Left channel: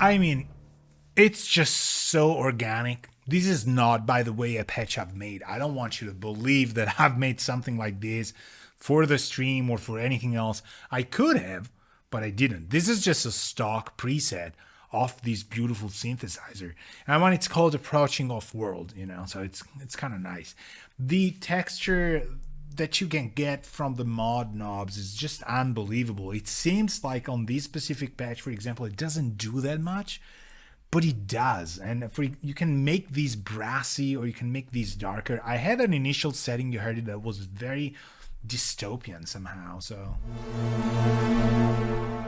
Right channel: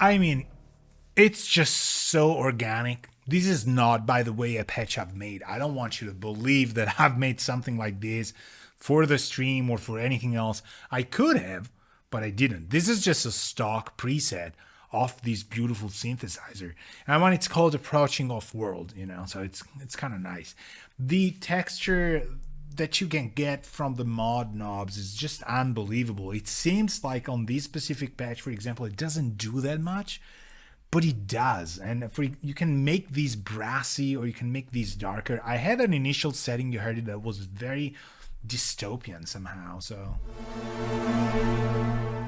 I mean, it's just so organic. This is not, by the way, a patch I've made. I don't want you to believe that I've made something like this for the stream or for anything else. I could have, but I didn't. This is just a stock preset of this beautiful synthesizer. And when it's called Approaching Off World, you know, so it's kind of nice. The texture that you can get from the mod knobs is just unbelievable. It seems like on this specific patch, for example, it doesn't do that much, but it does. And you can make these brassy or you can make these darker. I had an initial setting, you heard it, that was very dystopian somehow. So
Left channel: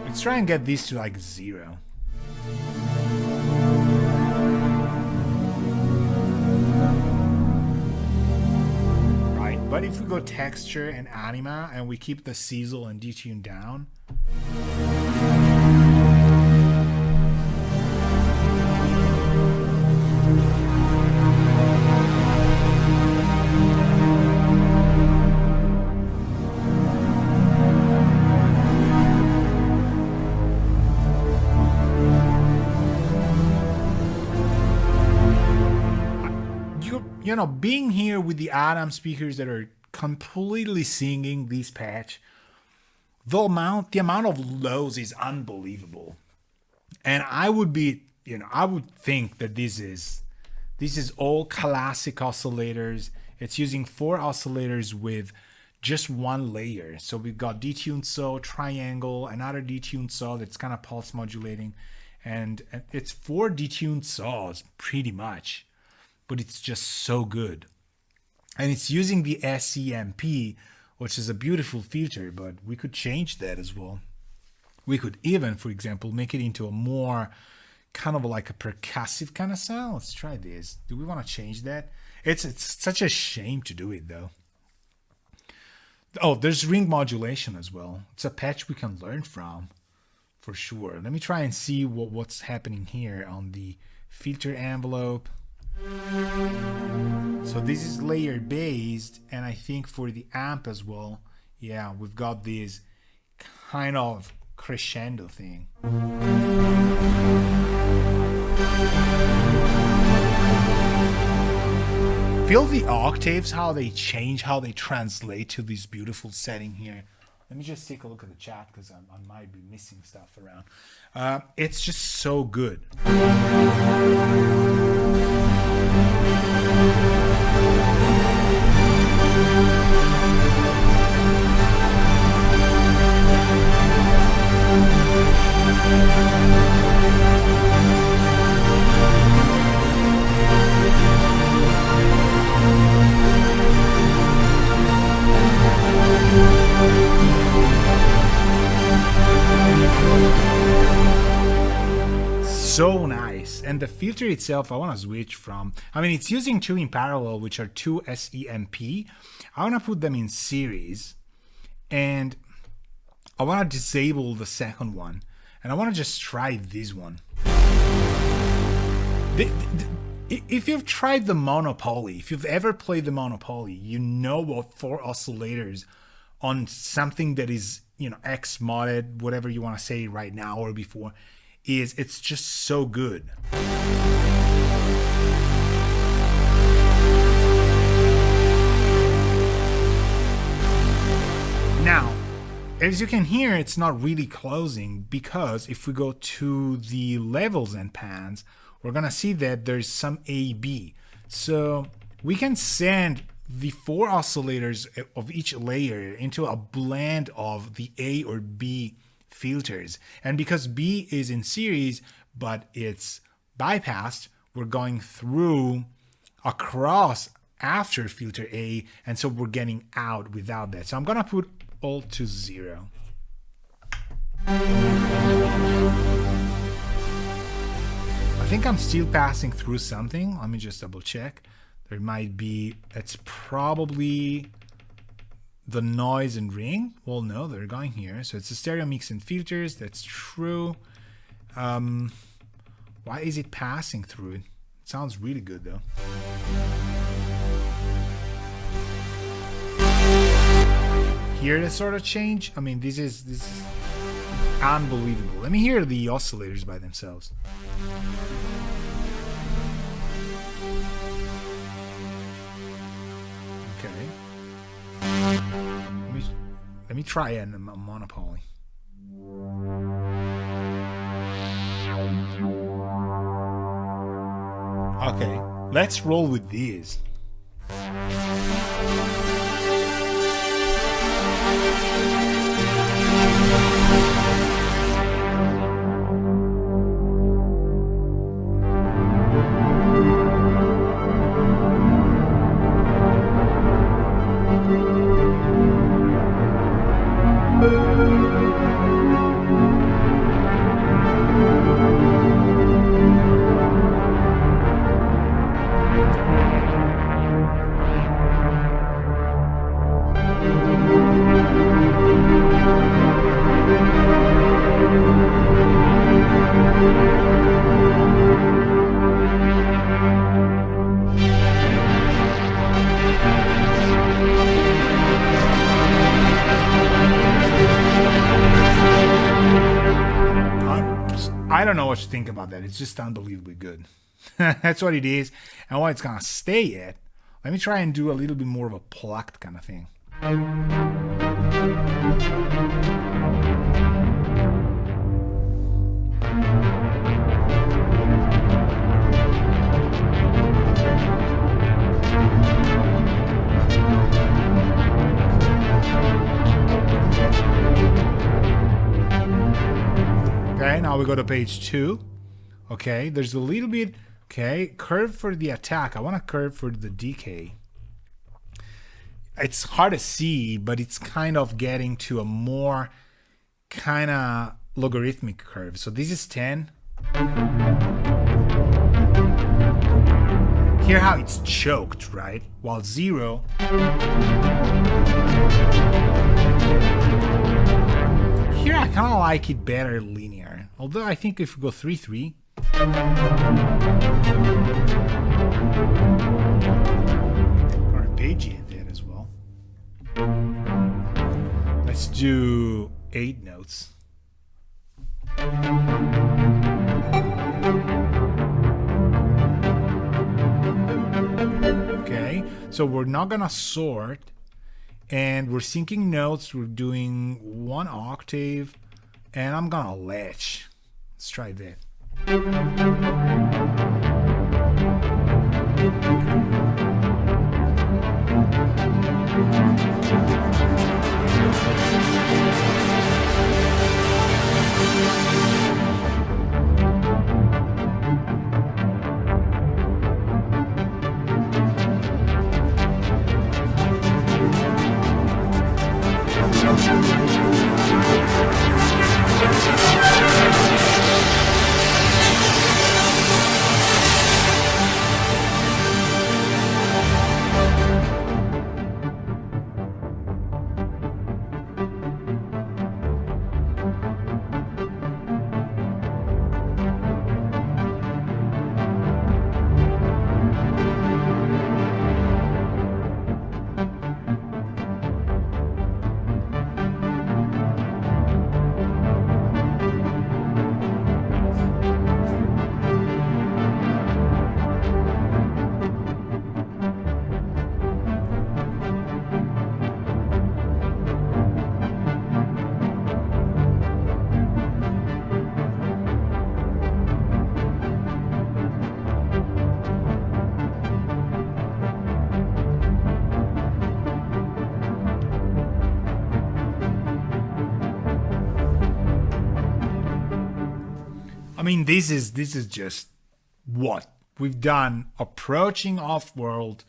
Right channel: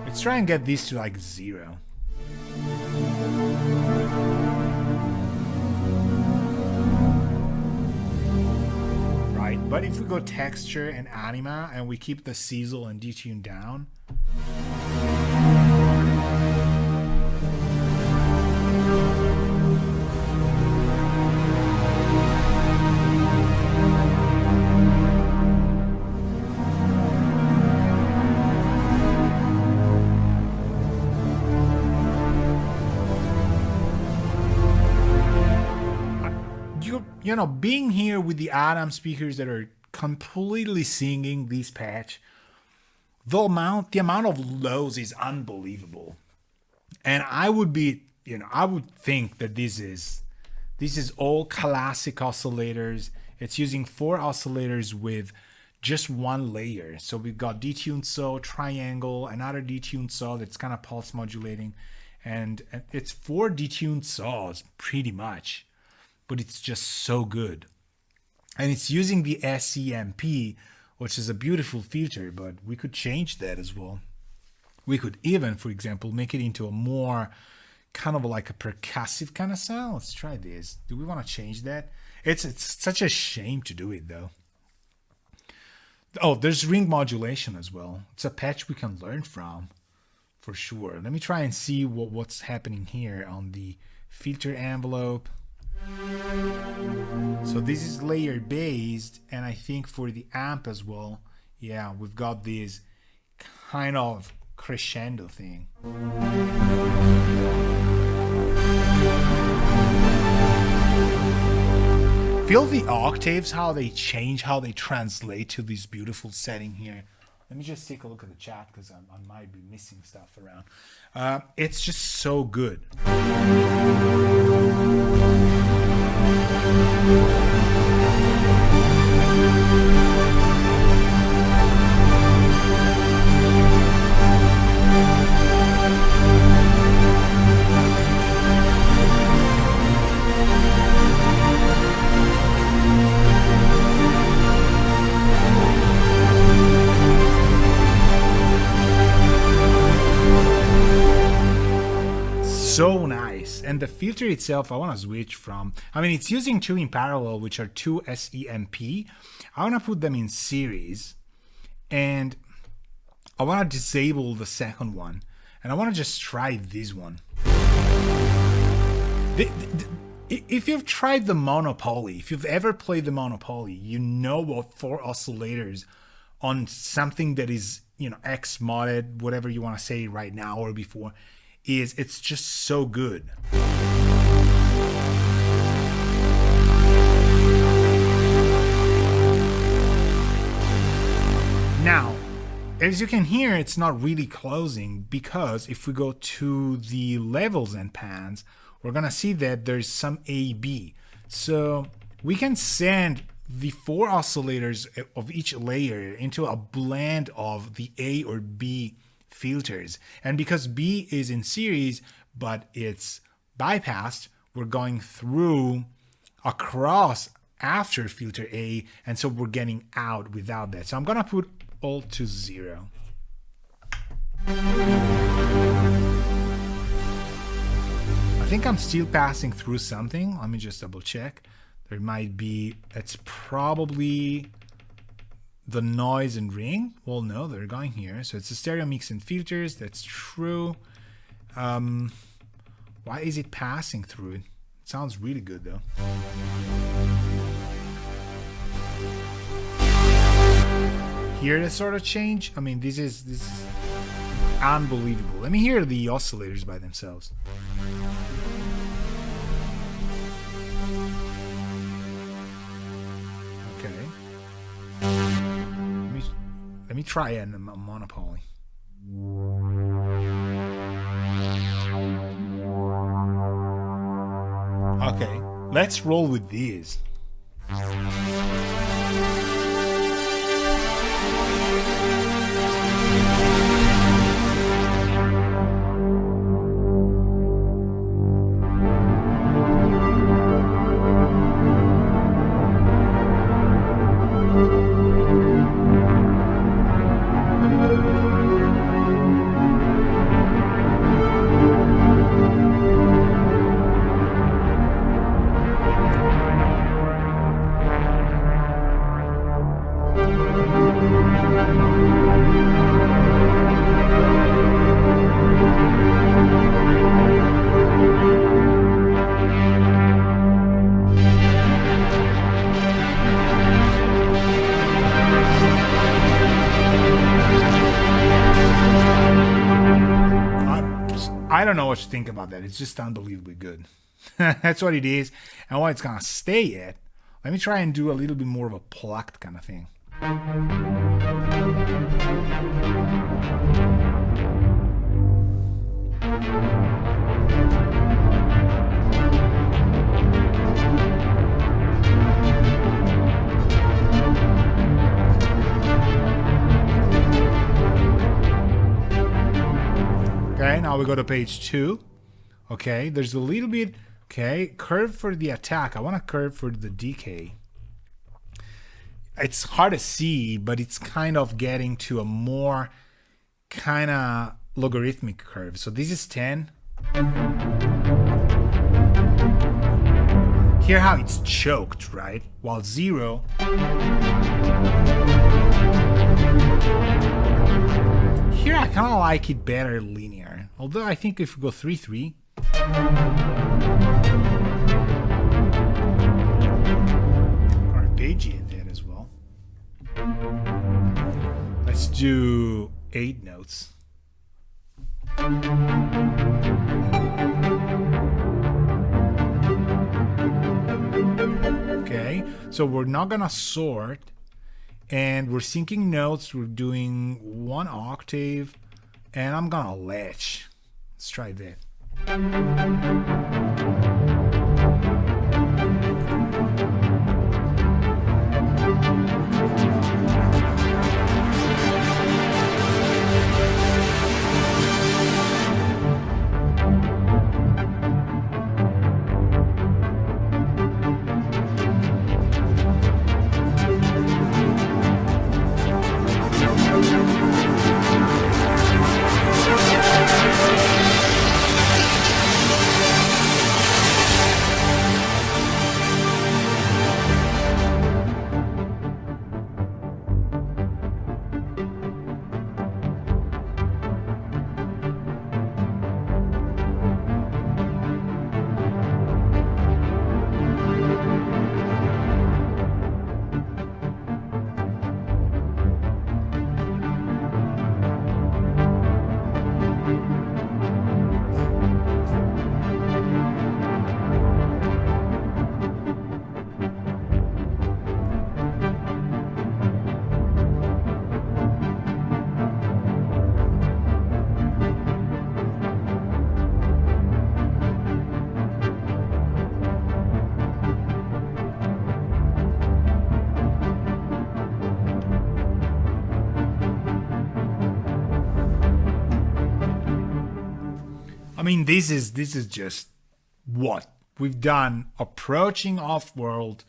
let's try and get this to like 0. Right, but if we go texture and anima and we keep the sizzle and detune down, you know, being here with the Atom speakers that are completely singing this patch, the amount of lows is unbelievable. And I would be, you know, I would think that this is all classic oscillators. It's using 4 oscillators with just 1 layer. So we've got detuned saw, triangle, another detuned saw that's kind of pulse modulating, and it's 4 detuned saws pretty much. But it's just so good. And it's using the SEMP, which is a beautiful feature, but we could change that as well. We could even, for example, make it into a more kind of like a percussive kind of sound. Let's try this. Do we want to change that? It's such a shame to do it though. Oh, there's ring modulation as well. It's a patch we can learn from for sure. Let me try and see what's happening here on the filter envelope. So this is layer based, and I think for the amp as well, yeah, we've got this kind of crescendo thing. Feel the octaves, how they change, how they translate to this beautiful setting here. Let me just take a look at the chat because I might be missing stuff around. It's just so good. So nice. And the filter itself, I want to switch from, I mean, it's using 2 in parallel, which are 2 SEMP. I want to put them in series, and I want to disable the second one, and I want to just try this one. If you've tried the Monopoly, if you've ever played the Monopoly, you know what 4 oscillators on something that is, you know, X modded, whatever you want to say right now or before, it's just so good. Now, as you can hear, it's not really closing, because if we go to the levels and pans, we're gonna see that there's some AB. So we can send the 4 oscillators of each layer into a blend of the A or B filters. And because B is in series, but it's bypassed, we're going through across after filter A, and so we're getting out without that. So I'm gonna put all to 0. I think I'm still passing through something. Let me just double check. There might be, it's probably the noise and ring. Well, no, they're going here. So it's a stereo mix and filters. That's true. Why is it passing through it? It sounds really good though. Here the sort of change. I mean, this is Unbelievable. Let me hear the oscillators by themselves. Okay. Let me try a monopoly. Okay, let's roll with these. I don't know what to think about that. It's just unbelievably good. That's what it is. And what it's gonna stay at. Let me try and do a little bit more of a plucked kind of thing. Okay, now we go to page 2. Okay, there's a little bit, okay, curve for the attack. I want a curve for the decay. It's hard to see, but it's kind of getting to a more kind of logarithmic curve. So this is 10. Hear how it's choked, right? While 0. Here I kind of like it better linear. Although I think if we go 3-3. Arpeggio in there as well. Let's do 8 notes. Okay, so we're not gonna sort. And we're syncing notes. We're doing 1 octave. And I'm gonna latch. Let's try that. I mean, this is just what we've done. Approaching off-world,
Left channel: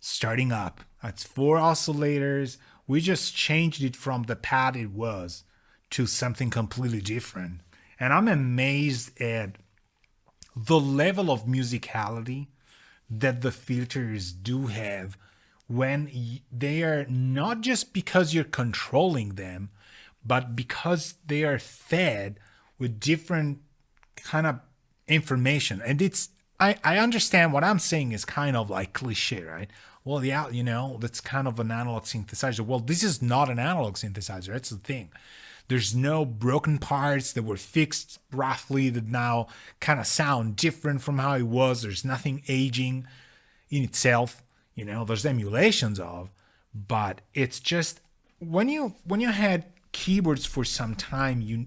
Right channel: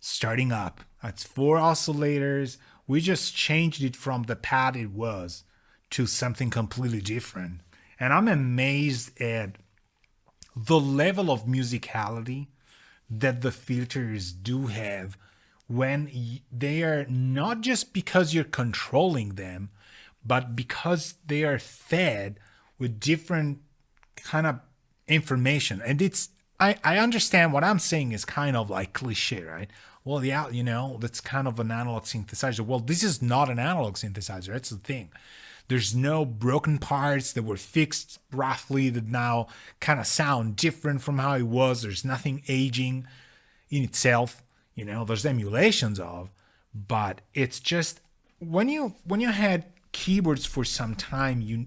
starting up. That's 4 oscillators. We just changed it from the pad it was to something completely different. And I'm amazed at the level of musicality that the filters do have when they are not just because you're controlling them, but because they are fed with different kind of information. And I understand what I'm saying is kind of like cliche, right? Well, yeah, you know, that's kind of an analog synthesizer. Well, this is not an analog synthesizer. That's the thing. There's no broken parts that were fixed roughly that now kind of sound different from how it was. There's nothing aging in itself. There's emulations of, but it's just when you had keyboards for some time, you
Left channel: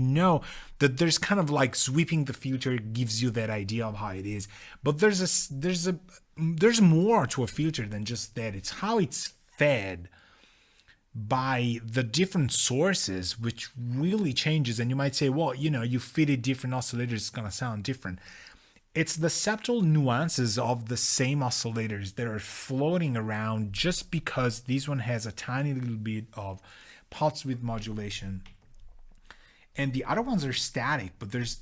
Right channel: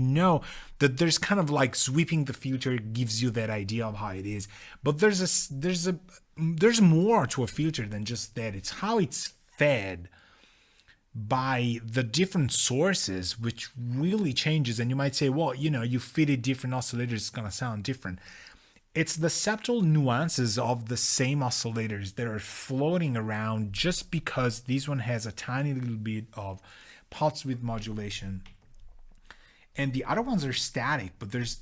know that there's kind of like sweeping the filter gives you that idea of how it is. But there's more to a filter than just that. It's how it's fed by the different sources, which really changes. And you might say, well, you fitted different oscillators, it's going to sound different. It's the subtle nuances of the same oscillators that are floating around just because this one has a tiny little bit of pulse width modulation and the other ones are static, but there's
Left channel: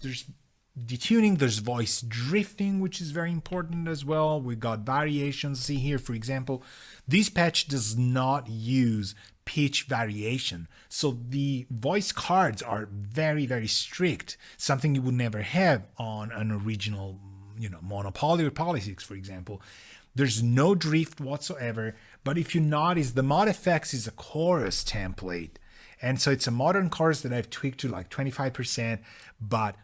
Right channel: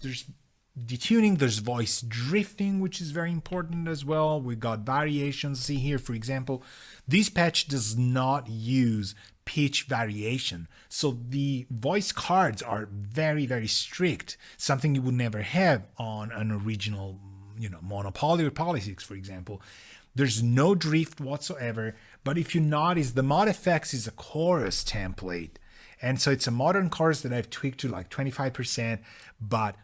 detuning, there's voice drifting, which is very important as well. We got variations. See here, for example, this patch does not use pitch variation. So the voice cards are very, very strict, something you would never have on an original, monopoly or Poly6, for example. There's no drift whatsoever, but if you notice, the mod effects is a chorus template. And so it's a modern chorus that I've tweaked to like 25%, but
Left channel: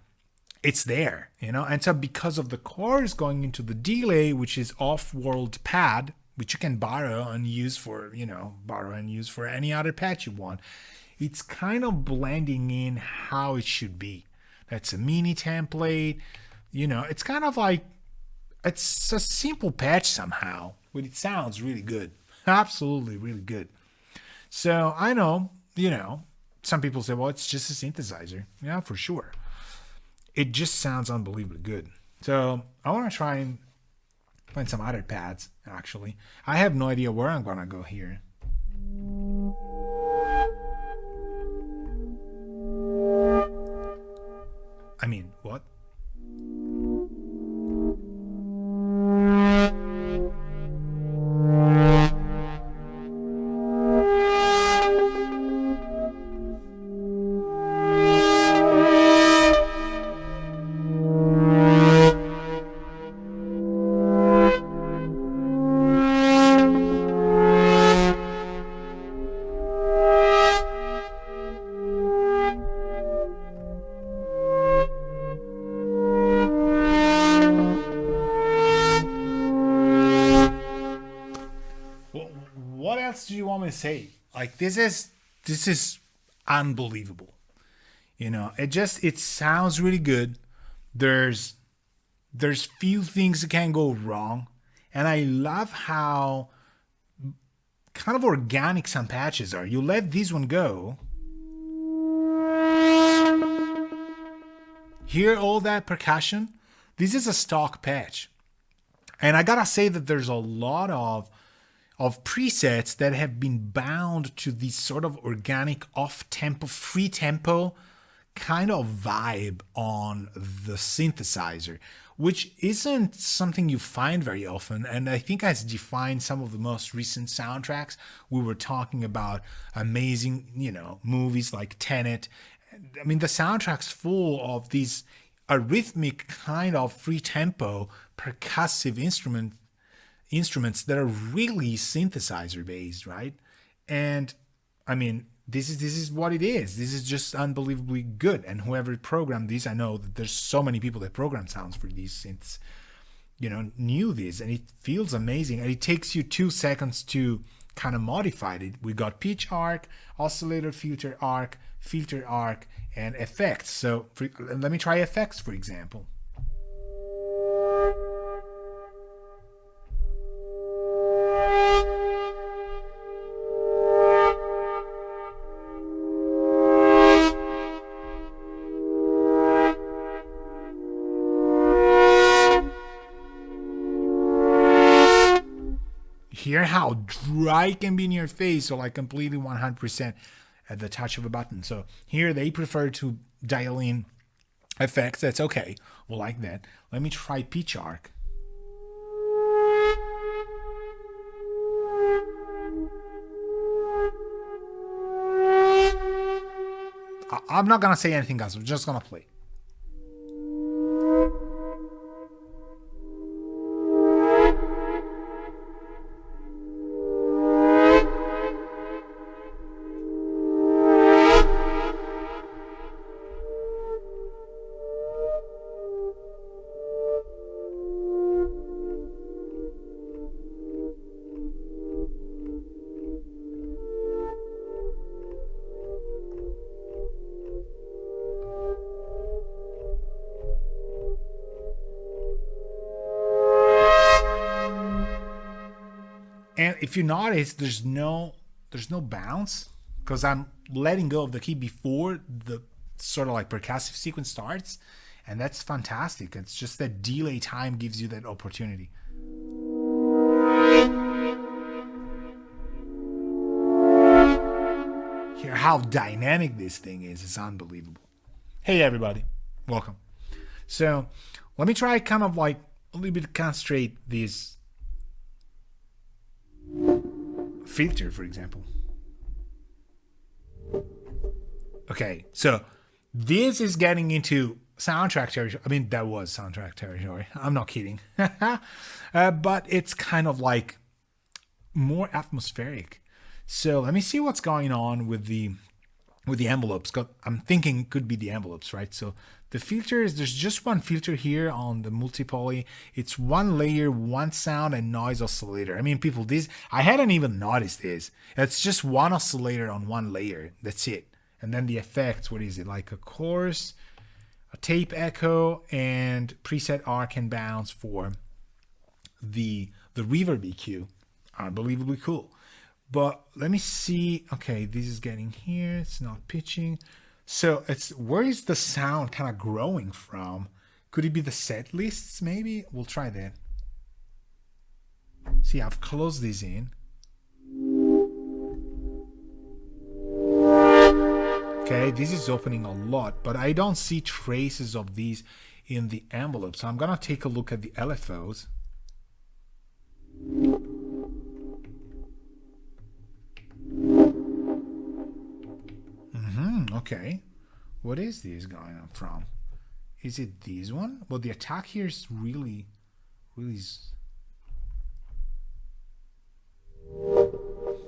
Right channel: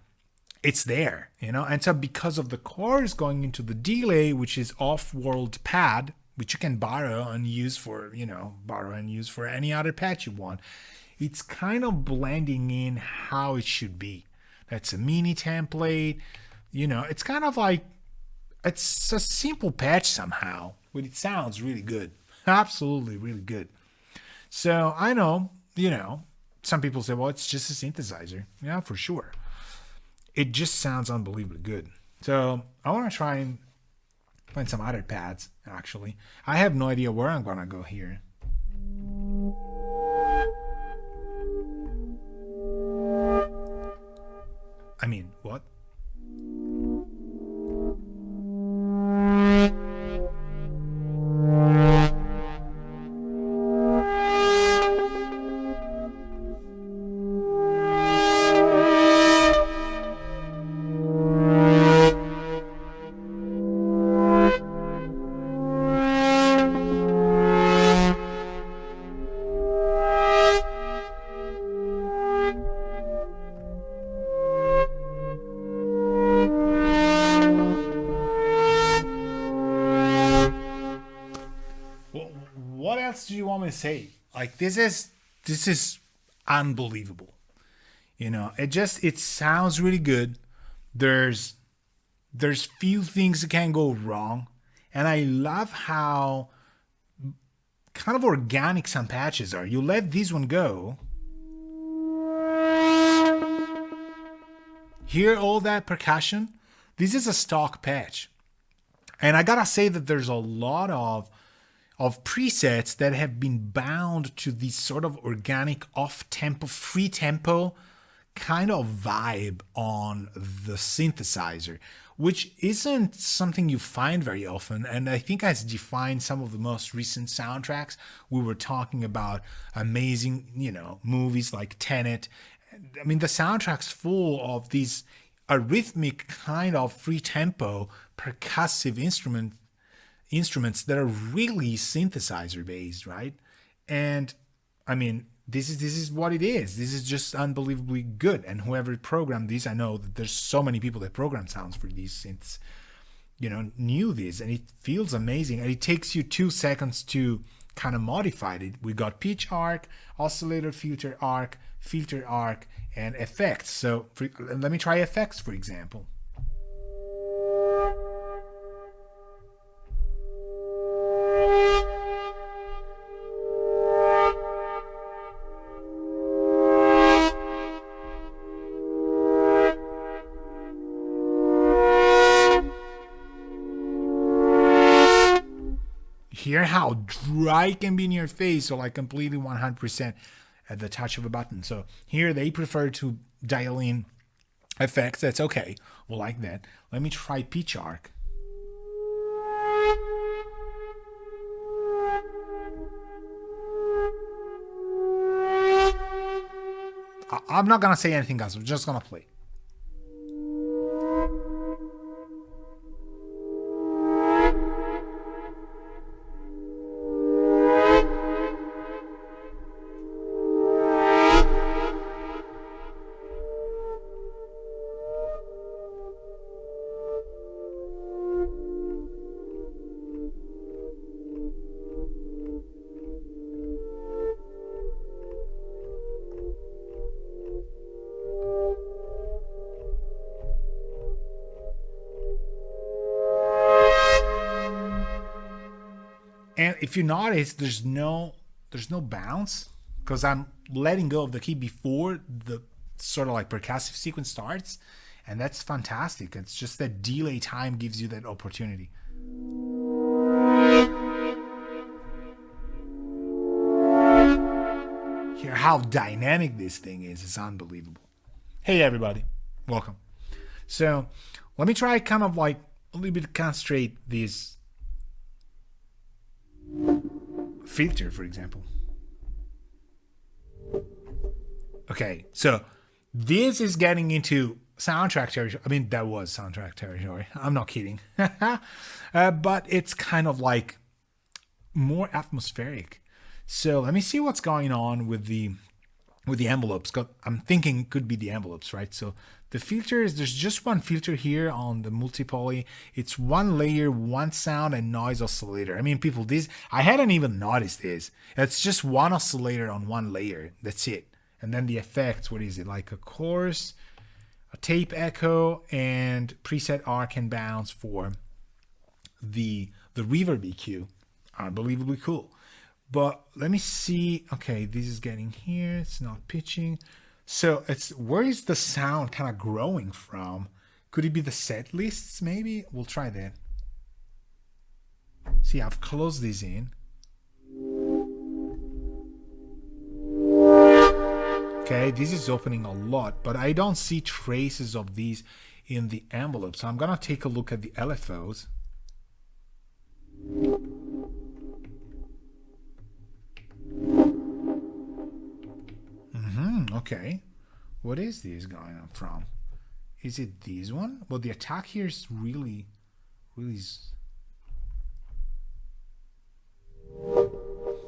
it's there, And so because of the chorus going into the delay, which is off-world pad, which you can borrow and use for any other patch you want, it's kind of blending in how it should be. That's a mini template. It's kind of like, it's a simple patch somehow, but it sounds really good. Absolutely really good. So I know, some people say, well, it's just a synthesizer. Yeah, for sure. It just sounds unbelievably good. So I want to try and find some other pads, actually. I have no idea where I'm going to go here. I mean, what? What else do you want me to say? Like, this is unbelievable. It sounds really good. There's few things that can go wrong, and I love how kind of organic some patches are. You let this one go, hear all that percussion. This is a stock patch, and I gotta say that there's a lot of presets that have been bound to this sort of organic off-tempo, free tempo kind of vibe on the synthesizer, which isn't something you find very often, and I think has defined some of the most recent soundtracks. We were talking about amazing, movies like Tenet. I mean, the soundtrack's full of these arrhythmic kind of free tempo percussive instruments that are really synthesizer based, right? And I mean, this is what it is. This is just unbelievably good. And whoever programmed these, I know that there's so many people that program sounds for these synths, knew this, and it feels amazing. And it takes you 2 seconds to kind of modify it. We got pitch arc, oscillator filter arc, and effects. So let me try effects, for example. Hear how dry it can be in your face, or like completely 100% at the touch of a button. So here they prefer to dial in effects. That's okay. We'll like that. Let me try pitch arc. I'm not gonna say anything else. I'm just gonna play. And if you notice, there's no bounce because I'm letting go of the key before the sort of like percussive sequence starts, and that's fantastic. It's just that delay time gives you that opportunity. Hear how dynamic this thing is. It's unbelievable. Hey everybody, welcome. So let me try kind of like a little bit concentrate this filter, for example. Okay, so this is getting into soundtrack territory. I mean, that was soundtrack territory. I'm not kidding. But it's kind of like more atmospheric. So let me see what's going on with the envelopes. I'm thinking it could be the envelopes, right? So the filters, there's just one filter here on the multi-poly. It's one layer, one sound and noise oscillator. I mean, people, this, I hadn't even noticed this. It's just one oscillator on one layer. That's it. And then the effects, what is it? Like a chorus, a tape echo, and preset arc and bounce for the reverb EQ. Unbelievably cool. But let me see. Okay, this is getting here. It's not pitching. So it's, where is the sound kind of growing from? Could it be the set lists maybe? We'll try that. See, I've closed this in. Okay, this is opening a lot, but I don't see traces of these in the envelope. So I'm gonna take a look at the LFOs. Okay, what is this going on from? Is it this one? Well, the attack here is really.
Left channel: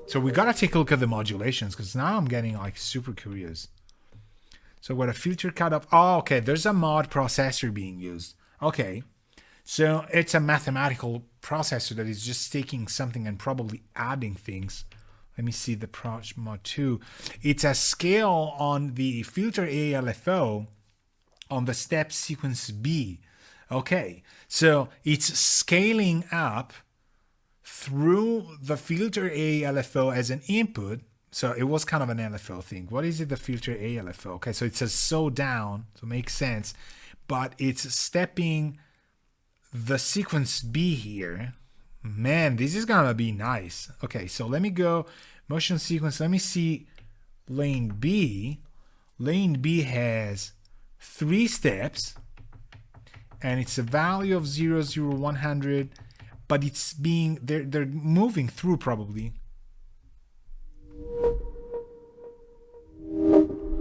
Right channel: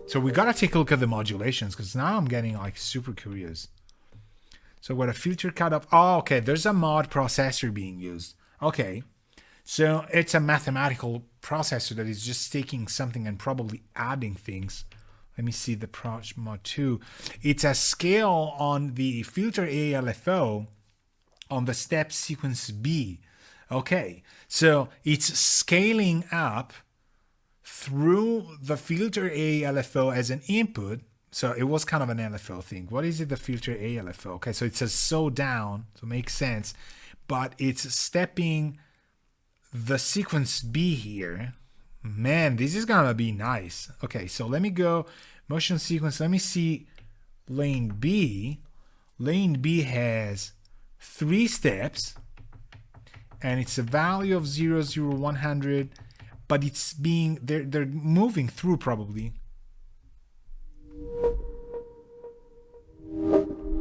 So we gotta take a look at the modulations because now I'm getting like super curious. So what a filter cutoff. Oh, okay, there's a mod processor being used. Okay, so it's a mathematical processor that is just taking something and probably adding things. Let me see the Proj Mod 2. It's a scale on the filter A LFO on the step sequence B. Okay, so it's scaling up through the filter A LFO as an input. So it was kind of an LFO thing. What is it, the filter A LFO? Okay, so it says so down, so it makes sense. But it's stepping the sequence B here. Man, this is gonna be nice. Okay, so let me go motion sequence. Let me see lane B. Lane B has 3 steps and it's a value of 0, 0, 100, but it's being, they're moving through probably.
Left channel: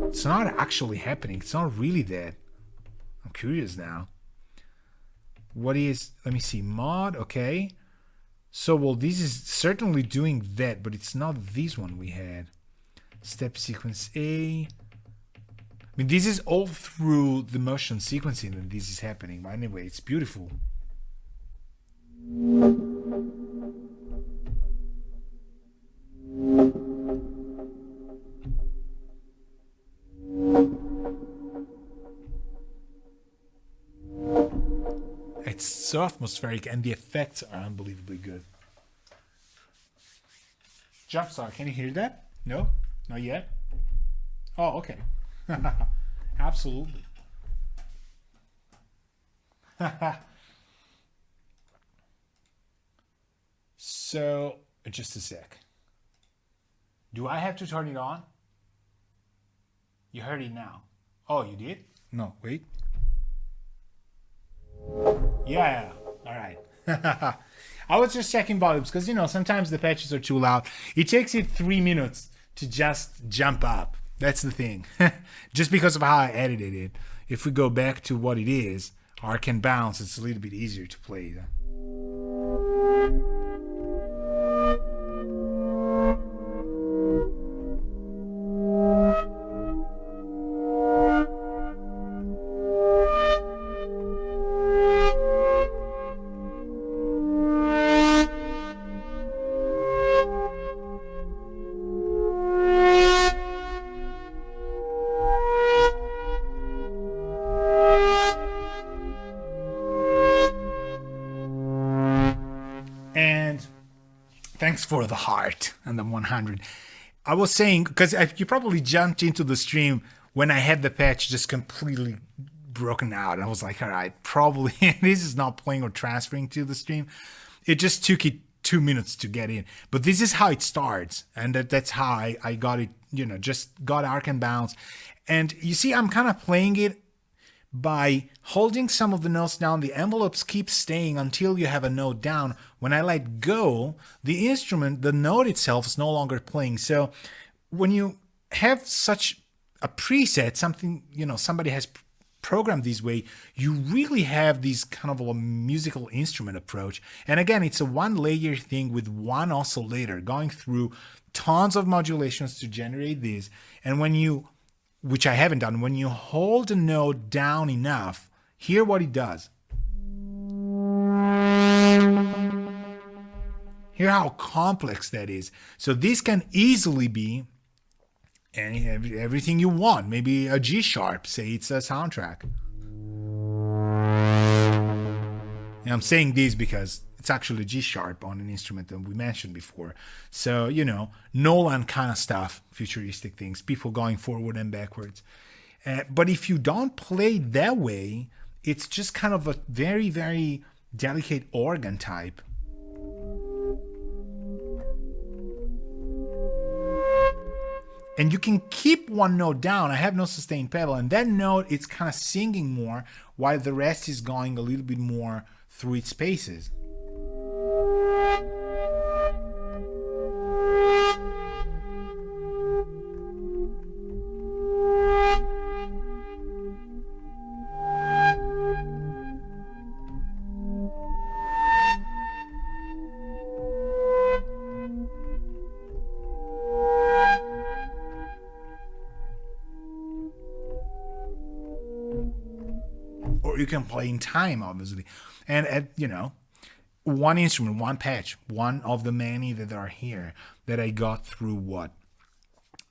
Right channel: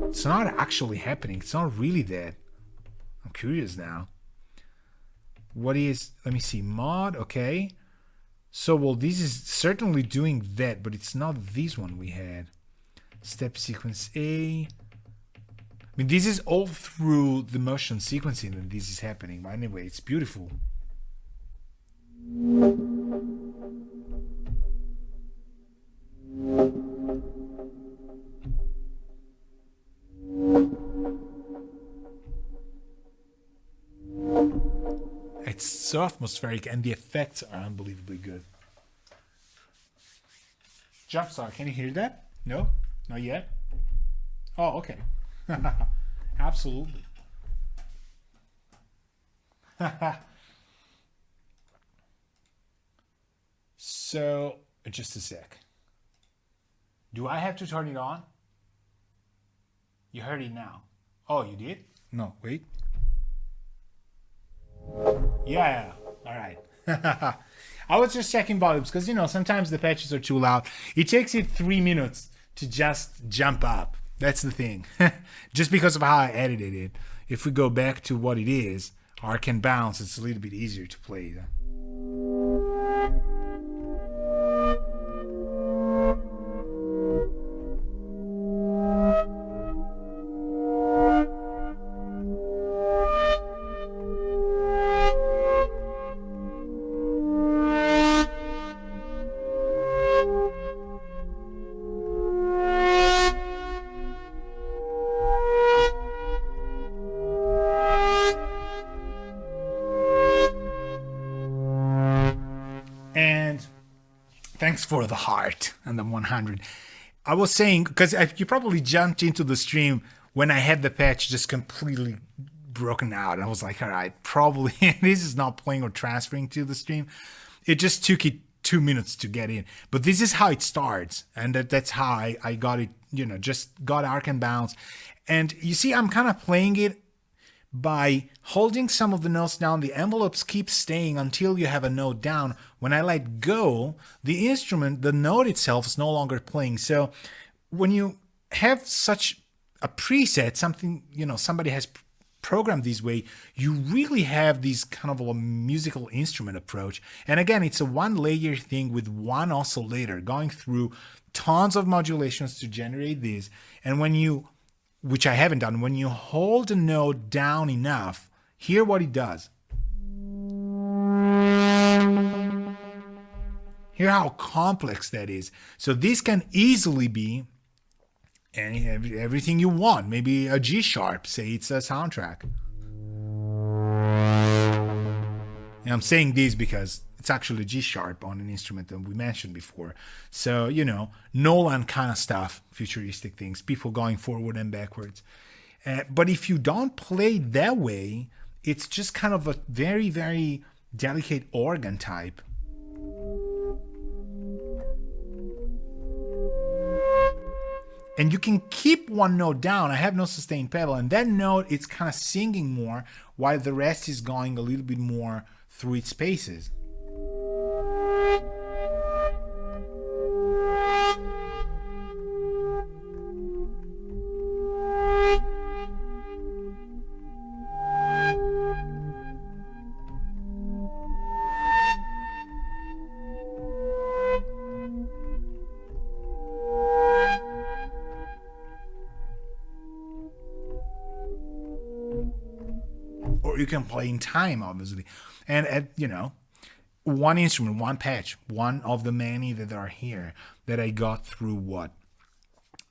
It's not actually happening. It's not really that. I'm curious now. What is, let me see, mod, okay. So, well, this is certainly doing that, but it's not this one we had. Step sequence A. I mean, this is all through the motion sequencing that this is happening. But anyway, it's beautiful. It's so atmospheric and the effects are unbelievably good. Jumpstart, can you hear that? No? Not yet? Oh, okay. Absolutely. So, just a sec. Do I have to turn it on? You heard it now. Oh, you did? No, wait. Yeah, all right. I was just checking volumes because, you know, sometimes the patches are too loud. It takes it 3 minutes to just jump up. That's the thing. Just because of how I edited it. If we go back to what it is, arc and bounce, it's a little bit easier to play. thanks for the heart and the 100. I was saying, because you probably jumped into the stream when I had the patch just completely broken out. I was like, all right, probably this is not playing or transferring to the stream. It just took it 2 minutes to get in. But this is how it starts. And that's how I got it, just got arc and bounce. And you see, I'm kind of playing it by holding some of the notes down. The envelopes keep staying until you have a note down. When I let go, the instrument, the note itself is no longer playing. So when you have such a preset, something, somebody has programmed this way, you really have this kind of a musical instrument approach. And again, it's a one layer thing with one oscillator going through tons of modulations to generate this. And when you, which I haven't done, when you hold a note down enough, hear what it does. Hear how complex that is. So this can easily be everything you want. Maybe a G sharp, say it's a soundtrack. And I'm saying this because it's actually G sharp on an instrument that we mentioned before. So, Nolan kind of stuff, futuristic things, people going forward and backwards. But if you don't play that way, it's just kind of a very, very delicate organ type. And you can keep one note down. I have no sustained pedal, and that note it's kind of singing more while the rest is going a little bit more through its spaces. Or you can play in time, obviously. And one instrument, one patch, one of the many that are here that I got through what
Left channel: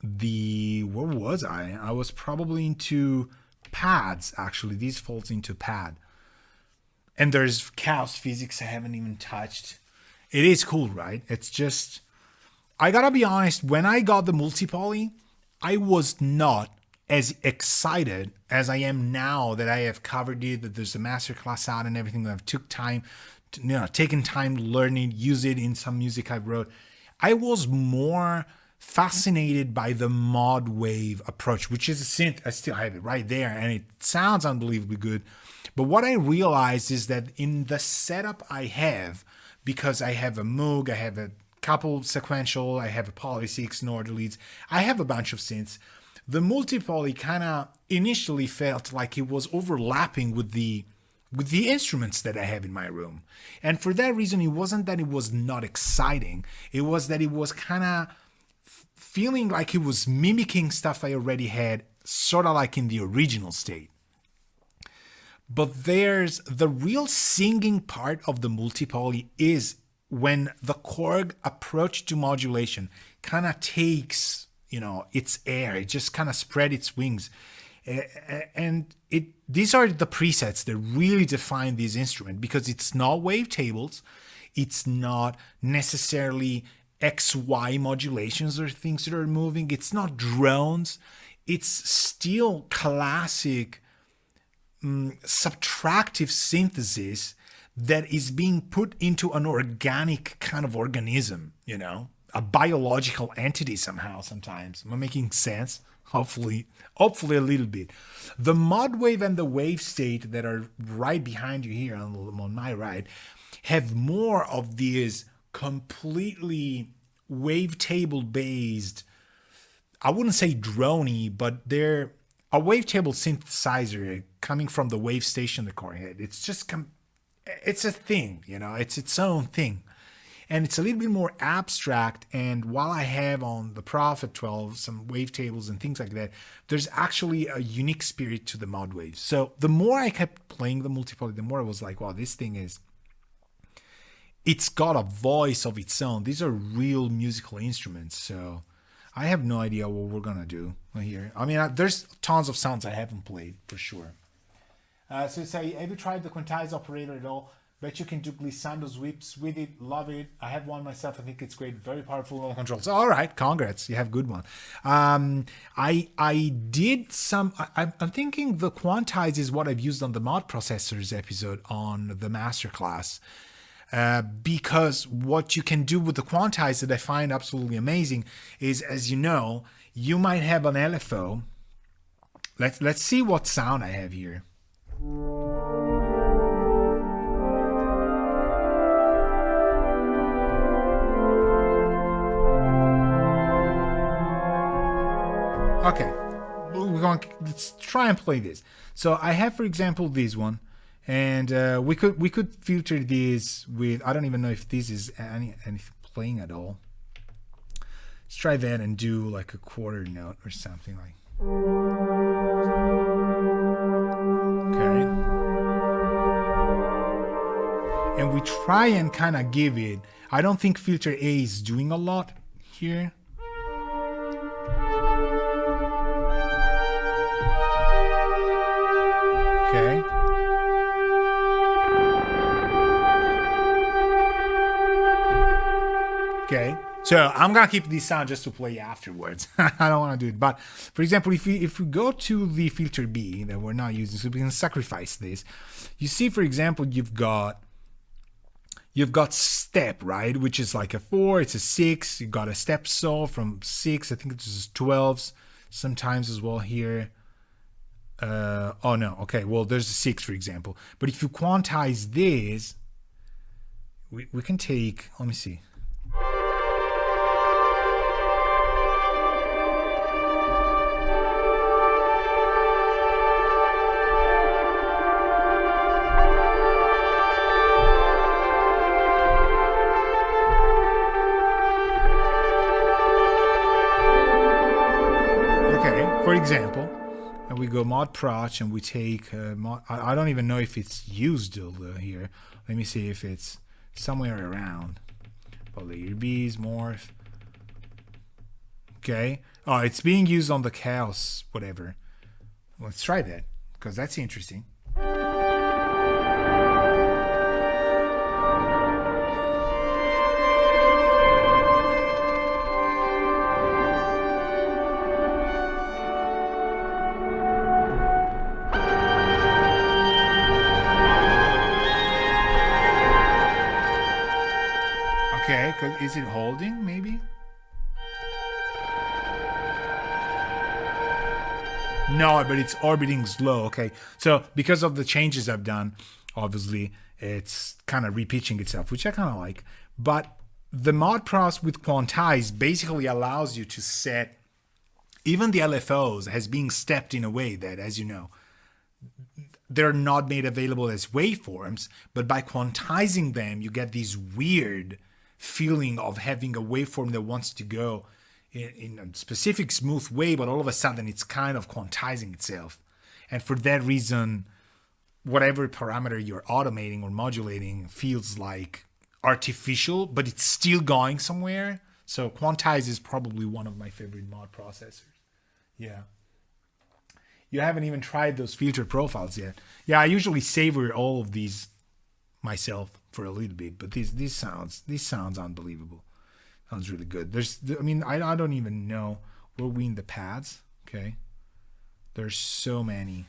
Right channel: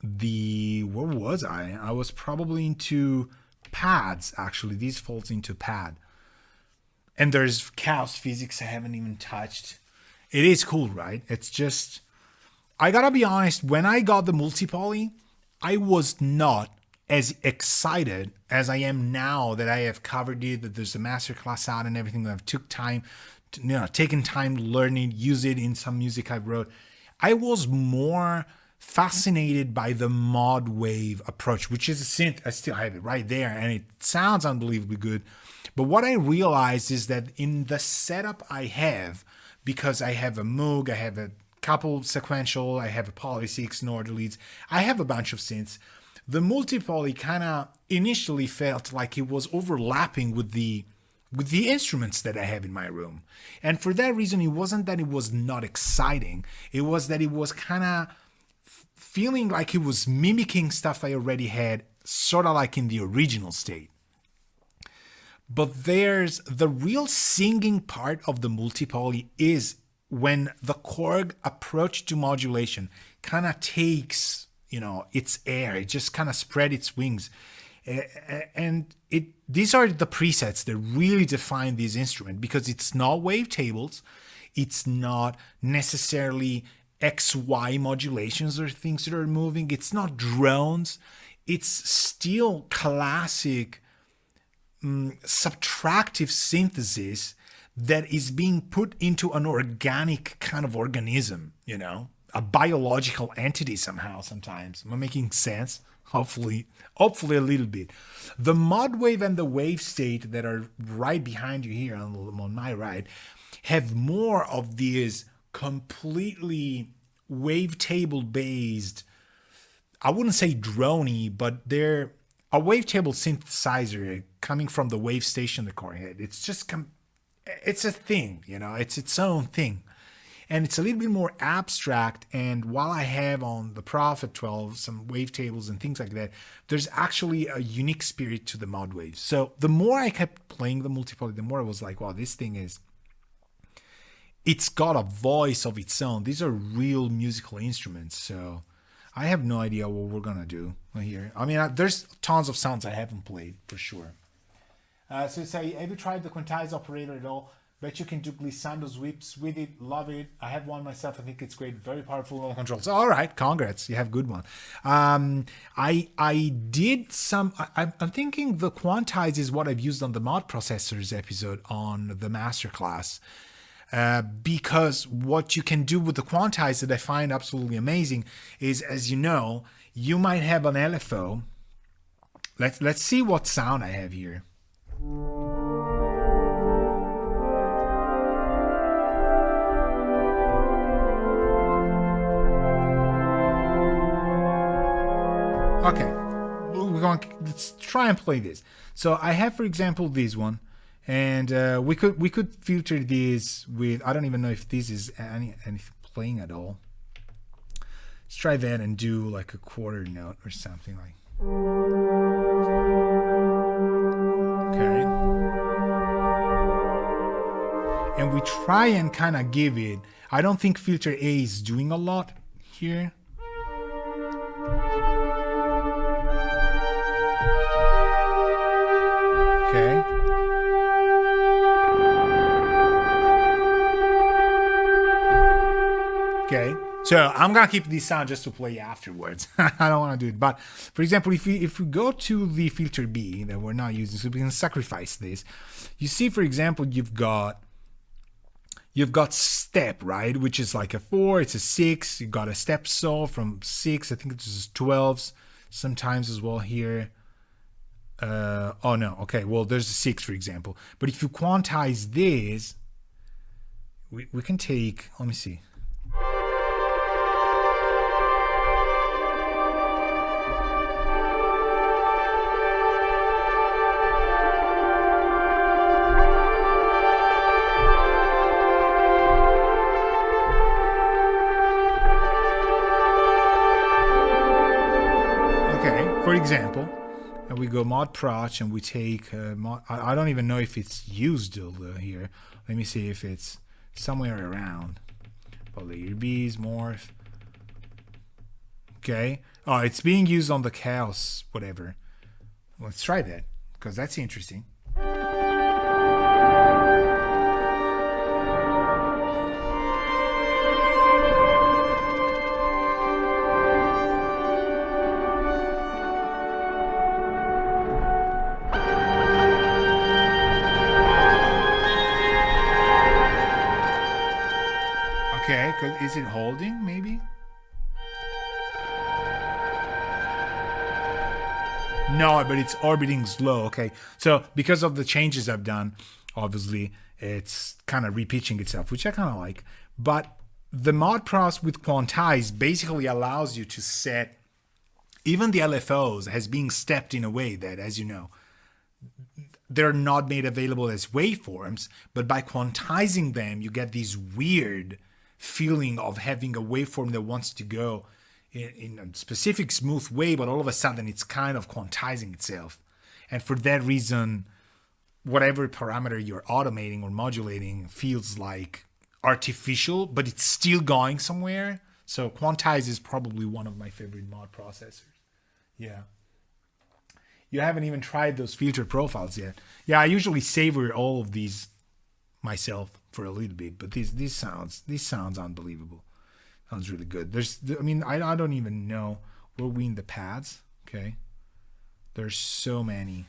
was I? I was probably into pads, actually. This falls into pad. And there's chaos physics I haven't even touched. It is cool, right? It's just, I gotta be honest, when I got the multi-poly, I was not as excited as I am now that I have covered it, that there's a masterclass out and everything, that I've taken time to learn it, use it in some music I wrote. I was more fascinated by the mod wave approach, which is a synth. I still have it right there and it sounds unbelievably good. But what I realized is that in the setup I have, because I have a Moog, I have a couple sequential, I have a Poly 6, Nord leads, I have a bunch of synths. The multi-poly kind of initially felt like it was overlapping with the instruments that I have in my room. And for that reason, it wasn't that it was not exciting. It was that it was kind of feeling like it was mimicking stuff I already had, sort of like in the original state. But there's the real singing part of the multi-poly is when the KORG approach to modulation kind of takes its air. It just kind of spread its wings. And these are the presets that really define this instrument, because it's not wavetables. It's not necessarily XY modulations or things that are moving. It's not drones. It's still classic subtractive synthesis that is being put into an organic kind of organism, a biological entity somehow sometimes. Am I making sense? Hopefully a little bit. The mod wave and the wave state that are right behind you here on my right have more of these completely wavetable based, I wouldn't say droney, but they're a wavetable synthesizer coming from the wave station the core had. It's just, it's a thing, it's its own thing. And it's a little bit more abstract. And while I have on the Prophet 12 some wavetables and things like that, there's actually a unique spirit to the mod waves. So the more I kept playing the multi-poly, the more I was like, wow, this thing it's got a voice of its own. These are real musical instruments. So I have no idea what we're going to do here. I mean, there's tons of sounds I haven't played for sure. So say, have you tried the Quantize operator at all? Bet you can do glissando sweeps with it. Love it. I have one myself. I think it's great. Very powerful low controls. All right, congrats. You have good one. I did some. I'm thinking the Quantize is what I've used on the mod processors episode on the masterclass. Because what you can do with the Quantize that I find absolutely amazing is, as you know, you might have an LFO. Let's see what sound I have here. Okay, let's try and play this. So I have, for example, this one, and we could filter this with, I don't even know if this is anything playing at all. Let's try that and do like a quarter note or something like. Okay. And we try and kind of give it. I don't think filter A is doing a lot here. Okay. Okay. So I'm gonna keep this sound just to play afterwards. I don't want to do it. But for example, if we go to the filter B that we're not using, so we can sacrifice this. You see, for example, you've got step, right? Which is like a 4, it's a 6. You got a step saw from 6. I think it's 12s sometimes as well here. Oh no, okay, well there's a 6 for example. But if you quantize this, we can take, let me see. Okay, for example, and we go mod proch and we take I don't even know if it's used here. Let me see if it's somewhere around. Layer B's morph. Okay. Oh, it's being used on the chaos whatever. Let's try that because that's interesting. Okay, is it holding maybe? No, but it's orbiting slow. Okay, so because of the changes I've done, obviously it's kind of repitching itself, which I kind of like. But the mod process with Quantize basically allows you to set even the LFOs as being stepped in a way that, as you know, they're not made available as waveforms, but by quantizing them, you get these weird feeling of having a waveform that wants to go in a specific smooth way, but all of a sudden it's kind of quantizing itself. And for that reason, whatever parameter you're automating or modulating feels like artificial, but it's still going somewhere. So Quantize is probably one of my favorite mod processors. Yeah. You haven't even tried those filter profiles yet. Yeah, I usually savor all of these myself for a little bit, but these sounds unbelievable. Sounds really good. I don't even know. Were we in the pads? Okay. There's so many.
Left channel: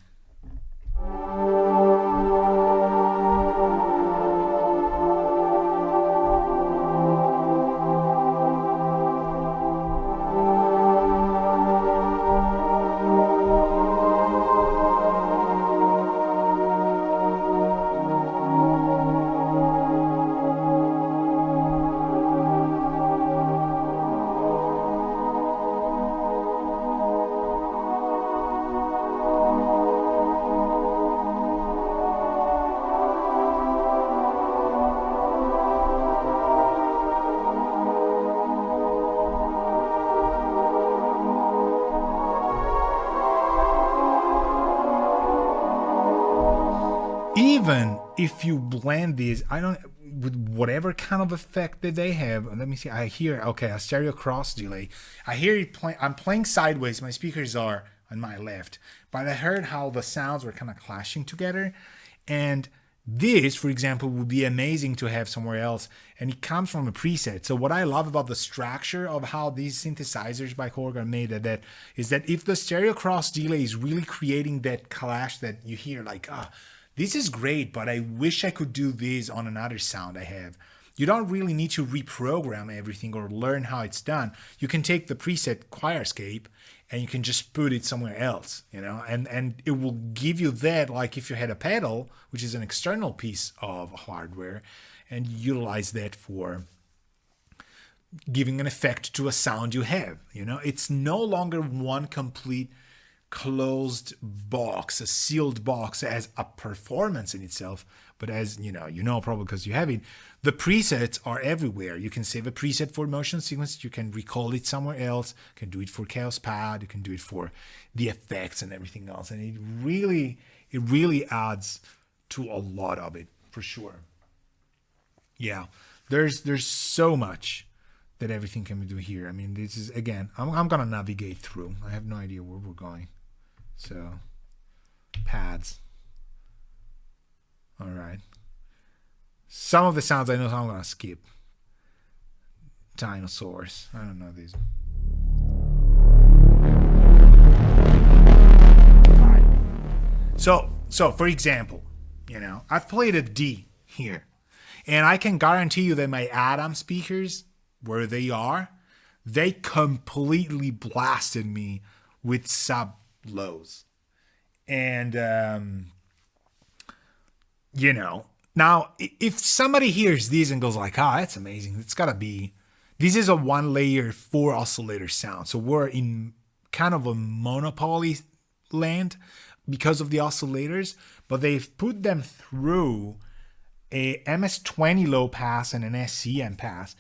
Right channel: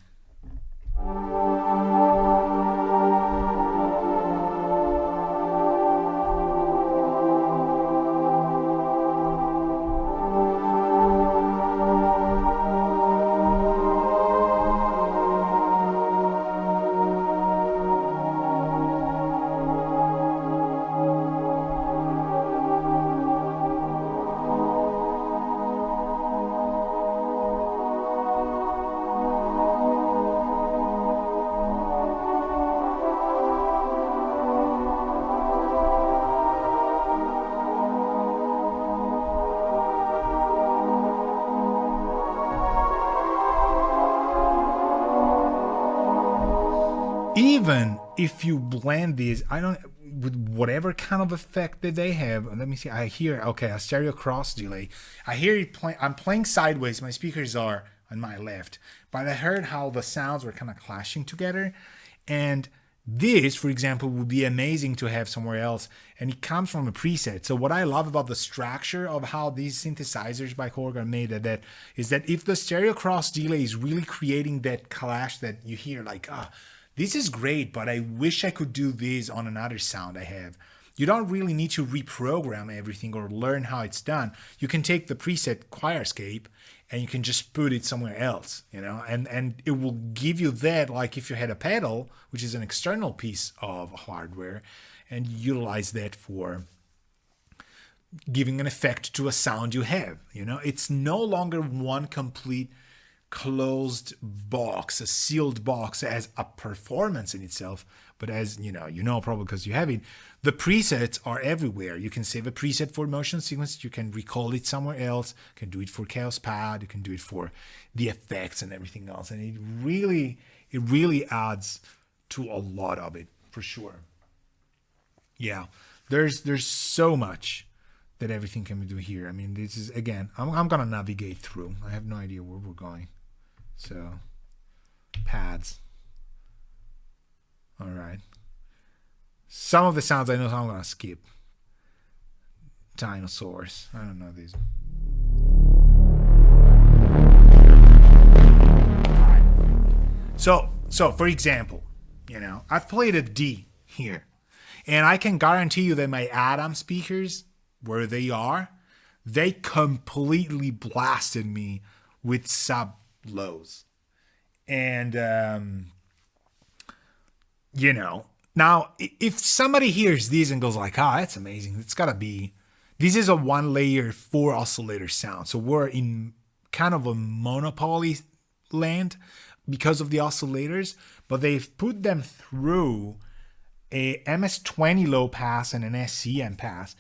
Even if you blend these, with whatever kind of effect that they have. Let me see. I hear, okay, a stereo cross delay. I hear it playing. I'm playing sideways. My speakers are on my left, but I heard how the sounds were kind of clashing together, and This, for example, would be amazing to have somewhere else, and it comes from a preset. So what I love about the structure of how these synthesizers by KORG are made is that if the stereo cross delay is really creating that clash that you hear, like, this is great, but I wish I could do this on another sound I have. You don't really need to reprogram everything or learn how it's done. You can take the preset Choirscape and you can just put it somewhere else, and it will give you that, like if you had a pedal, which is an external piece of hardware, and utilize that for giving an effect to a sound you have. It's no longer one complete closed box, a sealed box as a performance in itself, but as probably because you have it, the presets are everywhere. You can save a preset for motion sequence, you can recall it somewhere else, you can do it for Chaos Pad, you can do it for the effects and everything else, and it really adds to a lot of it, for sure. Yeah, there's so much that everything can do here. I mean, this is, again, I'm gonna navigate through. I have no idea where we're going. So, pads. All right. Some of the sounds I know, so I'm gonna skip. Dinosaurs. I don't know these. All right. So for example, I've played a D here, and I can guarantee you that my Adam speakers, where they are, they completely blasted me with sub lows. And now if somebody hears these and goes like, that's amazing, it's gotta be, this is a 1-layer 4 oscillator sound, so we're in kind of a monopoly land because of the oscillators, but they've put them through a MS-20 low pass and an SCM pass,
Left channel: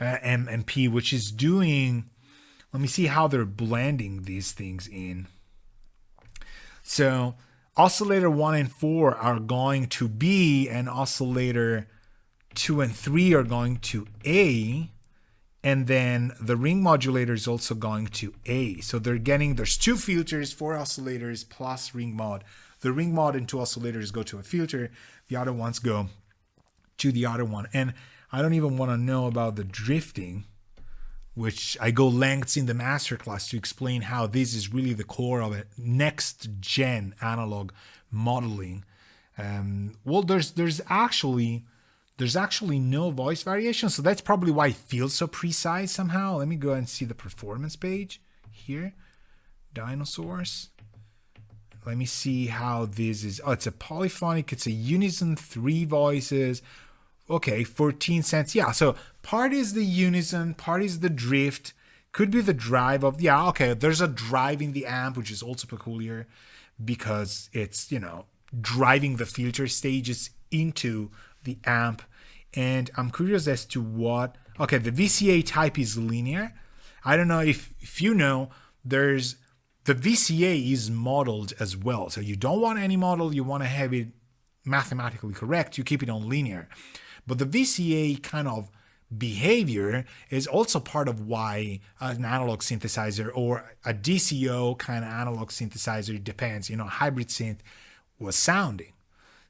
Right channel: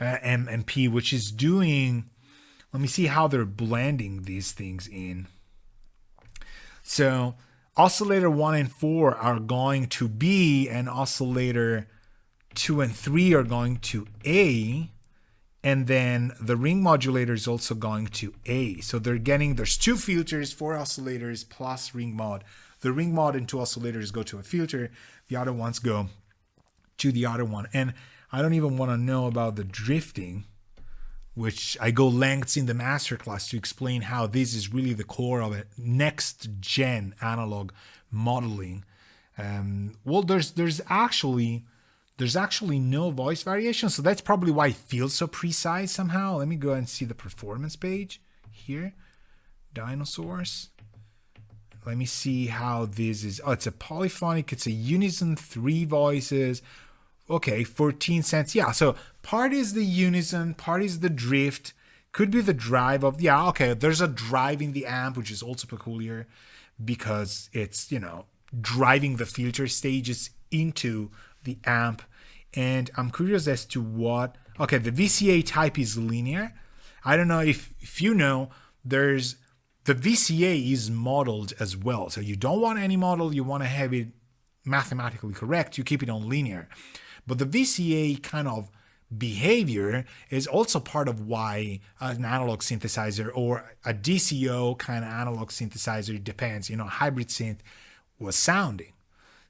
MP, which is doing, let me see how they're blending these things in. So oscillator 1 and 4 are going to B, and oscillator 2 and 3 are going to A, and then the ring modulator is also going to A. So there's 2 filters, 4 oscillators plus ring mod. The ring mod and 2 oscillators go to a filter, the other ones go to the other one. And I don't even want to know about the drifting, which I go lengths in the masterclass to explain how this is really the core of it. Next gen analog modeling. Well, there's actually no voice variation, so that's probably why it feels so precise somehow. Let me go and see the performance page here. Dinosaurs. Let me see how this is. Oh, it's a polyphonic, it's a unison, 3 voices. Okay, 14 cents. Yeah, so part is the unison, part is the drift. Could be the drive of, okay, there's a drive in the amp, which is also peculiar because it's, driving the filter stages into the amp. And I'm curious as to what, okay, the VCA type is linear. I don't know if you know, the VCA is modeled as well. So you don't want any model, you want to have it mathematically correct, you keep it on linear. But the VCA kind of behavior is also part of why an analog synthesizer or a DCO kind of analog synthesizer, depends, hybrid synth was sounding.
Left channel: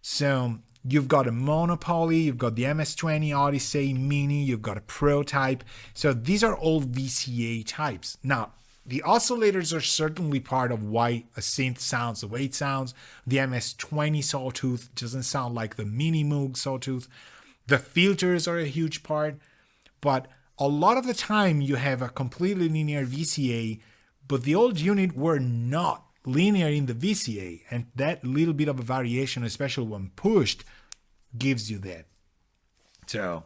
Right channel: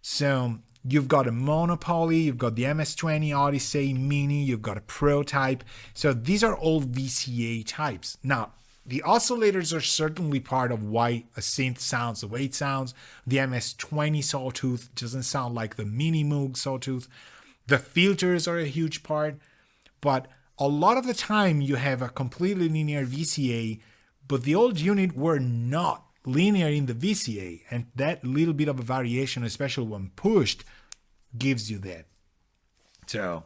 So you've got a Monopoly, you've got the MS-20 Odyssey Mini, you've got a Pro type. So these are all VCA types. Now, the oscillators are certainly part of why a synth sounds the way it sounds. The MS-20 Sawtooth doesn't sound like the Mini Moog Sawtooth. The filters are a huge part, but a lot of the time you have a completely linear VCA, but the old unit were not linear in the VCA, and that little bit of a variation, especially when pushed, gives you that. So,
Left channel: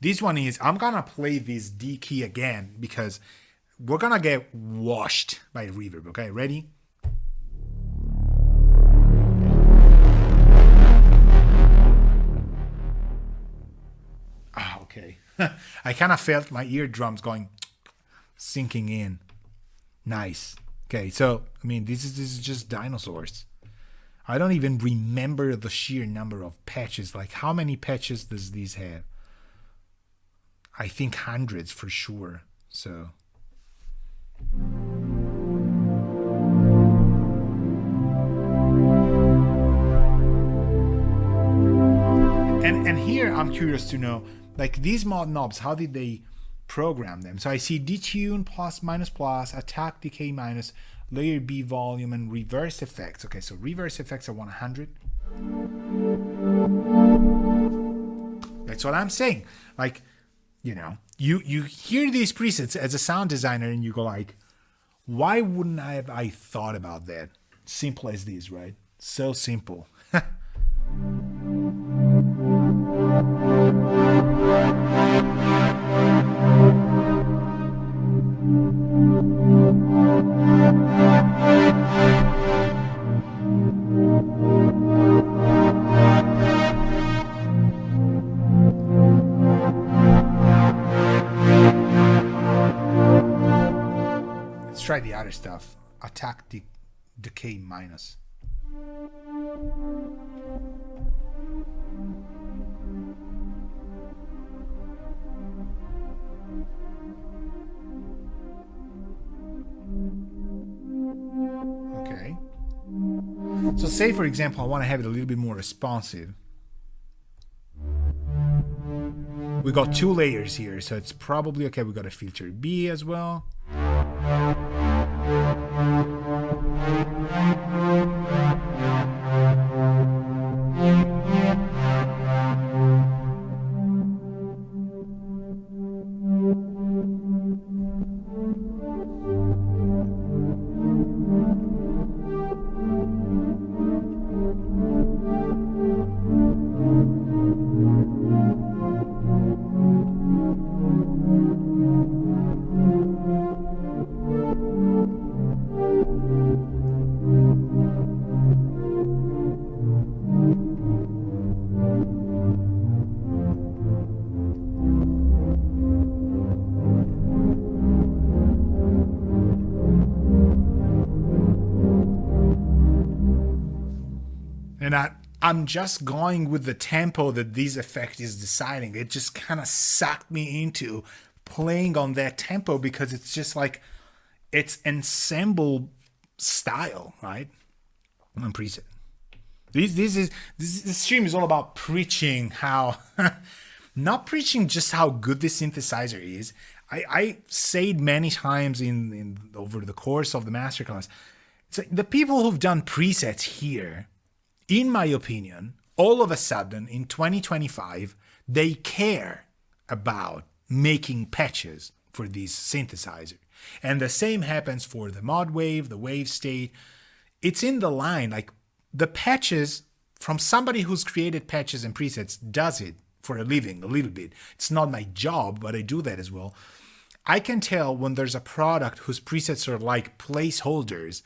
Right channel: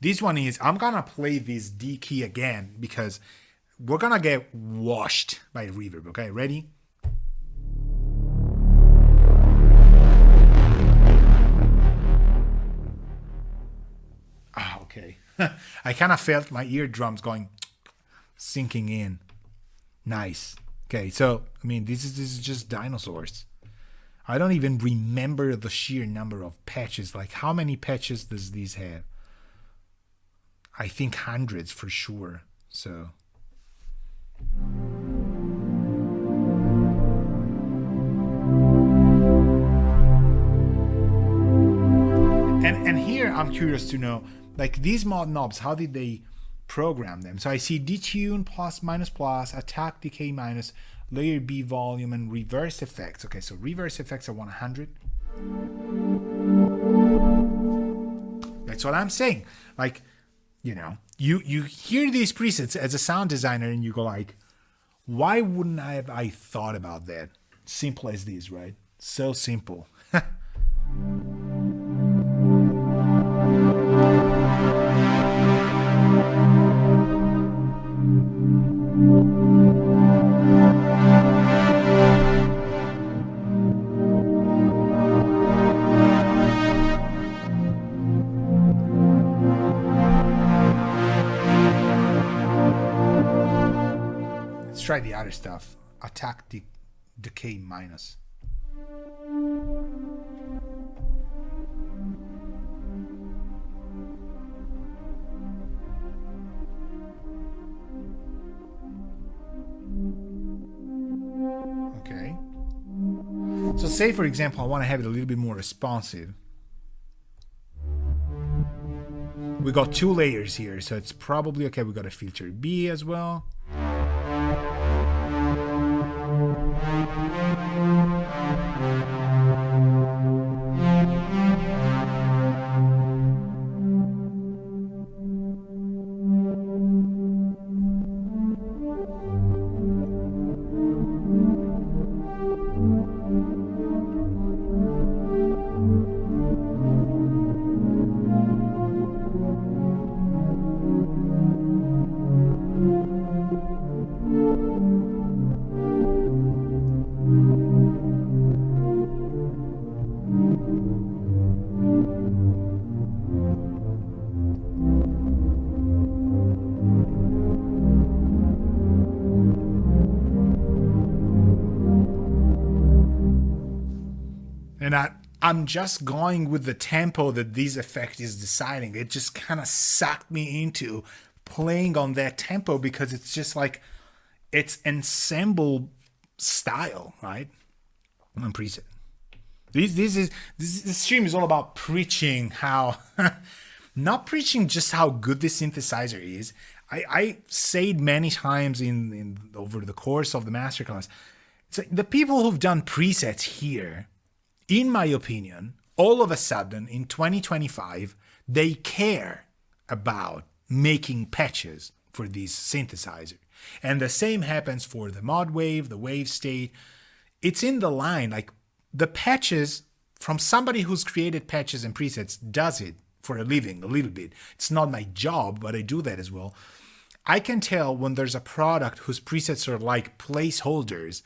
this one is, I'm gonna play this D key again because we're gonna get washed by reverb, okay? Ready? Okay. I kind of felt my eardrums sinking in. Nice. Okay, so, this is just dinosaurs. I don't even remember the sheer number of patches. Like, how many patches does these have? I think hundreds for sure. So... I'm curious to know, like these mod knobs, how did they program them? So I see detune plus minus plus, attack decay minus, layer B volume, and reverse effects. Okay, so reverse effects are 100. That's what I'm saying. Like, you know, you hear these presets as a sound designer and you go like, why wouldn't I thought about that? Simple as this, right? So simple. Let's try the other stuff. Attack decay minus. Okay. So say, for example, I want to have it a little bit more responsive. We got 2 layers here, so it's probably okay. We got a filter B as well. And I'm just going with the tempo that this effect is deciding. It just kind of sucked me into playing on that tempo because it's just like, it's ensemble style, right? On preset. This stream is all about preaching how, not preaching just how good this synthesizer is. I said many times in over the course of the masterclass, it's like the people who've done presets here, in my opinion, all of a sudden in 2025, they care about making patches for this synthesizer. And the same happens for the mod wave, the wave state. It's in the line, like the patches from somebody who's created patches and presets does it for a living a little bit. It's not my job, but I do that as well. I can tell when there's a product whose presets are like placeholders,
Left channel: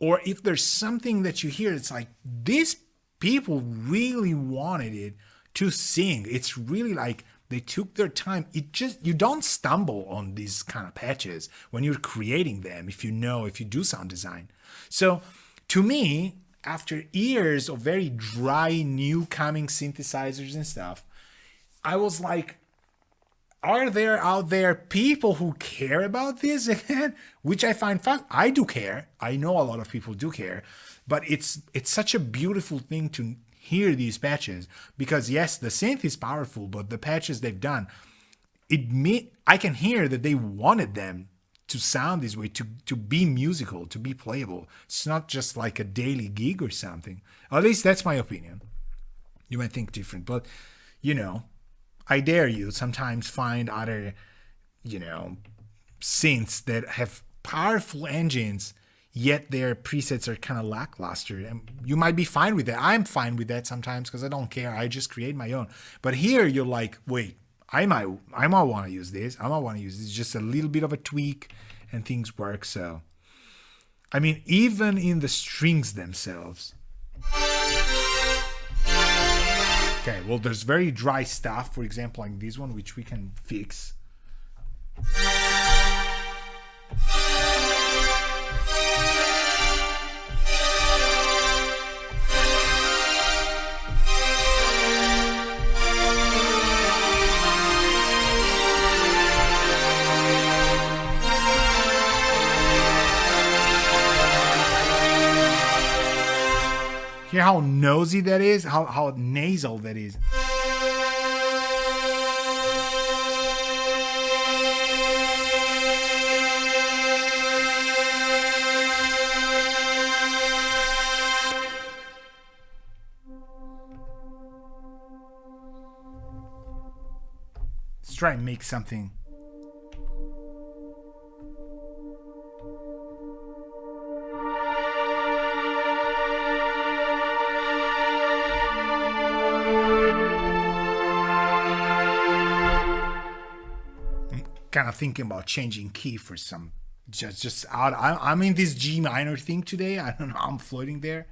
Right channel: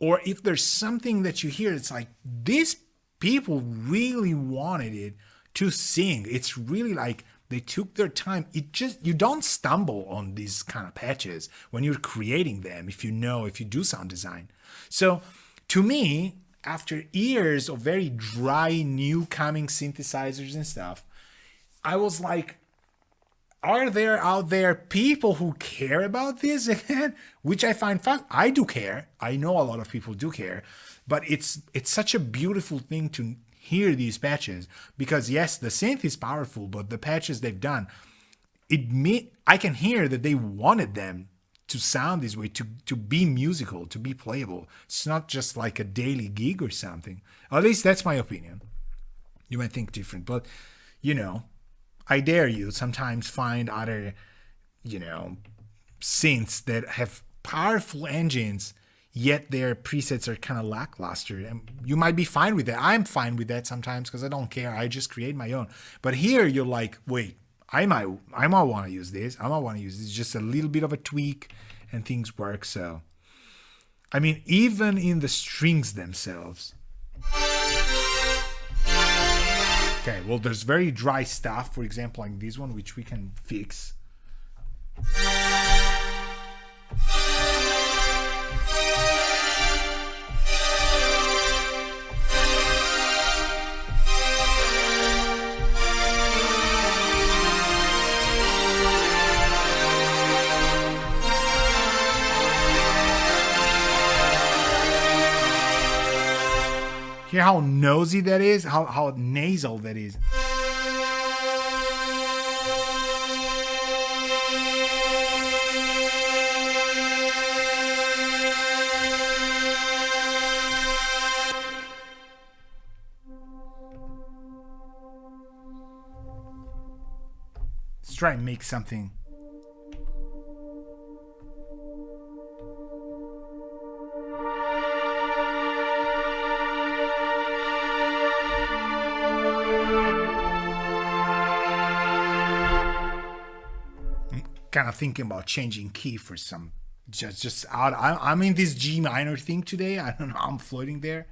or if there's something that you hear, it's like these people really wanted it to sing. It's really like they took their time. You don't stumble on these kind of patches when you're creating them if you do sound design. So to me, after years of very dry new coming synthesizers and stuff, I was like, are there out there people who care about this again? Which I find fun. I do care. I know a lot of people do care, but it's such a beautiful thing to hear these patches because yes, the synth is powerful, but the patches they've done, I can hear that they wanted them to sound this way, to be musical, to be playable. It's not just like a daily gig or something. At least that's my opinion. You might think different, but you know, I dare you sometimes find other, synths that have powerful engines, yet their presets are kind of lackluster. And you might be fine with that. I'm fine with that sometimes because I don't care. I just create my own. But here you're like, wait, I might want to use this. I might want to use this. Just a little bit of a tweak and things work. So, I mean, even in the strings themselves. Okay, well, there's very dry stuff, for example, like this one, which we can fix. Hear how nosy that is? How nasal that is. Let's try and make something. Kind of thinking about changing key for some just out. I'm in this G minor thing today. I don't know, I'm floating there.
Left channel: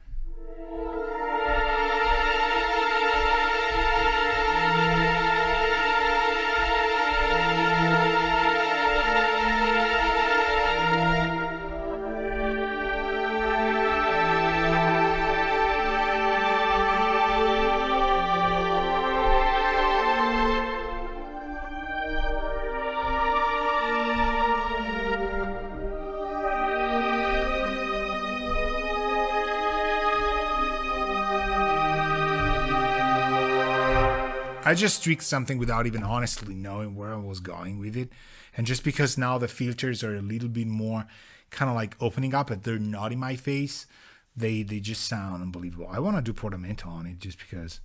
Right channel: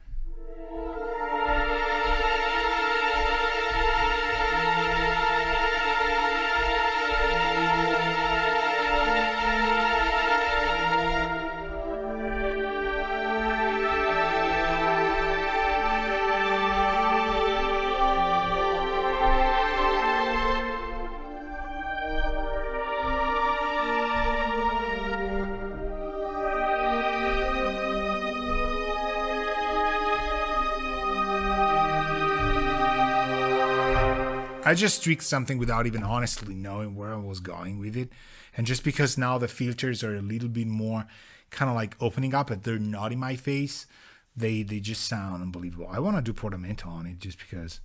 I just tweaked something without even honestly knowing where I was going with it. And just because now the filters are a little bit more kind of like opening up, but they're not in my face, they just sound unbelievable. I want to do Portamento on it just because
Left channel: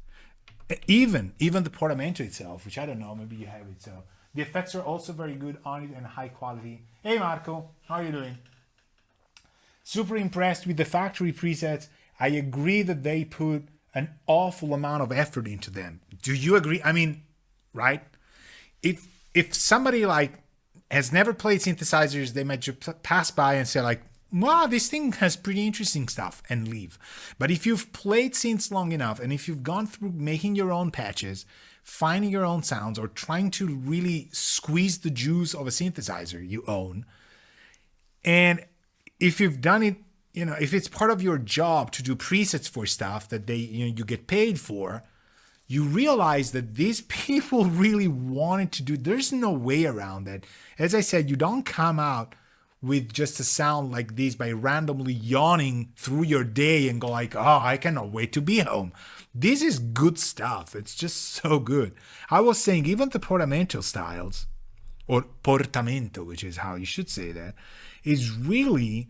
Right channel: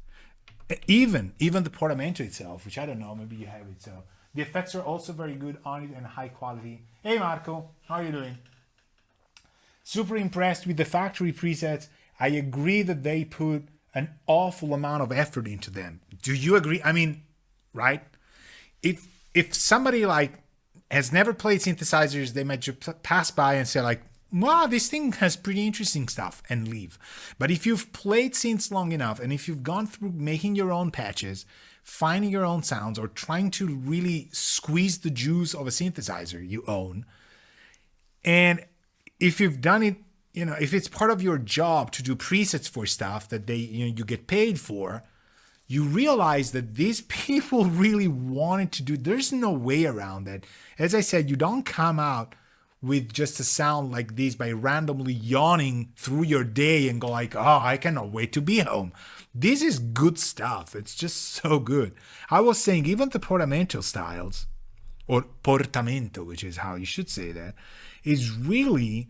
even the Portamento itself, which I don't know, maybe you have it. So the effects are also very good on it and high quality. Hey Marco, how are you doing? Super impressed with the factory presets. I agree that they put an awful amount of effort into them. Do you agree? I mean, right? If somebody like has never played synthesizers, they might just pass by and say like, wow, this thing has pretty interesting stuff and leave. But if you've played synths long enough and if you've gone through making your own patches, finding your own sounds, or trying to really squeeze the juice of a synthesizer you own, and if you've done it, you know, if it's part of your job to do presets for stuff that you get paid for, you realize that these people really wanted to do. There's no way around that. As I said, you don't come out with just a sound like this by randomly yawning through your day and go like, oh, I cannot wait to be home. This is good stuff. It's just so good. I was saying even the Portamento styles, or Portamento, which is how you should say that, is really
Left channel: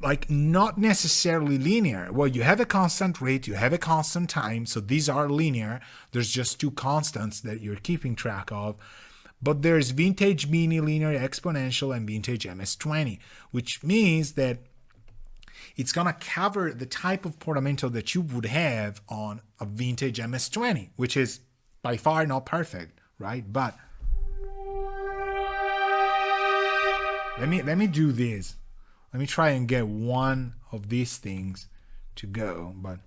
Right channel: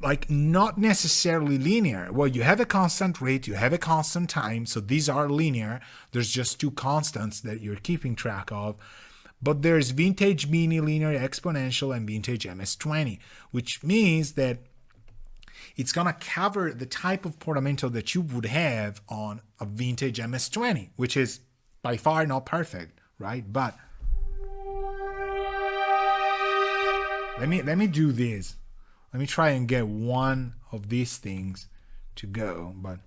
like not necessarily linear. Well, you have a constant rate, you have a constant time, so these are linear. There's just two constants that you're keeping track of. But there's vintage mini linear exponential and vintage MS-20, which means that it's gonna cover the type of Portamento that you would have on a vintage MS-20, which is by far not perfect, right? But let me do this. Let me try and get one of these things to go, but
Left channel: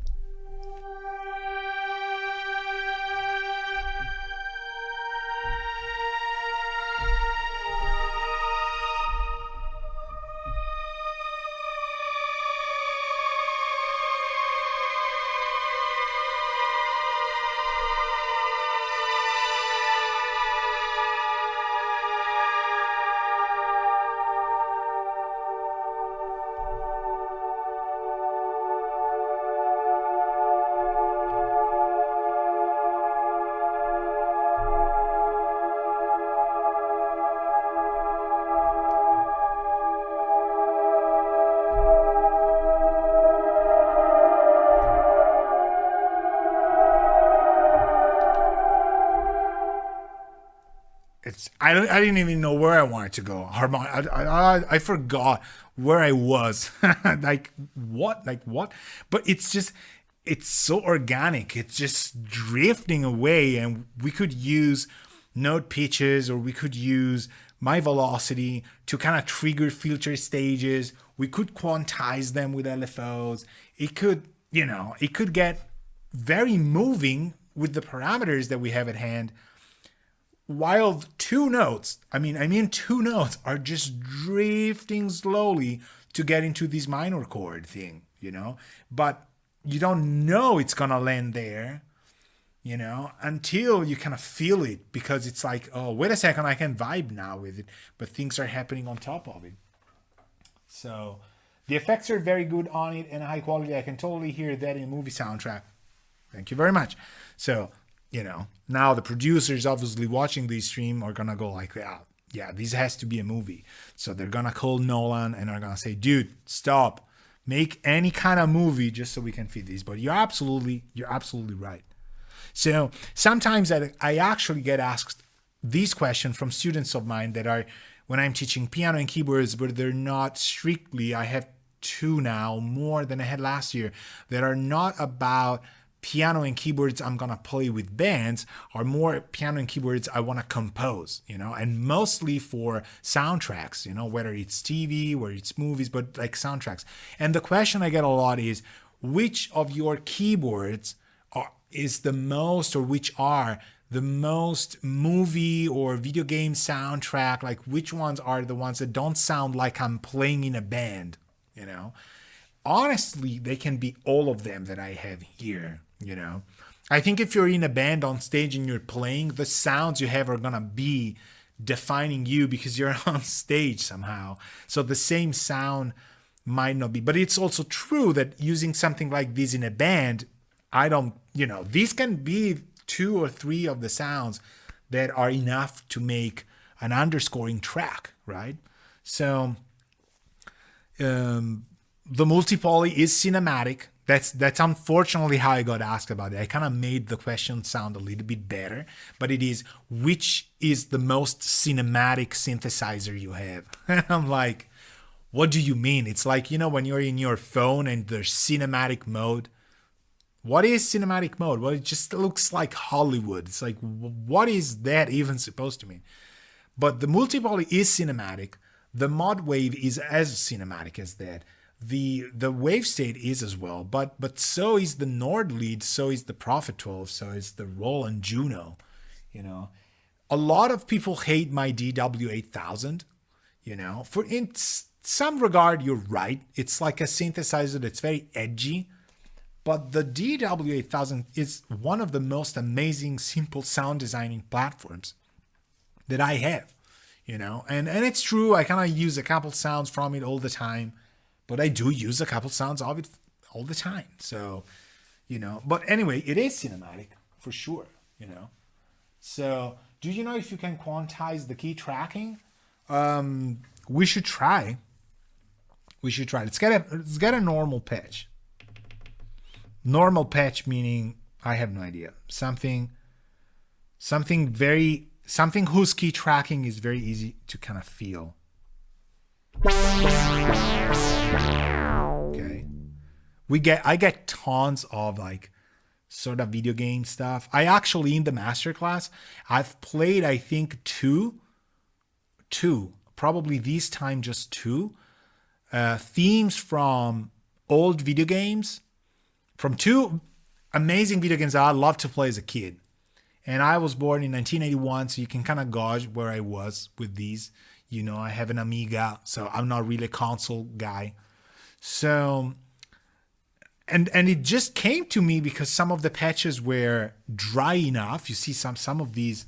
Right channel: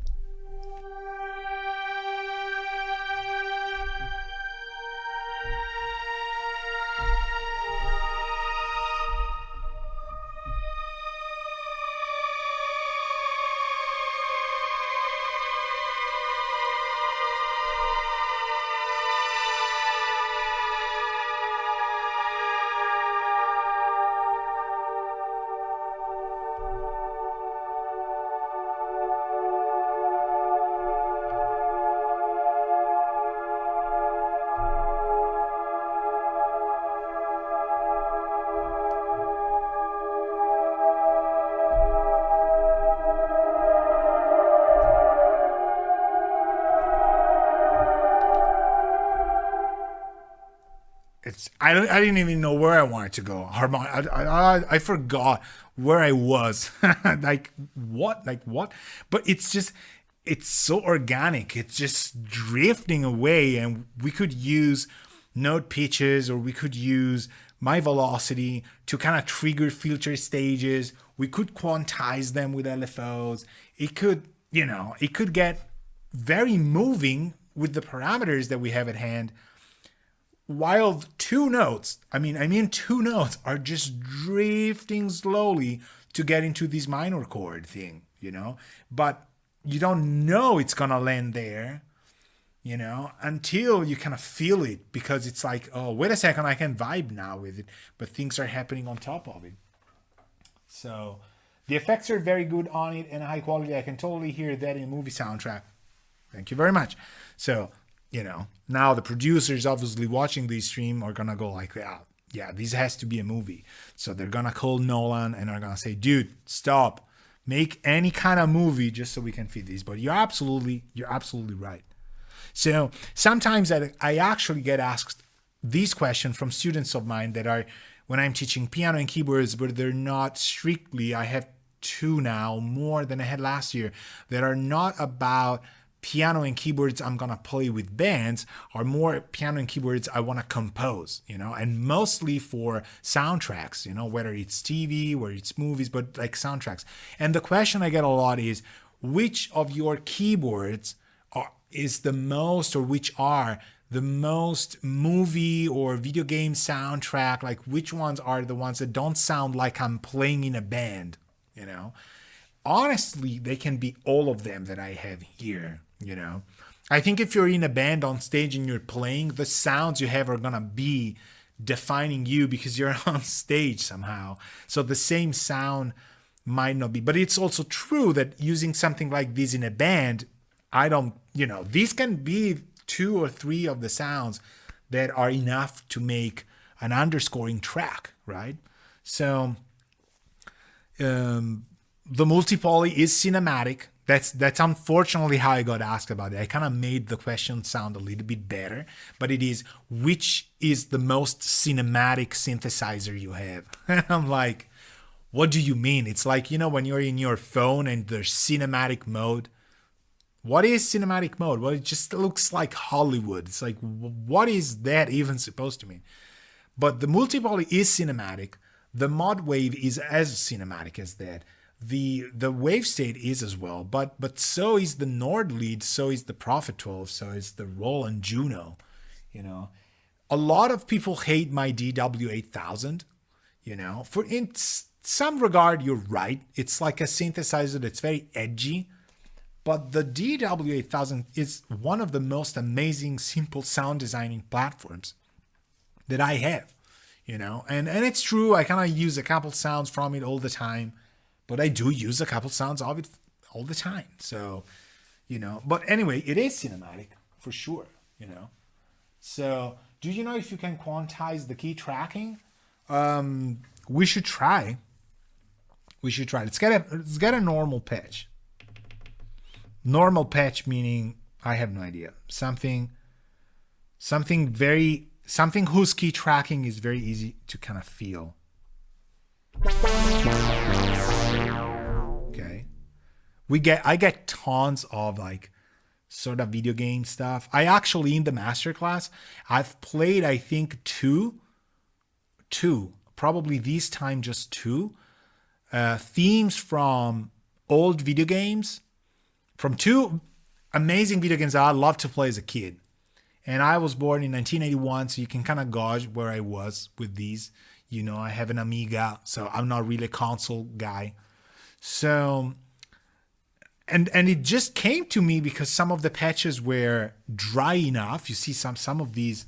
I didn't even know where I wanted to go. I forgot where I was. like what? But it's so organic. It's just drifting away, and we could use note pitches, or we could use my velocity to kind of trigger filter stages. We could quantize them with LFOs. It could get very moving with the parameters that we have at hand. While two notes are just drifting slowly to get into this minor chord thing, but you don't know it's gonna land there, until you kind of feel it, because it's like, oh, wait a second, I can vibe now with it, but things are happening on top of it. So the effects are very good on it and high quality. I can totally hear that in a movie soundtrack. Thank you very much. So, now the producers obviously watching this stream are gonna go like, yeah, yeah, this has to be a movie. So they're gonna call Nolan and are gonna say, dude, stop, make any kind of movie just so we can fit this. But you're absolutely right. So sometimes I actually get asked these questions from students of mine that are, when I'm teaching piano and keyboards, but they're not strictly, I have 2 now, more than I had last year, that are not about piano and keyboards I'm gonna play with bands, are more piano and keyboards I wanna compose, and mostly for soundtracks, whether it's TV, whether it's movies, but like soundtracks. And the question I get a lot is, which of your keyboards is the most, or which are the most movie or video game soundtrack? Like, which ones are the ones that don't sound like I'm playing in a band? Honestly, they can be all of them that I have here. I think if you're in a band on stage and you're playing, the sounds you have are gonna be defining you because you're on stage somehow. So the same sound might not be, but it's also true that using something like this in a band, these can be 2 or 3 of the sounds that are enough to make an underscoring track, right? So the multi-poly is cinematic. That's unfortunately how I got asked about it. I kind of made the question sound a little bit better, but it is, which is the most cinematic synthesizer you have? And I'm like, what do you mean? It's like, when you're in your phone and there's cinematic mode. What is cinematic mode? Well, it just looks like Hollywood. It's like, what is that even supposed to mean? But the multi-poly is cinematic. The mod wave is as cinematic as that. The wave state is as well, but so is the Nord lead, so is the Prophet 12, so is the Roland Juno. A lot of people hate my DW8000. For in some regard, you're right. It's like a synthesizer that's very edgy. But the DW8000 is one of the most amazing simple sound designing platforms that I have, and it's true. I kind of use a couple sounds from it all the time, but I do use a couple sounds of it all the time. So, but anyway, it is cinematic for sure, So do you know if you can quantize the key tracking? We should try. Let's get a normal pitch. Normal patch meaning, I have no idea. Something whose key tracking is very easy to kind of feel. Okay. I get tons of like sort of video game stuff. I actually, in the masterclass, I've played, I think, two, probably this time just 2 themes from old video games. From 2 amazing video games that I loved to play as a kid. And I was born in 1981, so you can kind of gauge where I was with these. I have an Amiga, so I'm not really a console guy. So, and it just came to me because some of the patches were dry enough. You see some of these.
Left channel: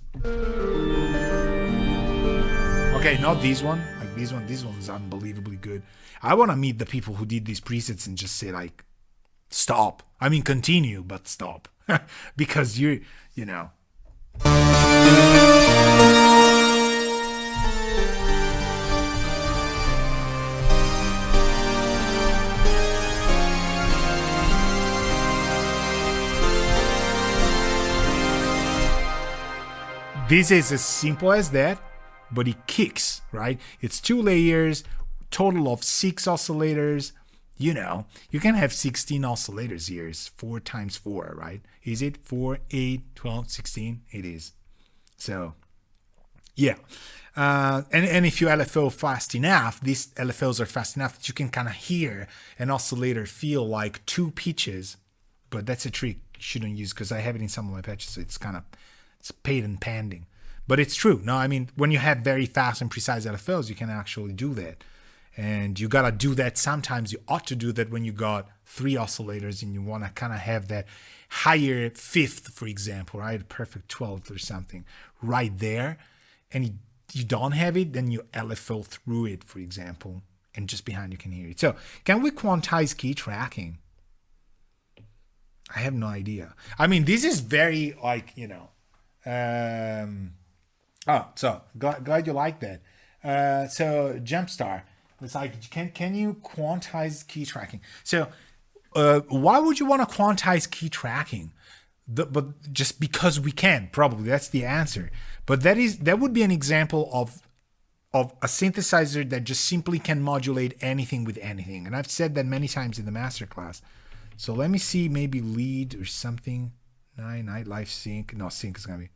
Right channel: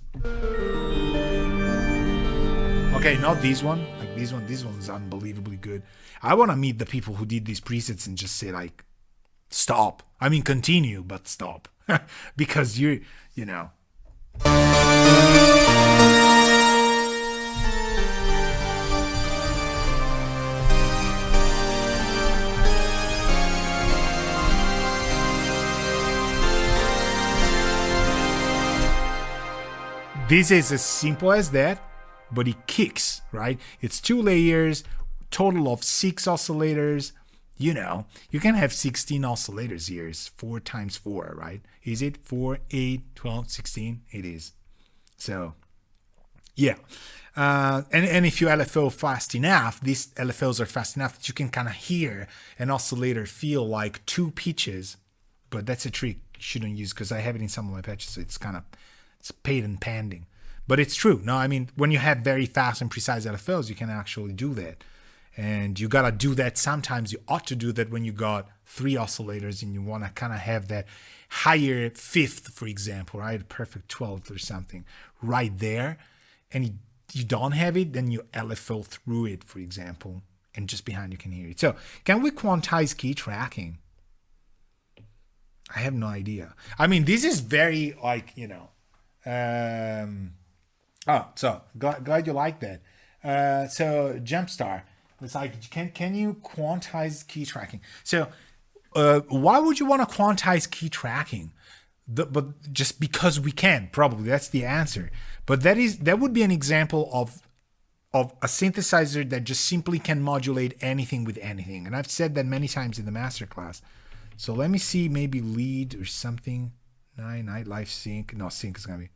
Okay, not this one. Like this one is unbelievably good. I want to meet the people who did these presets and just say like, stop. I mean, continue, but stop. Because this is as simple as that, but it kicks, right? It's 2 layers, total of 6 oscillators. You can have 16 oscillators here. It's 4 times 4, right? Is it 4, 8, 12, 16? It is. So, yeah. And if you LFO fast enough, these LFOs are fast enough that you can kind of hear an oscillator feel like 2 pitches. But that's a trick you shouldn't use because I have it in some of my patches. So it's patent pending. But it's true. No, I mean, when you have very fast and precise LFOs, you can actually do that. And you got to do that. Sometimes you ought to do that when you got 3 oscillators and you want to kind of have that higher 5th, for example, right? A perfect 12th or something right there. And you don't have it, then you LFO through it, for example, and just behind you can hear it. So can we quantize key tracking? I have no idea. I mean, this is very like, Oh, so glad you like that. So Jumpstar, it's like, can you quantize key tracking? So why would you want to quantize key tracking? But just because we can, probably that's the answer. But that would be an example of a synthesizer that just simply can modulate anything with anything. And I've said that many times in the masterclass. So let me see, maybe lead or something. Night life sync. No, sync is gonna be.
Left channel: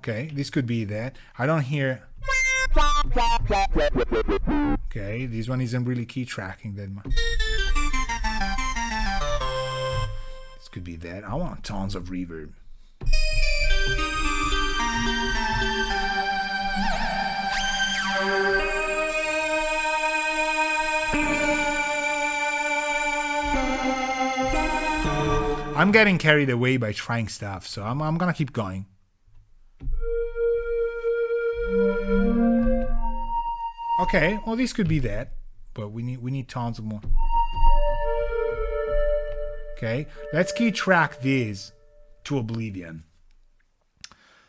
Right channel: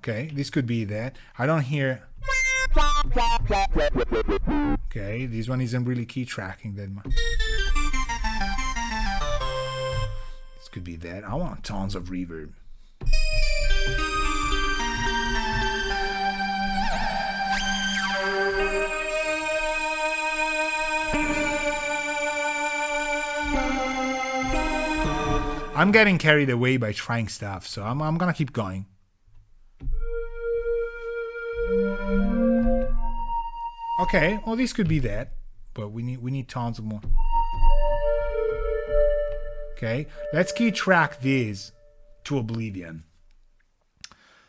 Okay, this could be that. I don't hear. Okay, this one isn't really key tracking that much. This could be that. I want tons of reverb. I'm getting carried away by trying stuff, so I'm gonna keep going. Okay, well this could be that, but we need tons of more. Okay, let's key track this to oblivion.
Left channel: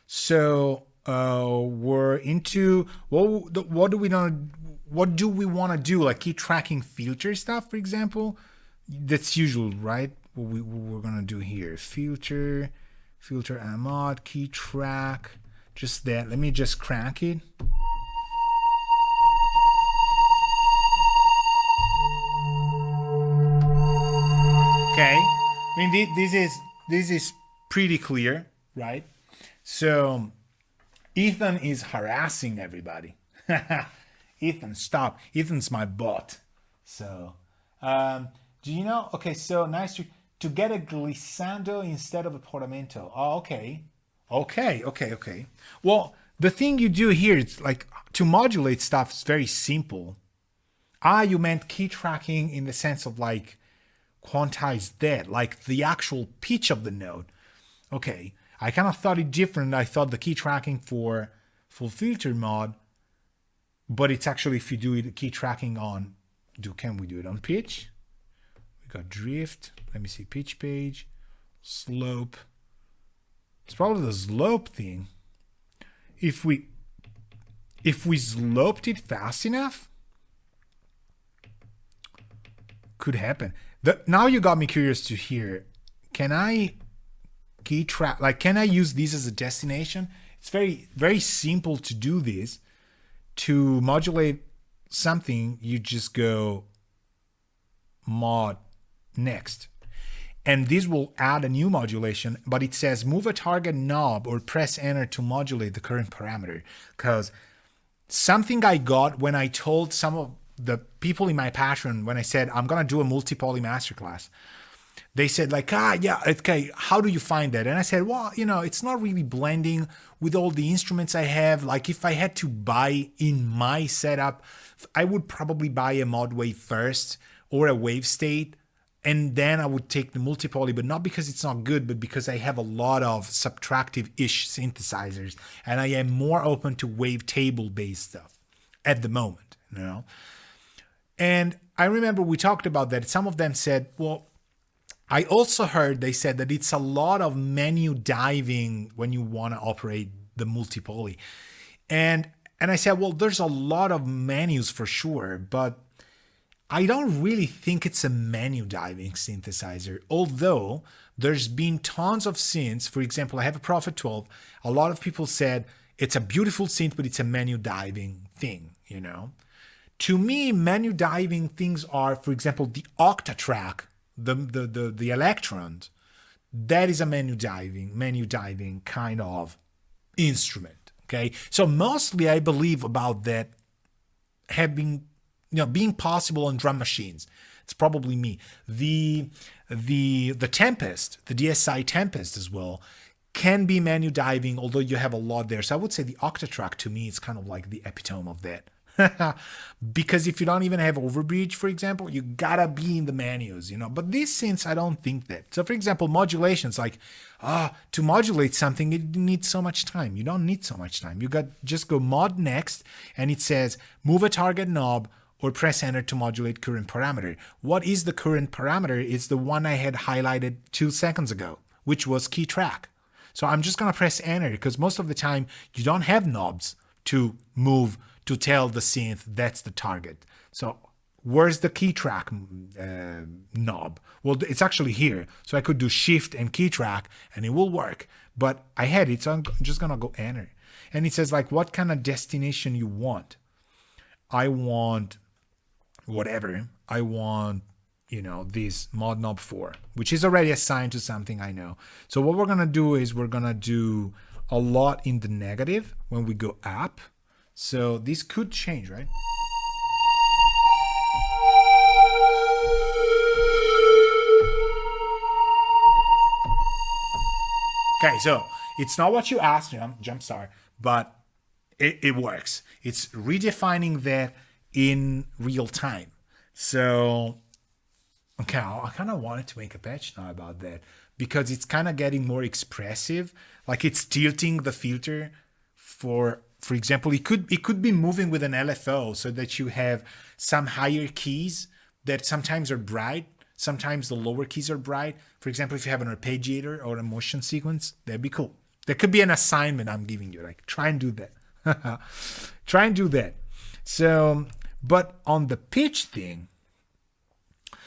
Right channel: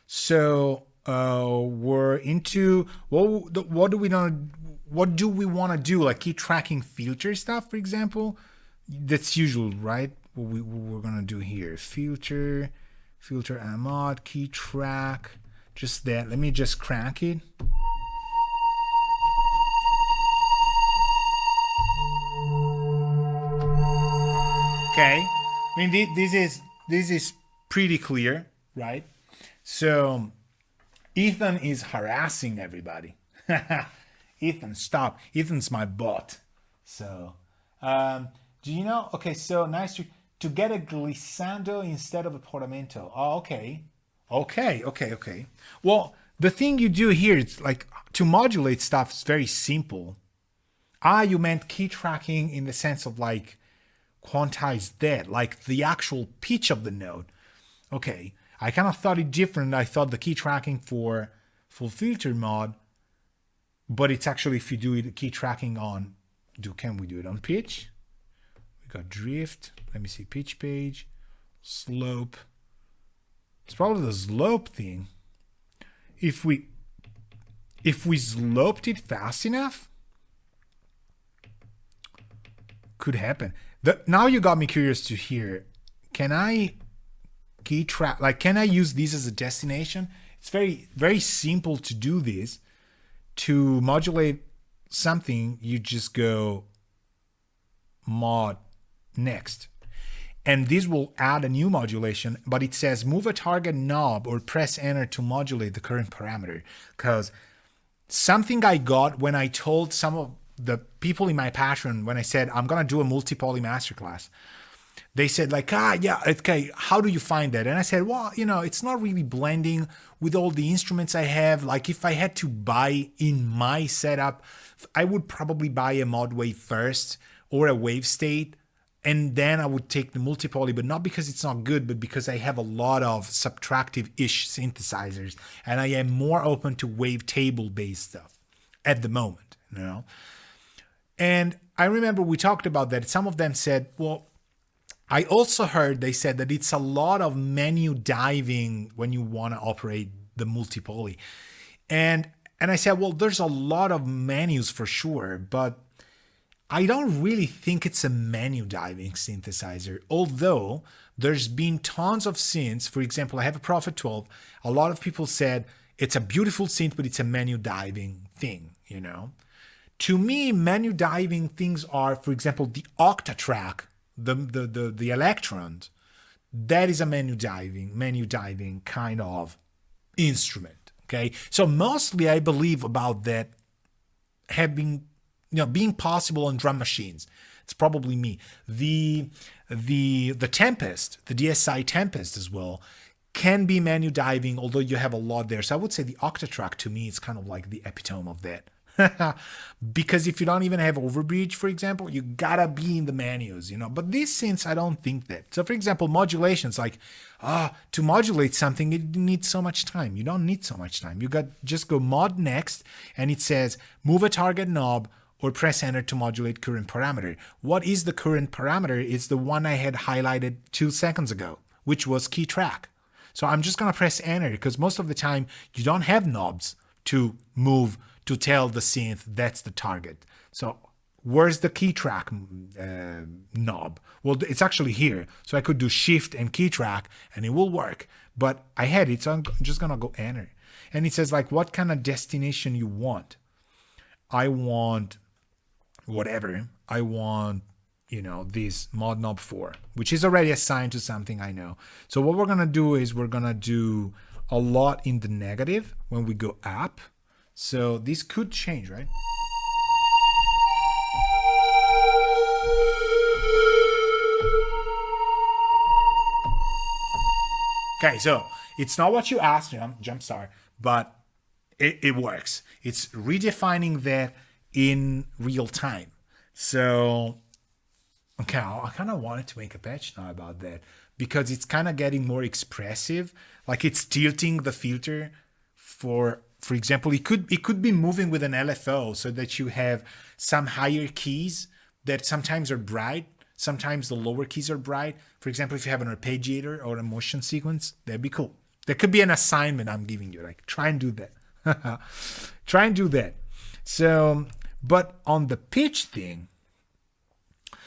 So we're into what do we want to do? Like key tracking filter stuff, for example. That's usual, right? What we're gonna do here: filter mod, key track. Just that. Let me just crank it. Okay, I mean this is pretty clear, right? So Ethan is harassing everybody. Ethan, stop. Ethan's my bot. So do you know? Okay, so nice to get a glissando instead of a portamento. Oh, okay. Well, the thing you do here is like to modulate stuff is very simple. You meant key tracking in the sense of like quantize that, like the actual pitch of the note. Okay, I kind of thought it different. I thought the key tracking for full filter mod, but it's actually if you do it key tracking on, can we do it on pitch? We got drift. Let me see, pitch page, slope. It's probably the slope thing. If we sloped it fast enough, could happen. Now you got me curious to hear. Can I key track? Like, can I use this as a destination? It's very simple to do this. To modulate something, you just go mod next. And this will add a new modulation, but it says move a target knob or press enter to modulate the current parameter. Because something I got when I told some of the people in my Patreon, when I said I'm going to do a multi-poly masterclass, they said like, yeah, okay, how do you find that? And I said, well, it's not really blending with all the instruments I have. Like if I had to buy in my setup, I would probably buy a mod wave first or a wave state. And then I would take the multi-poly, but not because it's not good, but because I have a lot of subtractive-ish synthesizers, and I am more open to wavetable-based stuff at the moment, And I remember we talked about that. Some of them said, well, I also heard they said that it's a lot of menu diving when you want to operate the multi-poly. And I said, well, there's a lot of menus for sure, but I don't really think it's a menu diving synthesizer, although there's been tons of synths. For example, I have a Prophet 12. A lot of people said it's a beautiful synth, but it's a menu diving thing, To me, menu diving things are, for example, the Octatrack, the Electrons. That is a menu diving kind of instrument. Okay. So mostly I believe about that being possible on drum machines. It's probably me. The Tempest, the DSI Tempest as well, can be menu diving, although you have a lot there. So I would say the Octatrack to me is kind of like the epitome of that. Because if you don't even have overbridge, for example, you gotta be in the menus, you know. But these synths, I don't think that. So for example, modulations, like to modulate something, it needs so much time. You don't need so much time. You got just go mod next, and it says move a target knob or press enter to modulate current parameter. What is the current parameter? It's the one I had highlighted 2 seconds ago, which was key track. So I'm just gonna press enter because most of the time you don't have knobs to move to tell the synth that's the target. So where's the key track knob? Well, it's actually here. So I could do shift and key track and it will work. But I had it, so I'm just gonna go enter. And it says like what kind of destination you want. I want whatever. I want, you know, this mod knob 4, which is already assigned to something I know. So what we're gonna do is we're gonna do a lot in the negative when we go up. So this could change, right? Okay, so it's not what you asked, Jumpstart, but it works. It's redefining that in real time. So, okay, I kind of wanted to make a patch now about that because it's kind of getting more expressive. Like it's tilting the filter for example, it could be moving with an LFO so that you have some higher keys that sometimes are bright, sometimes the lower keys are bright. For example, if you have an arpeggiator or a motion sequence, that'd be cool. That could be an assignment I'm giving you. Like, try and do that. Try and do that. So, but on the pitch thing,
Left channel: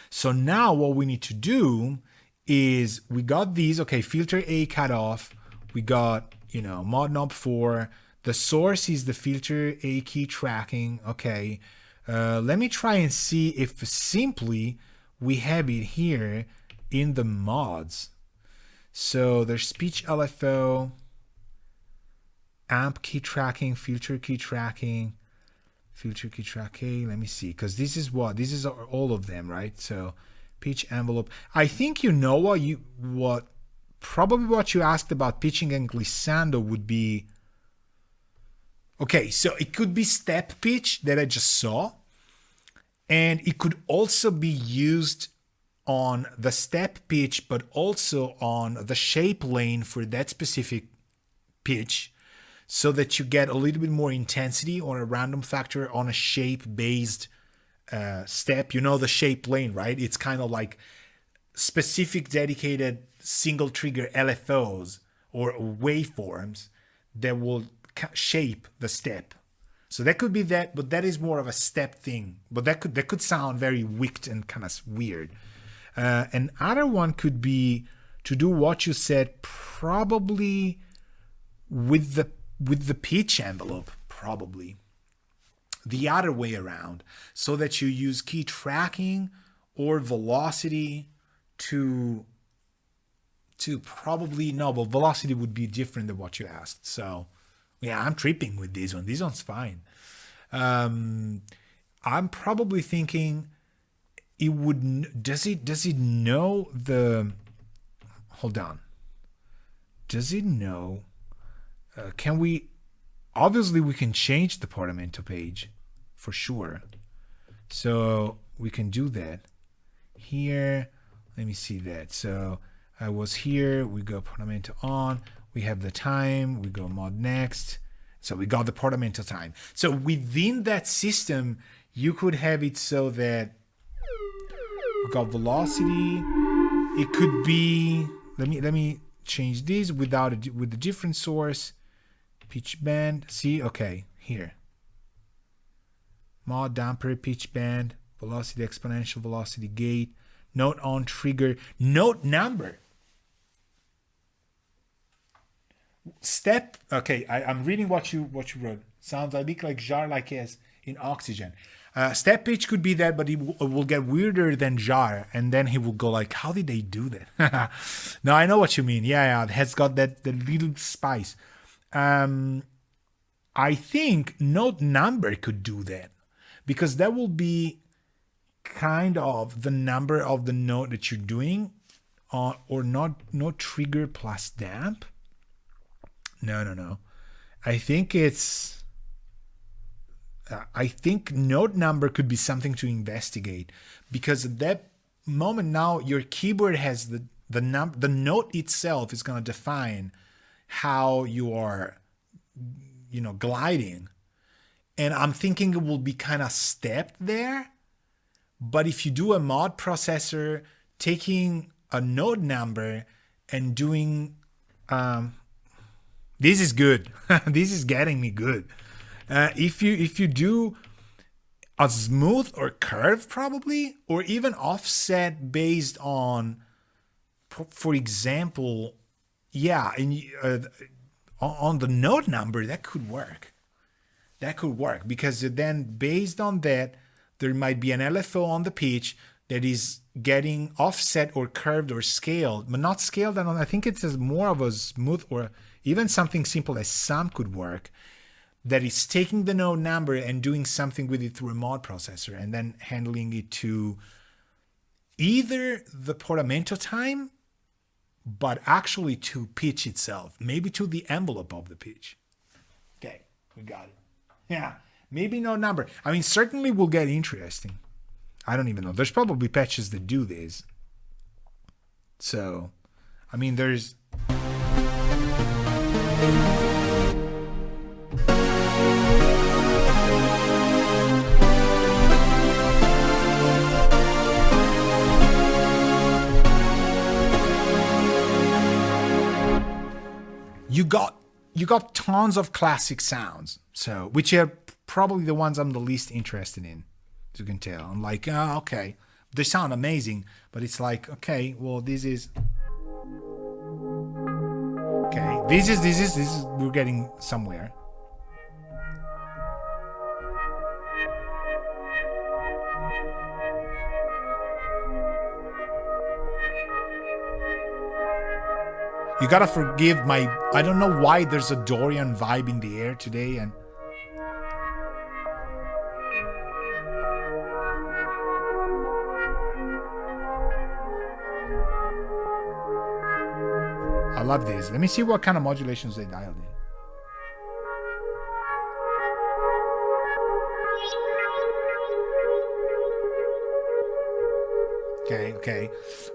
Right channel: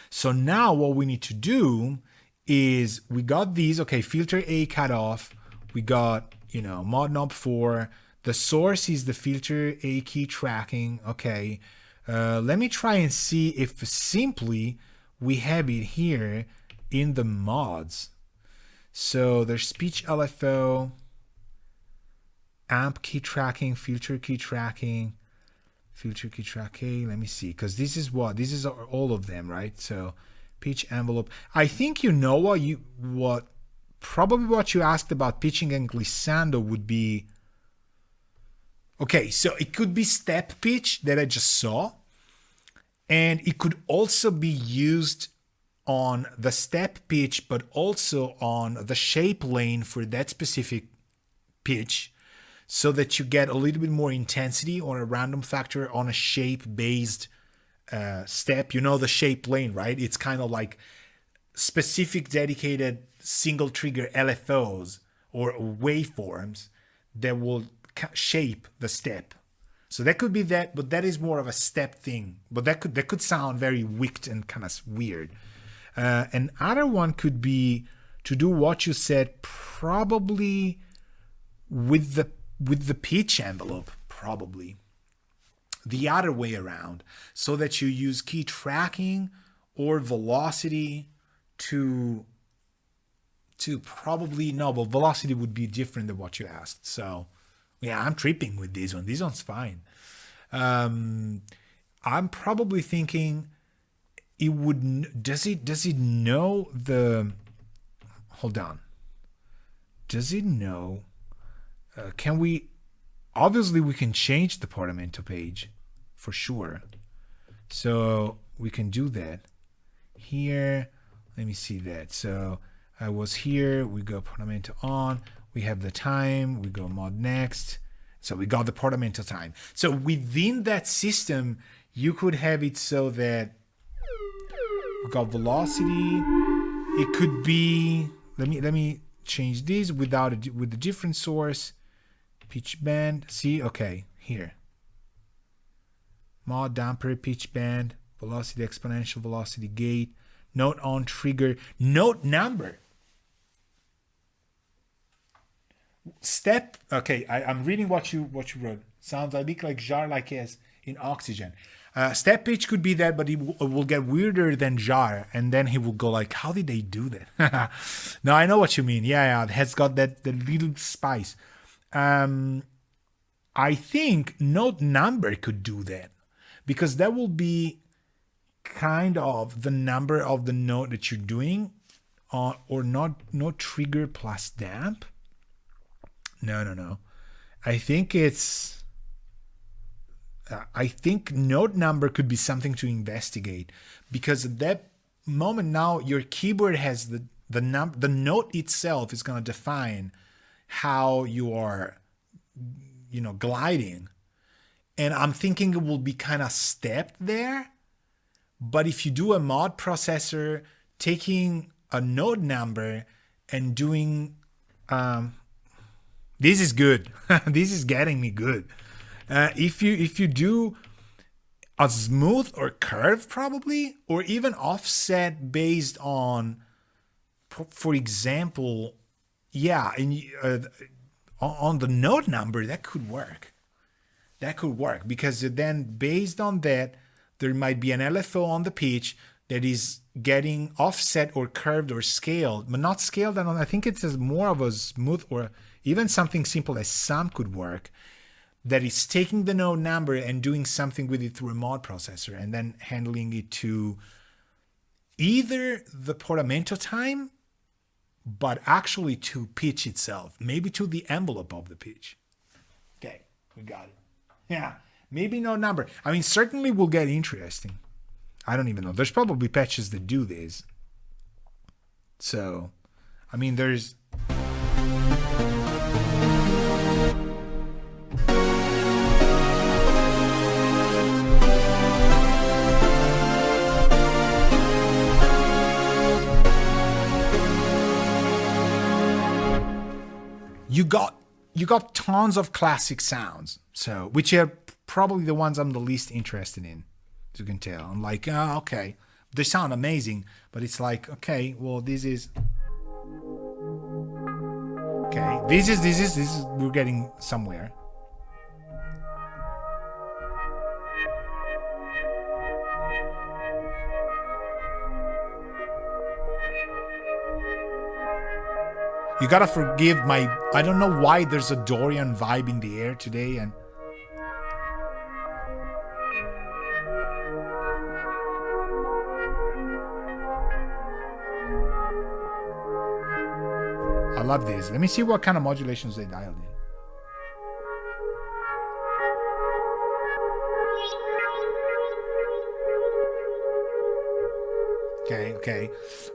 so now what we need to do is we got these, okay, filter A cut off. We got, you know, mod knob 4. The source is the filter A key tracking. Okay. Let me try and see if simply we have it here in the mods. So there's speech LFO, amp key tracking, filter key tracking, filter key tracking. Let me see, because this is all of them, right? So pitch envelope. I think you know what you asked about pitching and glissando would be. Okay, so it could be step pitch that I just saw, and it could also be used on the step pitch, but also on the shape lane for that specific pitch, so that you get a little bit more intensity or a random factor on a shape-based step. You know the shape lane, right? It's kind of like specific dedicated single trigger LFOs or waveforms that will shape the step. So that could be that, but that is more of a step thing. But that could sound very wicked and kind of weird. Another one could be to do what you said, probably with the pitch envelope, probably the other way around, so that you use key tracking or velocity to probably no, but velocity would be different than what you asked. So yeah, I'm tripping with this one. This one's fine. I'm probably thinking it would. Does it know the? Hold on. Does it know? Can we? Obviously, we can change the Portamento page, for sure. So we can do that. Here, let me see that. So I was here. We go Portamento on. We have the time, we go mod next. So we got the Portamento time. So within that system, you could have it so that we got velocity. It could be, let me change this with a different source. Pitch band, see, okay, here. Mod damper, pitch band, velocity exponential, velocity gate, note on trigger, note number. Step, okay, I'm reading what you wrote. Sounds a bit like jar like S in oxygen. Step pitch could be that, but it will get weirder than jar, and then he will go like, how did they do that? No, I know what you mean. Yeah, it has got the little spice. I think note number could do that, because that will be kind of the number of the note that you're doing, or not trigger plus damp. No. I think it's I think note number could be something to investigate, because at that moment now your keyboard has the note itself is going to define how you are, gliding. And I'm thinking it will be kind of stepped there. But if you do a mod processor taking a note number and doing, this is good. This is getting me good. If you do a smooth or curve probably, or even offset based on, for example, on the note number, that could work. That could work, because then based on that, there might be an LFO on the pitch that is getting offset or curved or scaled, but not scaled. And I think it's more of a smooth, or even something simple as sum could work, that is taking the note number and doing something with it through a mod processor and then handling it to either the Portamento time, but actually to pitch itself, maybe to the envelope of the pitch. Okay, we got it. Yeah, maybe no number. I mean, certainly will get interesting. I don't even know. There's probably patches that do this. So, I mean, there's... You got tons of classic sounds, so which are probably the ones I'm the least interested in, as you can tell. I'm like, oh, okay, they sound amazing, but it's like, okay, well, this is we're getting somewhere. You gotta forgive I don't know why there's a Dorian vibe in the air today, and I love this. Let me see what kind of modulations they dialed in.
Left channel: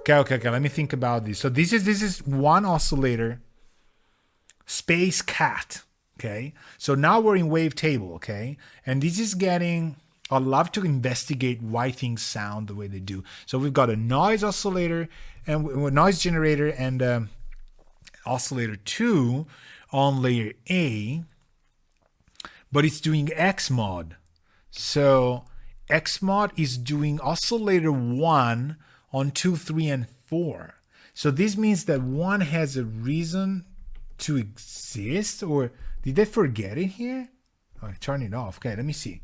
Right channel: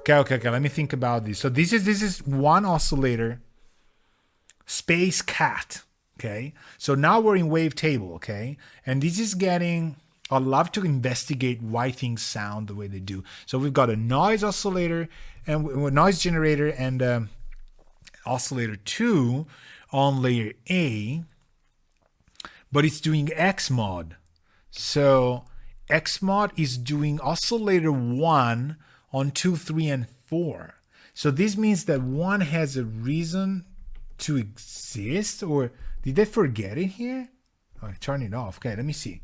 Okay. Let me think about this. So this is one oscillator, space cat. Okay. So now we're in Wavetable. Okay. And this is getting, I love to investigate why things sound the way they do. So we've got a noise oscillator and noise generator and oscillator 2 on layer A, but it's doing X mod. So X mod is doing oscillator 1 on 2, 3, and 4. So this means that 1 has a reason to exist, or did they forget it here? Oh, turn it off. Okay, let me see.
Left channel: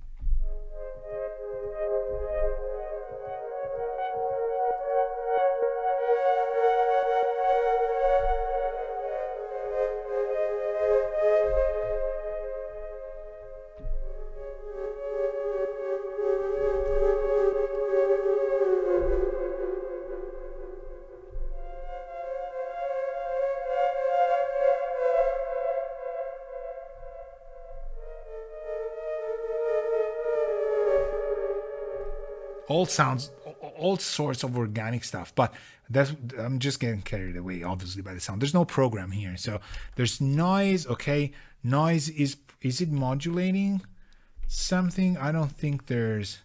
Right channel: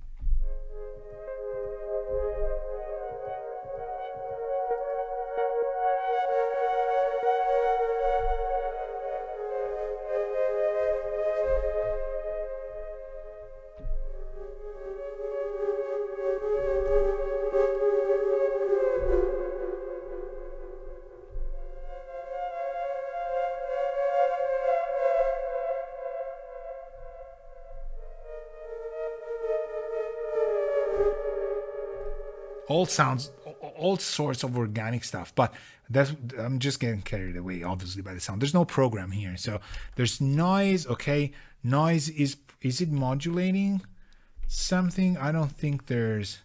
All sorts of organic stuff, but I'm just getting carried away, obviously, by the sound. There's no program here, so there's noise. Okay, noise is it modulating something? I don't think there's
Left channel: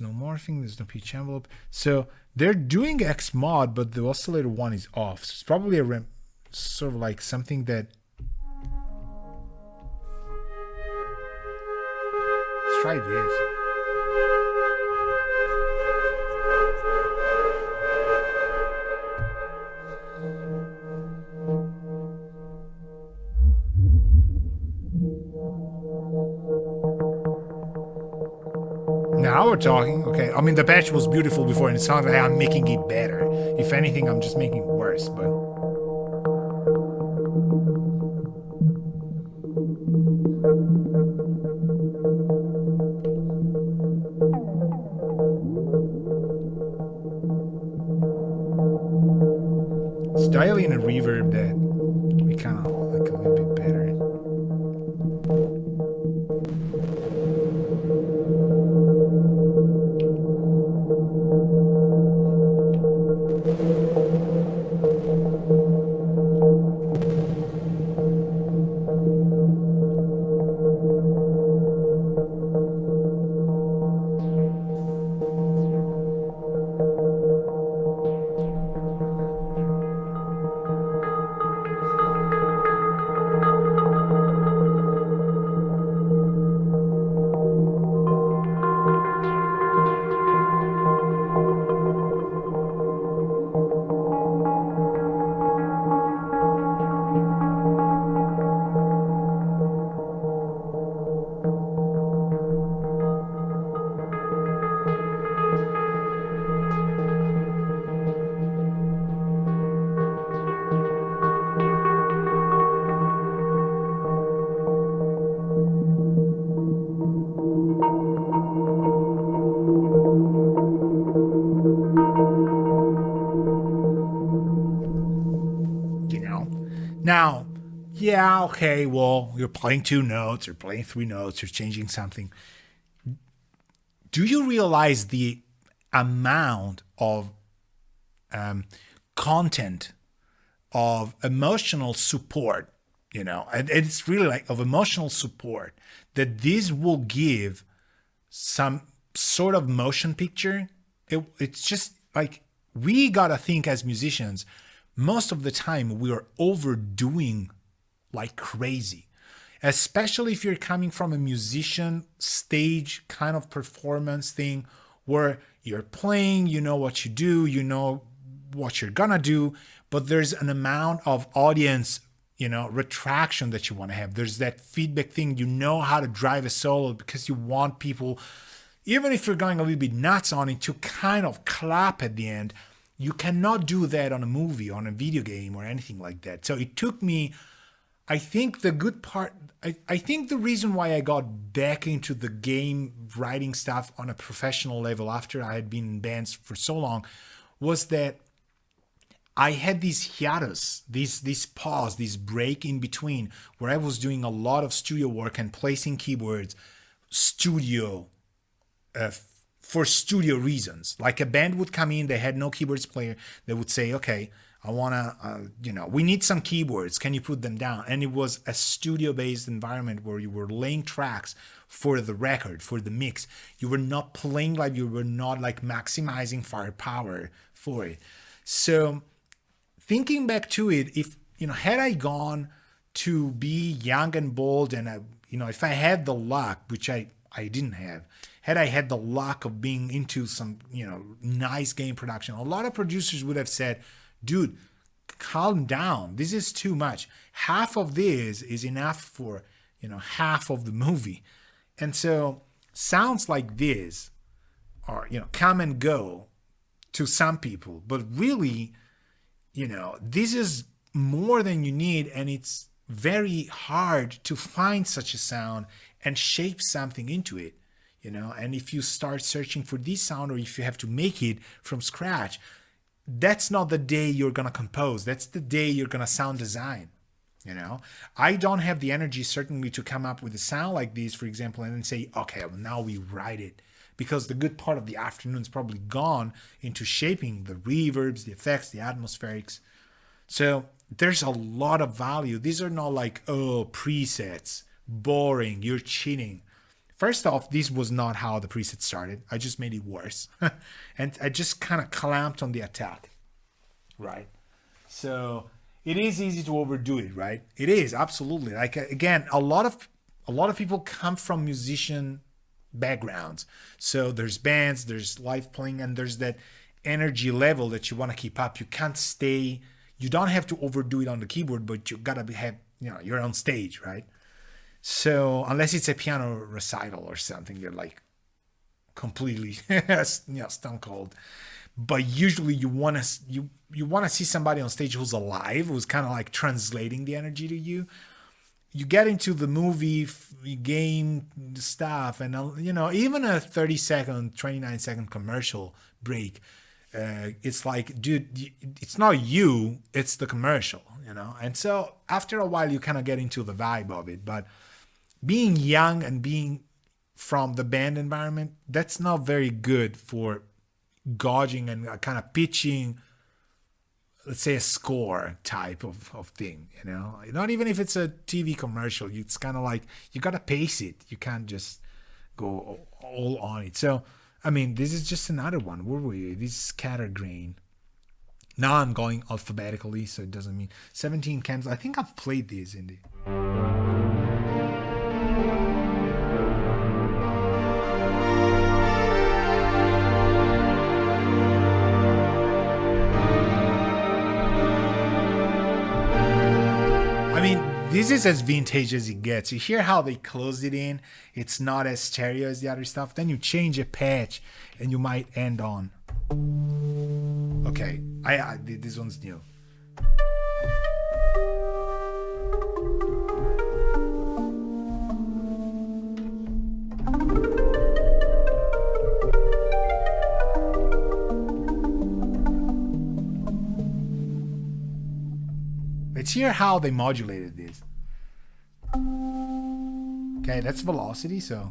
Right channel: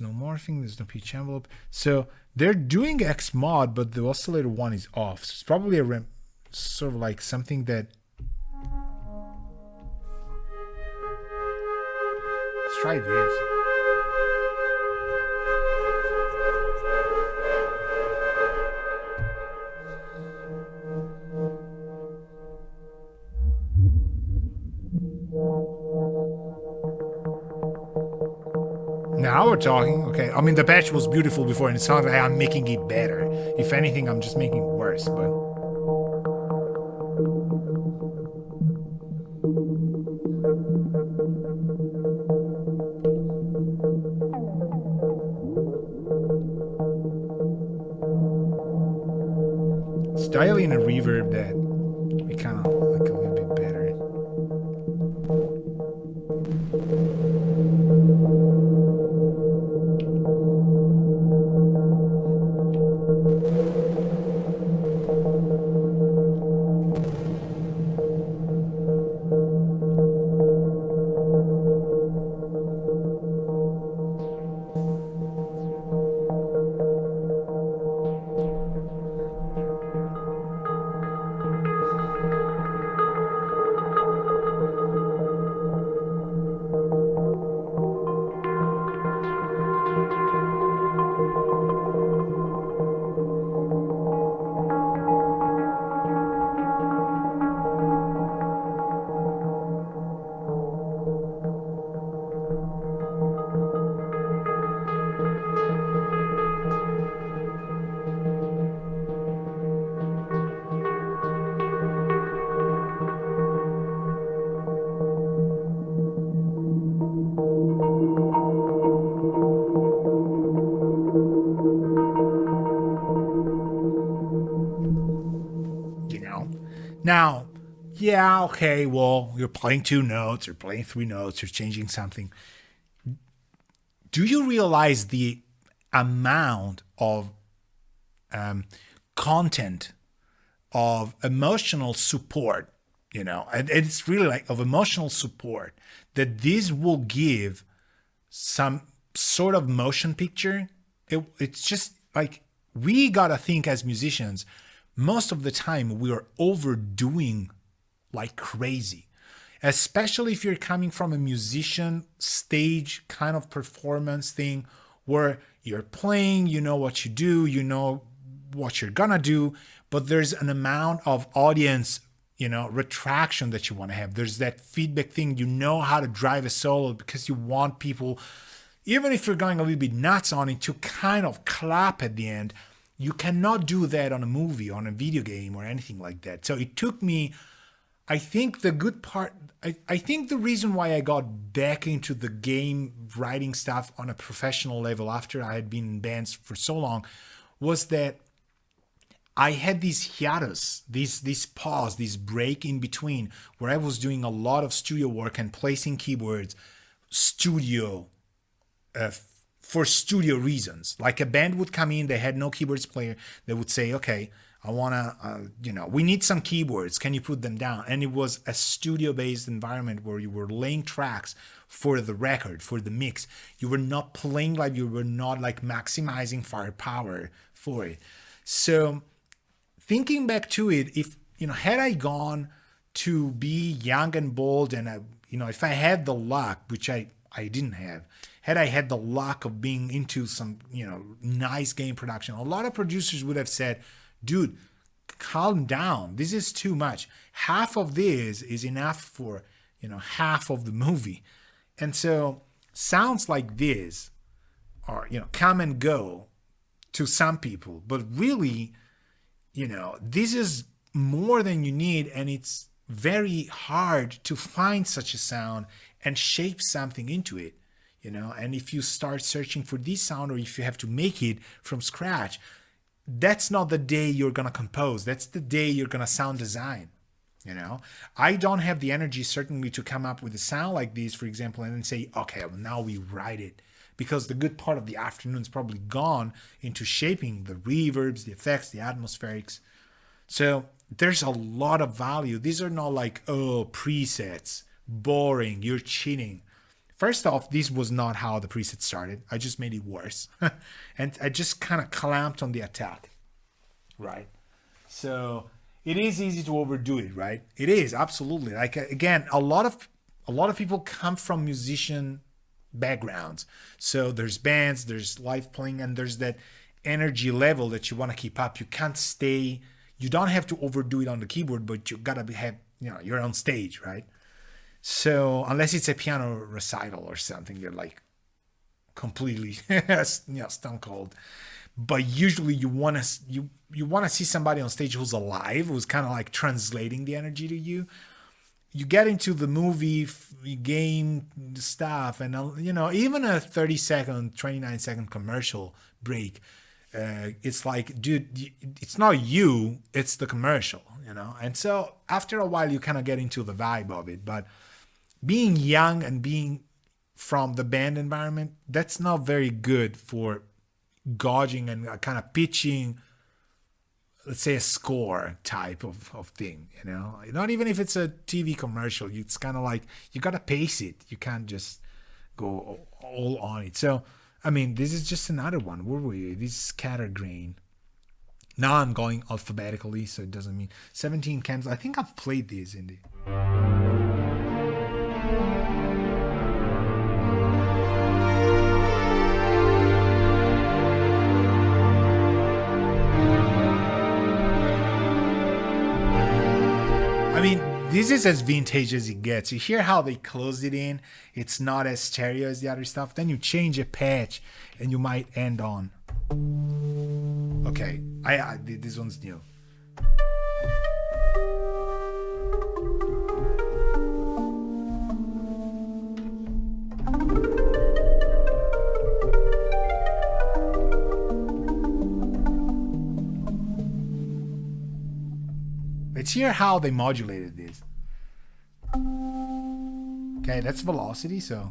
no morphing, there's no pitch envelope. So they're doing X mod, but the oscillator 1 is off. So it's probably a sort of like something that. Let's try this. Now we're talking. Okay, I mean, the patch was beautiful before, and it sounds like I'm making it better. If anything, I'm just making it worse, but... It's dialing a reverb that we kind of like a little bit better. Now, yeah, okay, well, you're playing 2 notes, you're playing 3 notes, you're changing something. Do you realize the amount of content, of emotional support, and it's really like of emotional support that this will give some sort of motion picture? It's just like, we gotta think as musicians, most of the time we are overdoing like crazy, especially if you're coming from a musician stage kind of performance thing where you're playing, you know what you do, you know what you're gonna do, but there's an amount of audience, retraction that you want to have. There's that feedback thing, you know how to drive a solo because you want people, even if you're going a little bit nuts on it, to kind of clap at the end. You cannot do that on a movie, on a video game, or anything like that. So it took me, I think the good part, I think the reason why I got back into the game writing stuff on a professional level after I had been in bands for so long was that I had these hiatus, this pause, this break in between where I was doing a lot of studio work and placing keyboards, studio, for studio reasons. Like a band would come in, they had no keyboards player, they would say, okay, I want to, we need some keyboards. Can you put them down? And it was a studio-based environment where you were laying tracks for the record, for the mix. You were not playing live. You were not like maximizing firepower for it. So thinking back to it, if, had I gone to be young and bold and, if I had the luck, which I didn't have, had I had the luck of being into some, nice game production, a lot of producers would have said, dude, calm down. This is too much. Half of this is enough for, half of the movie. And so sounds like this are, come and go to some people. But really, this is more than you need. And it's very hard to find such a sound and shape something into it, And if you start searching for this sound, or if you have to make it from scratch, that's not the day you're going to compose. That's the day you're going to sound design. I don't have the energy certainly to come up with a sound like this, for example, and then say, okay, well, now we write it, because the good part of the afternoon is probably gone into shaping the reverbs, the effects, the atmospherics. So there's a lot of value. These are not like, presets, boring, you're cheating. First off, this was not how the preset started. I just made it worse. And I just kind of clamped on the attack, right? So it is easy to overdo it, right? It is, absolutely. Like, again, a lot of people come from musician backgrounds. So there's bands, there's live playing, and there's that energy level that you want to keep up. You can't stay, you don't have to overdo it on the keyboard, but you gotta have, your own stage, right? So unless it's a piano recital or something, you're like completely stone cold. But usually you want to see somebody on stage who's alive, who's kind of like translating the energy to you. You get into the movie game stuff, and even a 30-second, 29-second commercial break, it's like, dude, it's not you, it's the commercial, And so after a while, you kind of get into the vibe of it. But being young and being from the band environment, that's not very good for gauging and kind of pitching, let's say, a score type of thing, Not even if it's a TV commercial, it's kind of like, you got to pace it. You can't just go all on it. So, this is just another one. Where were you? This is scattergrain. Now I'm going alphabetically, so it doesn't mean 17 candles. I think I've played these in the... This is as vintage as it gets. You hear how they closed it in? It's not as stereo as the other stuff. Then you change a patch and you might end on. Okay, this one's new. let's hear how they modulated this. Okay, that's velocity, so.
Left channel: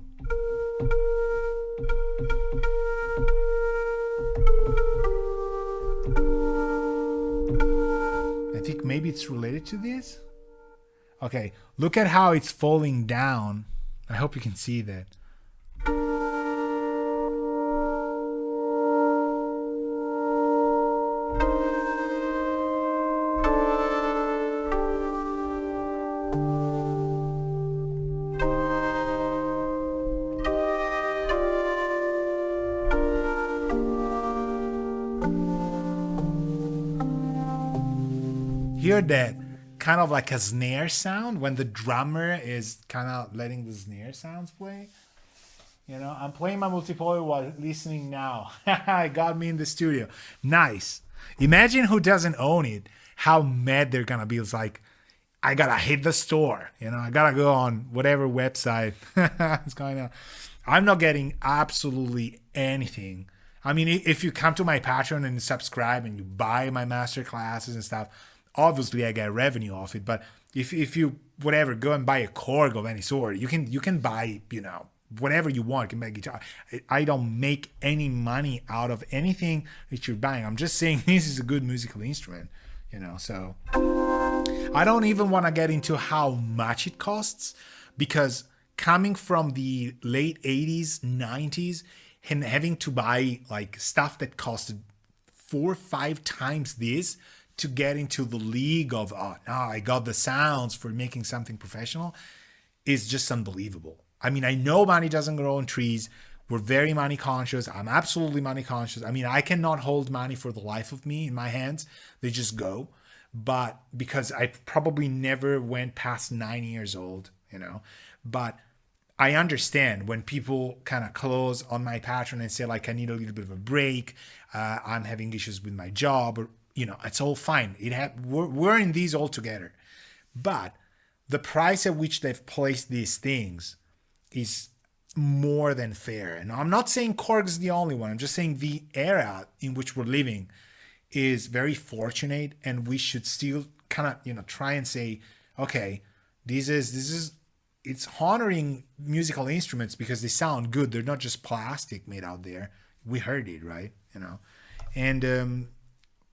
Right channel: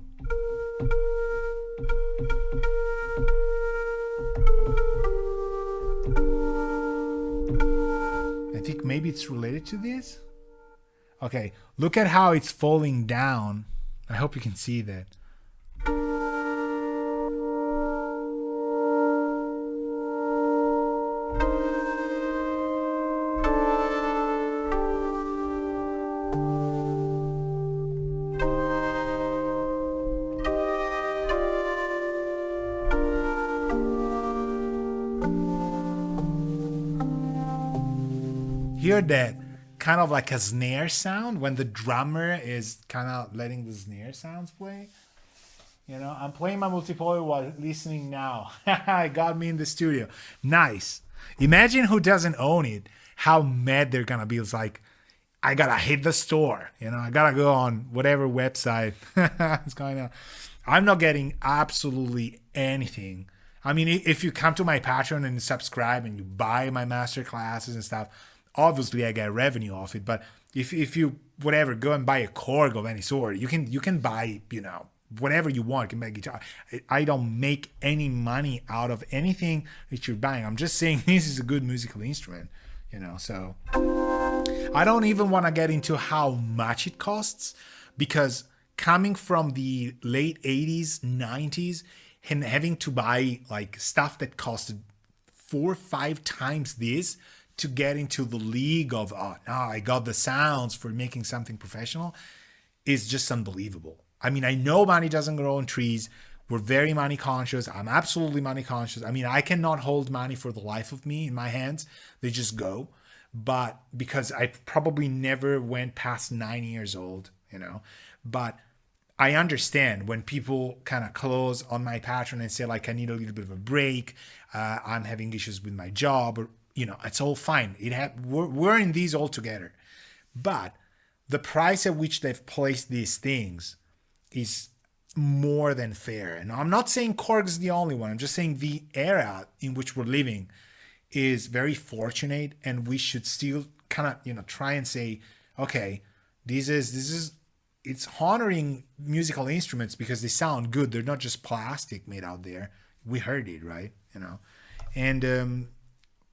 I think maybe it's related to this. Okay, look at how it's falling down. I hope you can see that. Hear that kind of like a snare sound when the drummer is kind of letting the snare sounds play. You know, I'm playing my multipolar while listening now. It got me in the studio. Nice. Imagine who doesn't own it, how mad they're gonna be. It's like, I gotta hit the store. You know, I gotta go on whatever website it's going on. I'm not getting absolutely anything. I mean, if you come to my Patreon and subscribe and you buy my master classes and stuff, obviously I get revenue off it. But if you whatever go and buy a KORG of any sort, you can buy, you know, whatever you want. You can buy a guitar. I don't make any money out of anything that you're buying. I'm just saying this is a good musical instrument, you know. So I don't even want to get into how much it costs, because coming from the late 80s, 90s, and having to buy like stuff that costed 4 or 5 times this to get into the league of, oh, now I got the sounds for making something professional, is just unbelievable. I mean, I know money doesn't grow on trees. We're very money conscious. I'm absolutely money conscious. I mean, I cannot hold money for the life of me in my hands. They just go. But because I probably never went past 9 years old, you know, but I understand when people kind of close on my Patreon and say like, I need a little bit of a break. I'm having issues with my job, or, you know, it's all fine. We're in these all together. But the price at which they've placed these things is more than fair. And I'm not saying KORG is the only one. I'm just saying the era in which we're living is very fortunate, and we should still kind of, you know, try and say, okay, this is it's honoring musical instruments because they sound good. They're not just plastic made out there. We heard it, right? You know, and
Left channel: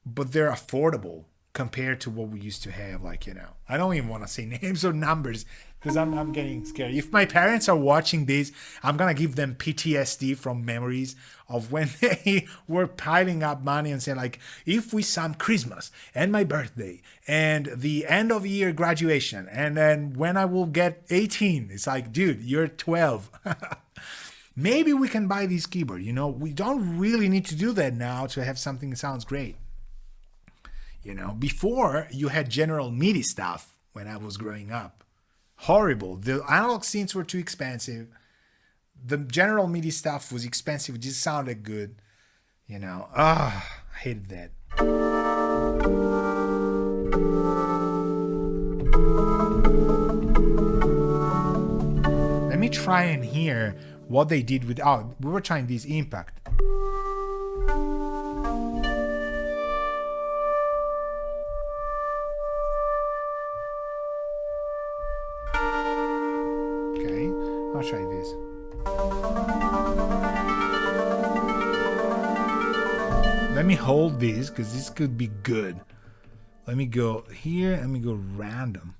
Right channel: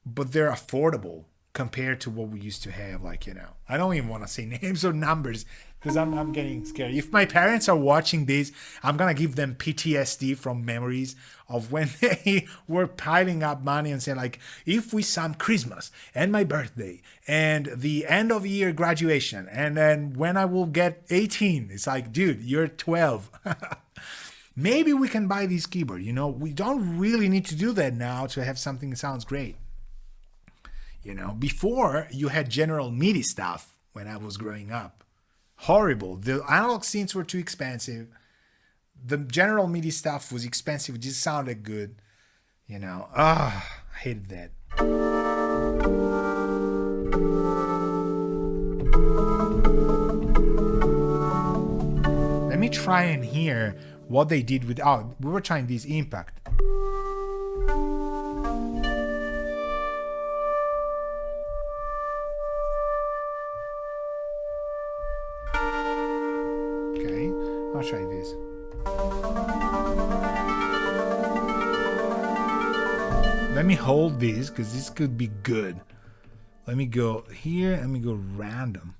but they're affordable compared to what we used to have. Like, you know, I don't even want to say names or numbers because I'm getting scared. If my parents are watching this, I'm gonna give them PTSD from memories of when they were piling up money and saying like, if we sum Christmas and my birthday and the end of year graduation and then when I will get 18, it's like, dude, you're 12. Maybe we can buy this keyboard. You know, we don't really need to do that now to have something that sounds great. You know, before you had General MIDI stuff when I was growing up. Horrible. The analog synths were too expensive. The General MIDI stuff was expensive. It just sounded good. You know, I hated that. Let me try and hear what they did with, we were trying this impact. I'll try this. Let me hold this because this could be good. Let me go here. Let me go random.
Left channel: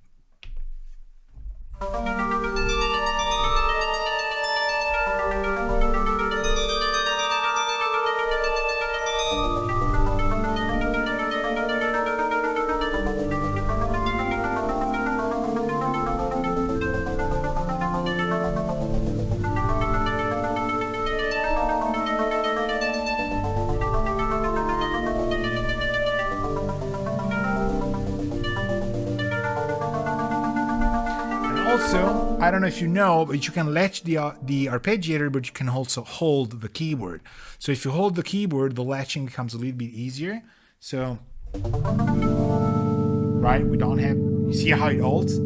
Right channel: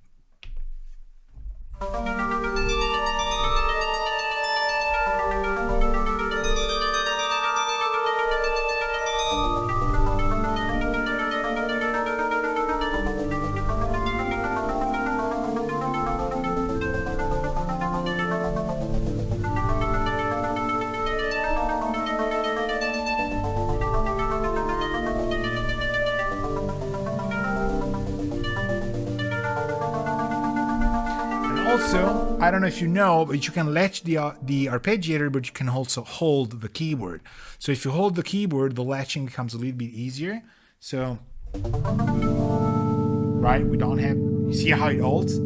Also, I don't know if you know, but you can latch the arpeggiator, but you can also hold the keyboard. So if you hold the keyboard, the latching becomes a little bit easier. So, right, we don't have, you see how it holds?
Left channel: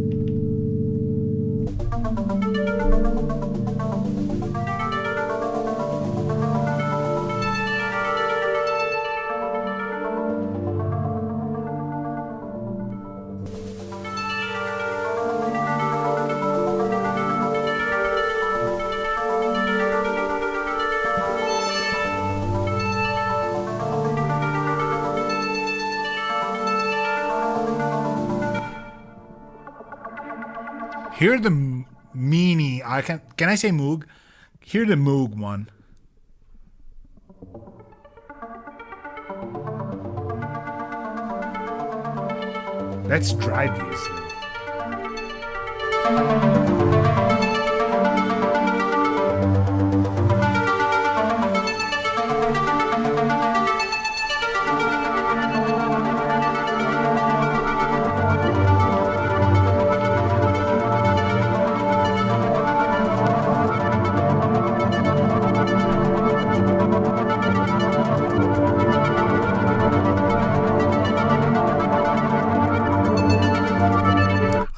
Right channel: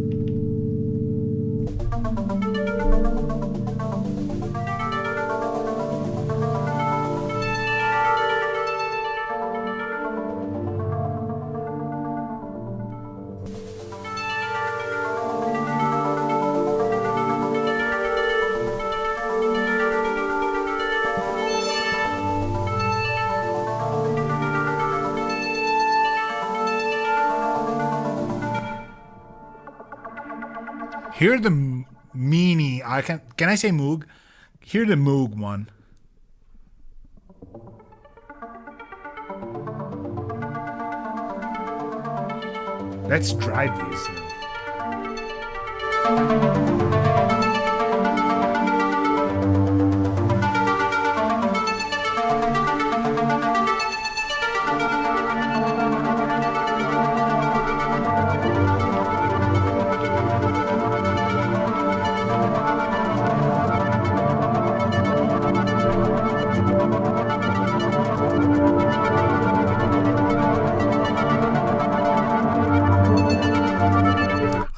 Here the Mini. Can I say Moog? Here the Moog one. Let's drive this.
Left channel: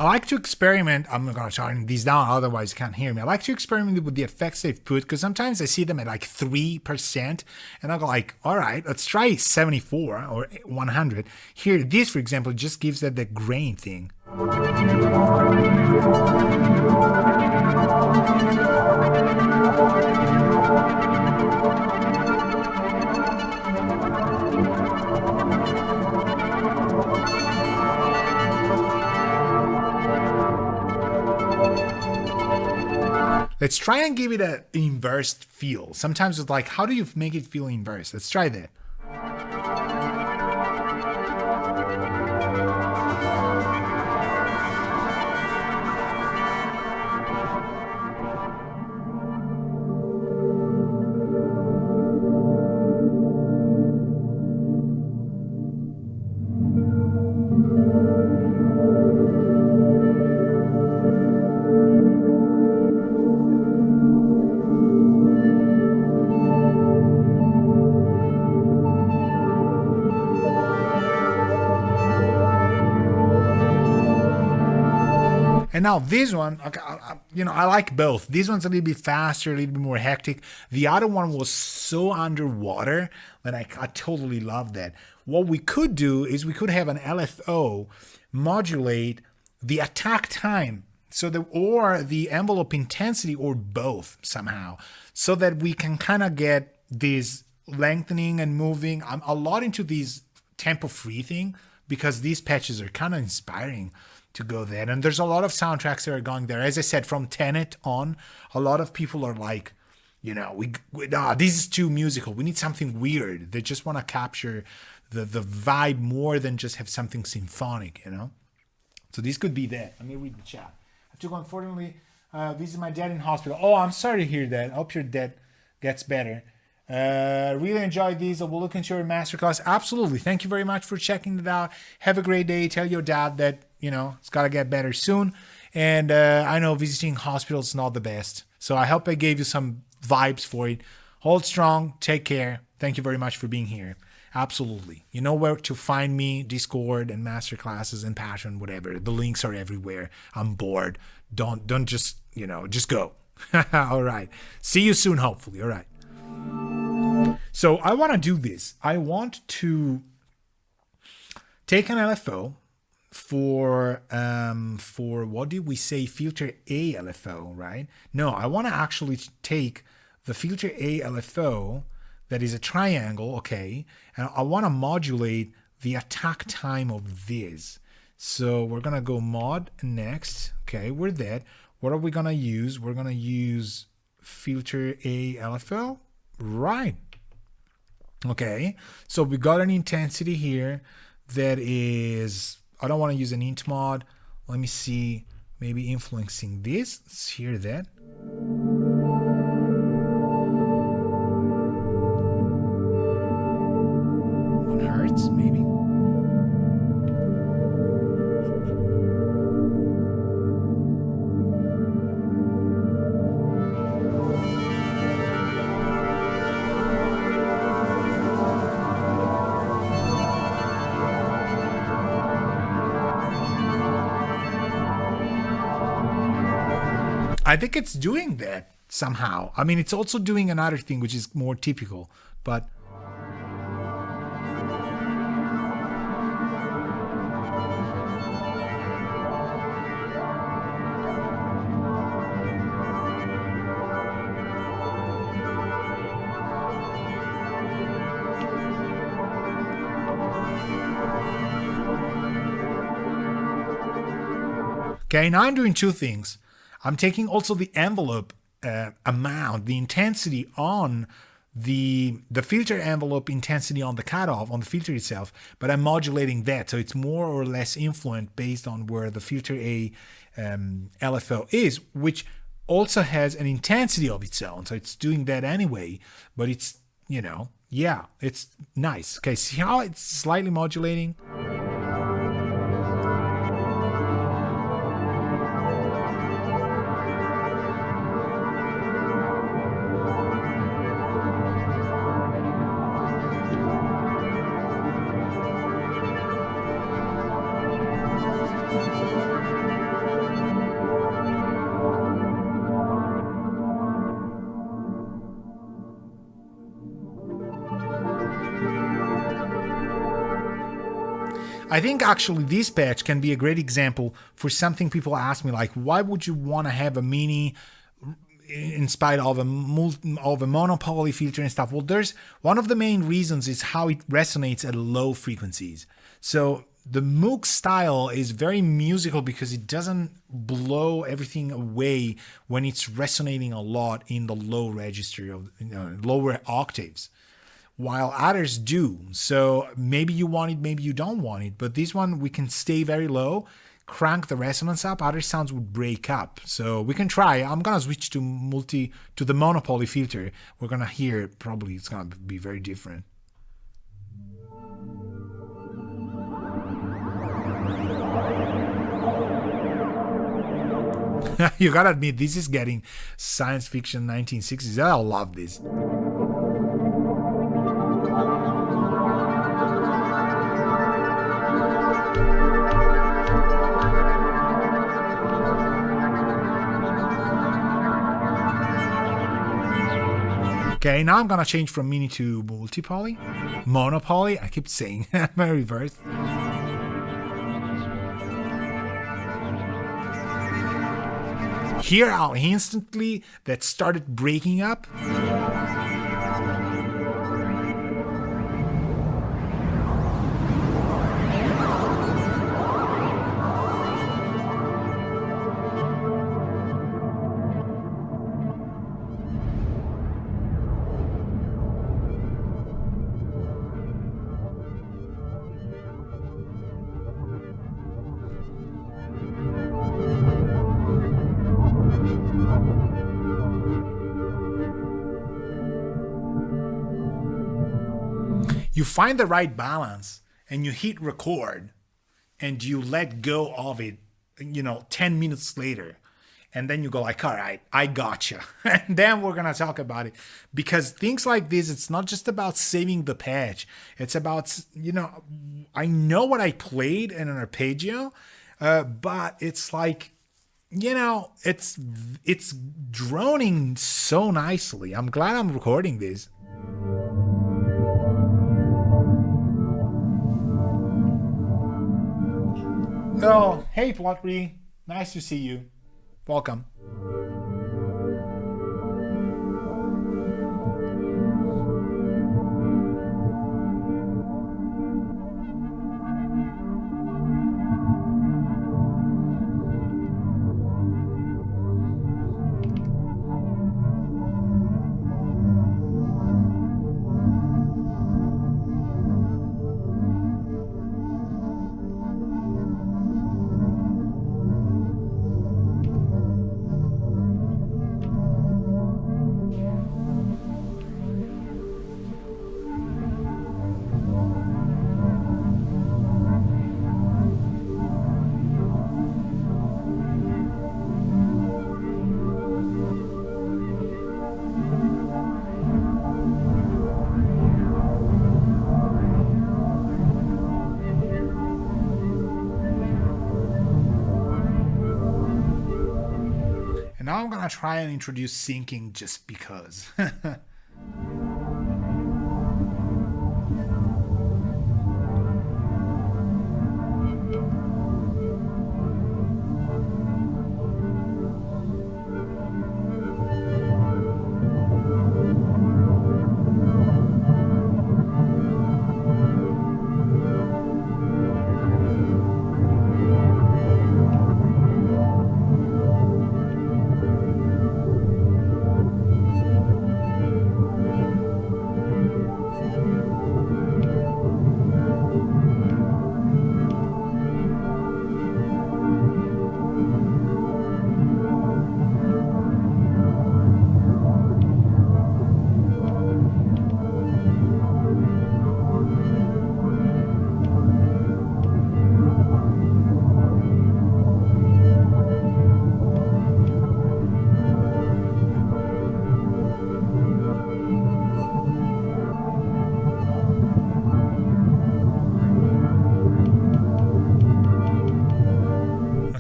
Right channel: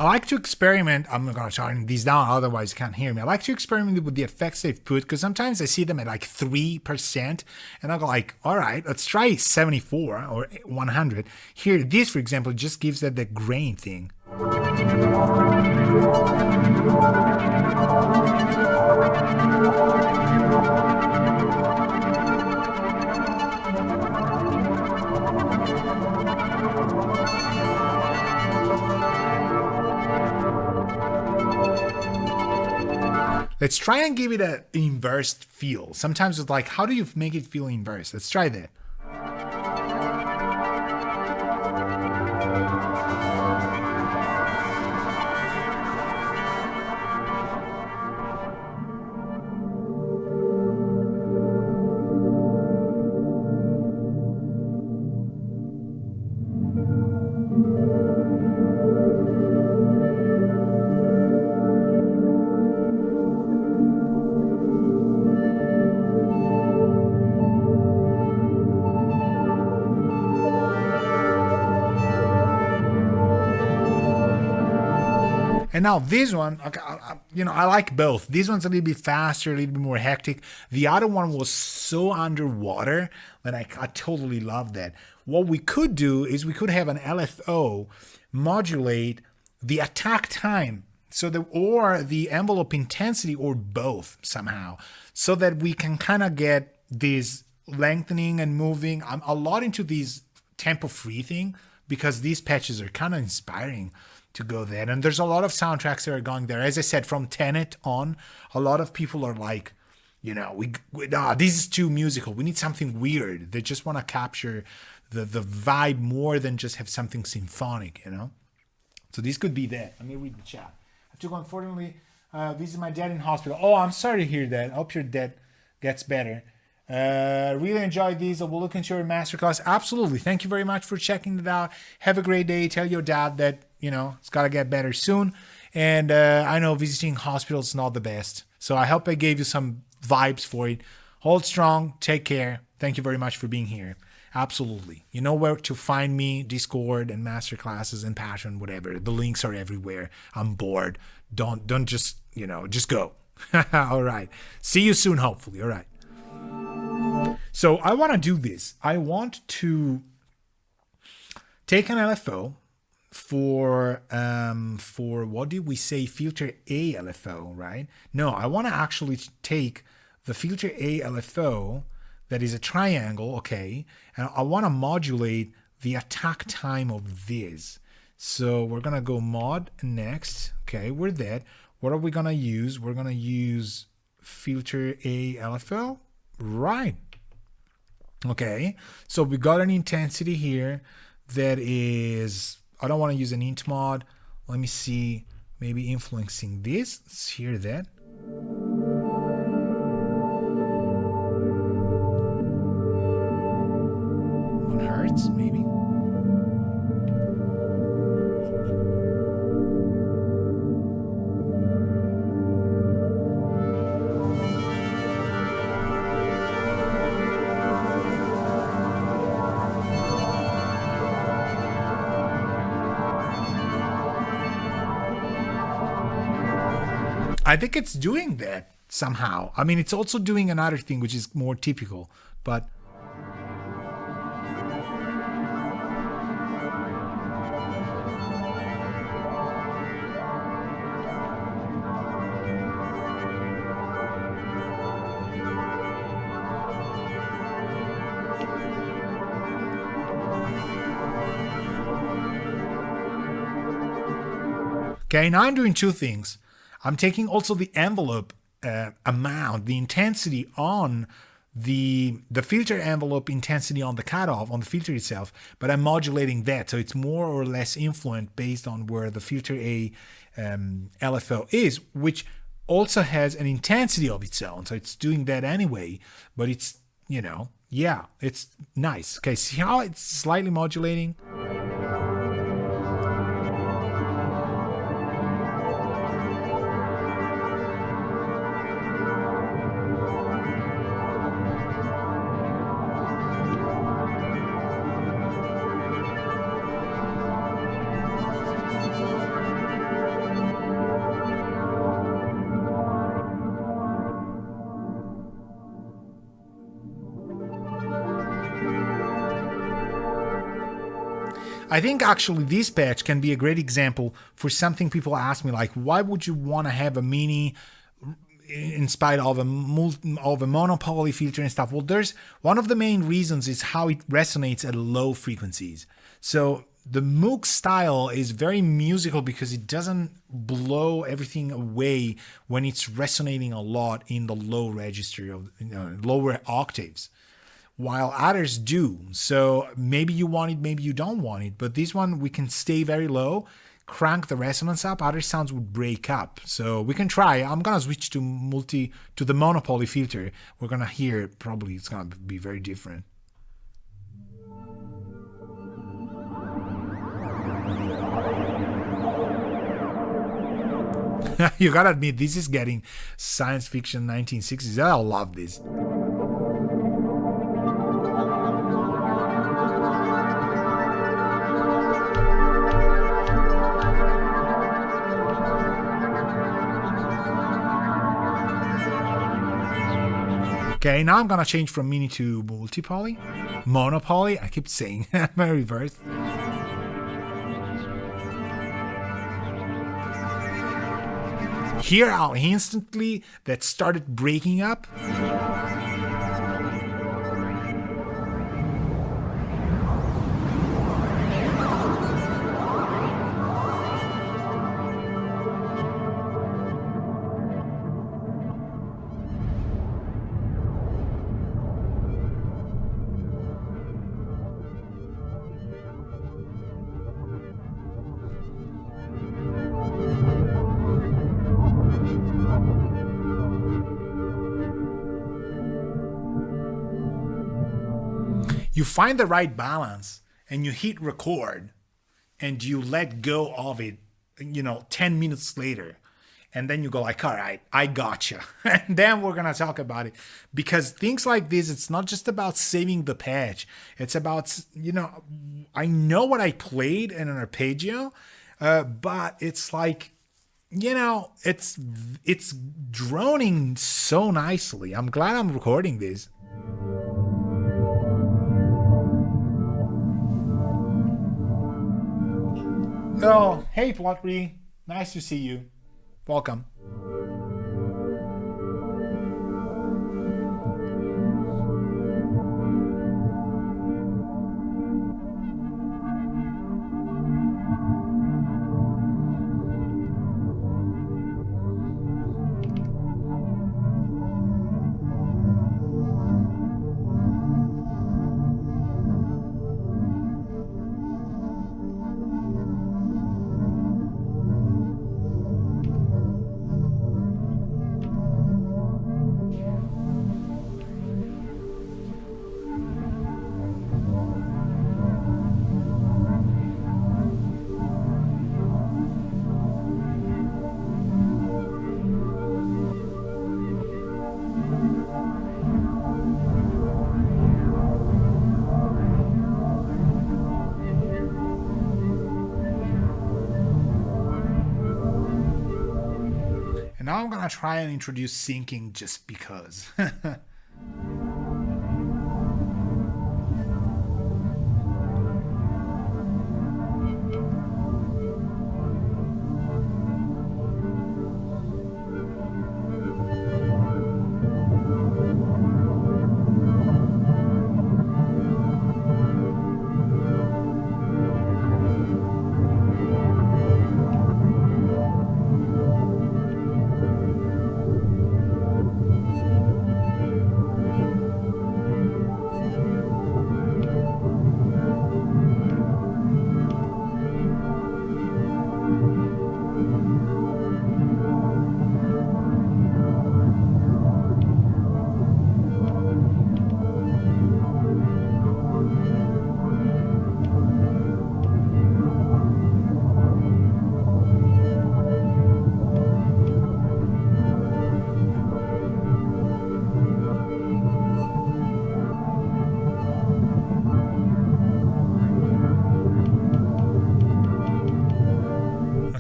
I like to experiment. I'm not going to turn these down, otherwise you can't hear me. I like to experiment with the effects they've put because sometimes I see them at like 3%, and I go like, all right, let's try 74 or 100. Here, this, for example, just gives that the grain thing. Let's try and give it an inverse feel. Sometimes it's like, how do you make it feel inverse? Let's try that. And now this one, I like both. This one's a little bit faster, a little bit more hectic. The other one was so underwater that I totally love that. What we could do is we could have an LFO modulate the attack time, or the envelope intensity, or both somehow, so that we can kind of get this lengthening and moving. I'm a lot into these tempo free thing because these patches are kind of inspiring to go there. And there's a lot of soundtracks that are going there. As I said, from Tenet on, a lot of people are like, this is too musical. We need something weird. They just want to capture the vibe more than just have something symphonic, So this could be that. Let me read the chat. I have to go, unfortunately, visit my dad in hospital. Oh, I'm sorry to hear that. I hope your dad gets better. Really enjoyed these. I will look into your masterclass. Absolutely. Thank you very much for checking it out. Have a great day. Tell your dad that, it's got to get better soon. And I know visiting hospitals is not the best. So I hope I gave you some vibes for it. Hold strong. Take care. Thank you very much for being here. Absolutely. You know where to find me, Discord and masterclasses and Passion, whatever. The links are everywhere. I'm bored. Don't just, just go. All right. See you soon, hopefully. All right. So I want to do this. I want to take an LFO for what did we say? Filter A LFO, right? No, I want to actually take the filter A LFO that is a triangle, okay? And I want to modulate the attack time of this. So we're going to go mod next. Okay, we're that. What are we going to use? We're going to use filter A LFO. Right. Okay, so we got an intensity here that is, I don't want to use an int mod. Let me see, maybe influencing this. Let's hear that. 1 hertz, maybe. I think it's doing that somehow. I mean, it's also doing another thing which is more typical, but Okay, now I'm doing two things. I'm taking also the envelope amount, the intensity on the filter envelope intensity on the cutoff, on the filter itself, but I'm modulating that. So it's more or less influenced based on where the filter A LFO is, which also has an intensity of its own. So it's doing that anyway, but it's, yeah, it's nice. Okay, see how it's slightly modulating? I think actually this patch can be a great example for something people ask me, like, why would you want to have a mini in spite of a monopoly filter and stuff? Well, there's one of the main reasons is how it resonates at low frequencies. So the Moog style is very musical because it doesn't blow everything away when it's resonating a lot in the low register of lower octaves, while others do. So maybe you want it, maybe you don't want it. But this one, we can stay very low, crank the resonance up, other sounds would break up. So we can try. I'm going to switch to the monopoly filter. We're going to hear, probably it's going to be very different. You gotta admit, this is getting science fiction 1960s. I love this. Okay, now I'm gonna change from mini to multi-poly. Monopoly, I keep saying my reverse. Hear how instantly that started breaking up? You find the right balance and you hit record and you let go of it, 10 minutes later. And then you go like, all right, I gotcha. And then we're going to talk about it. Because things like this, it's not just about saving the patch. It's about, I know what I played in an arpeggio, but it's like, it's droning so nicely. I'm glad I'm recording this. Oh, hey Plotry, nice to see you. Welcome. Now I'm gonna try and introduce syncing just because.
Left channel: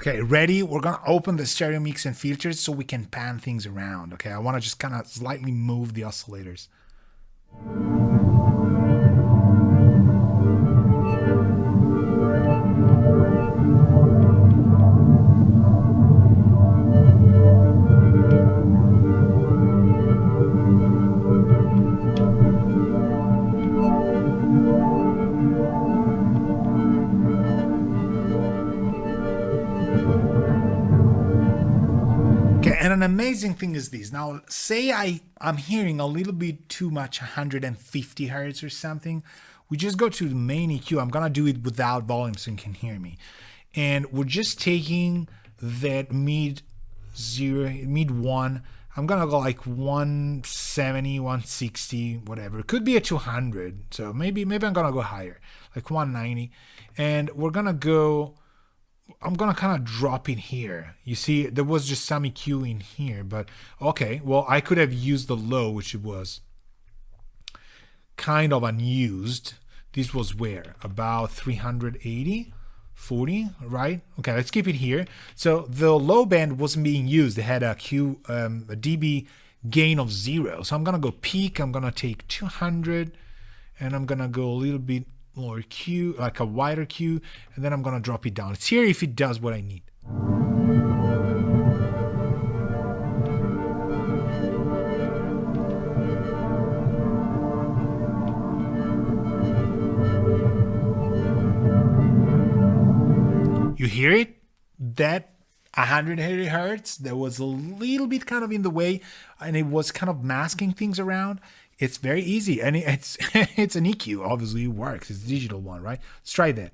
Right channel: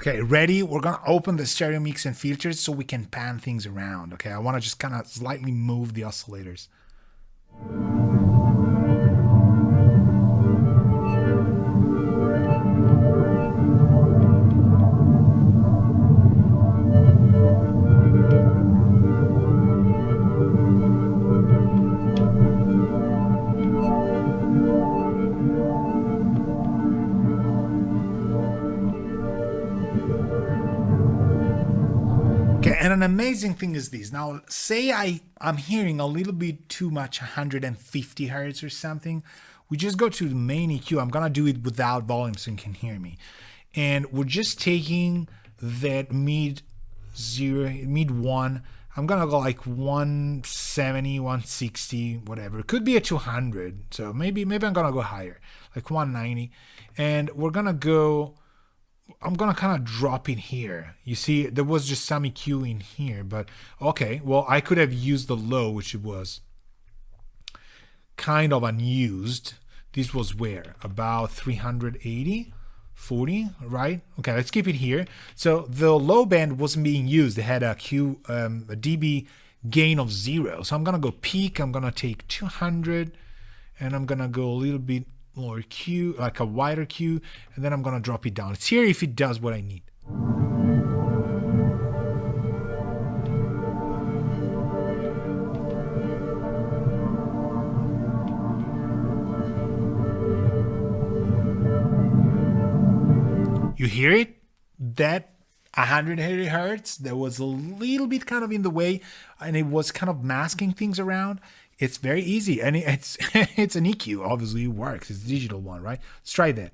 Okay, ready? We're gonna open the stereo mix and filters so we can pan things around. Okay, I want to just kind of slightly move the oscillators. Okay, and an amazing thing is this. Now, say I'm hearing a little bit too much 150 hertz or something. We just go to the main EQ. I'm gonna do it without volume so you can hear me. And we're just taking that mid one. I'm gonna go like 170, 160, whatever. It could be a 200. So maybe I'm gonna go higher, like 190. And we're gonna go. I'm gonna kind of drop in here. You see, there was just some EQ in here, but okay. Well, I could have used the low, which it was kind of unused. This was where? About 380, 40, right? Okay, let's keep it here. So the low band wasn't being used. It had a dB gain of 0. So I'm gonna go peak. I'm gonna take 200, and I'm gonna go a little bit more Q, like a wider Q, and then I'm gonna drop it down. Let's hear if it does what I need. You hear it? That 180 hertz, that was a little bit kind of in the way, and it was kind of masking things around. It's very easy, and it's it's an EQ. Obviously, it works. It's a digital one, right? Let's try that.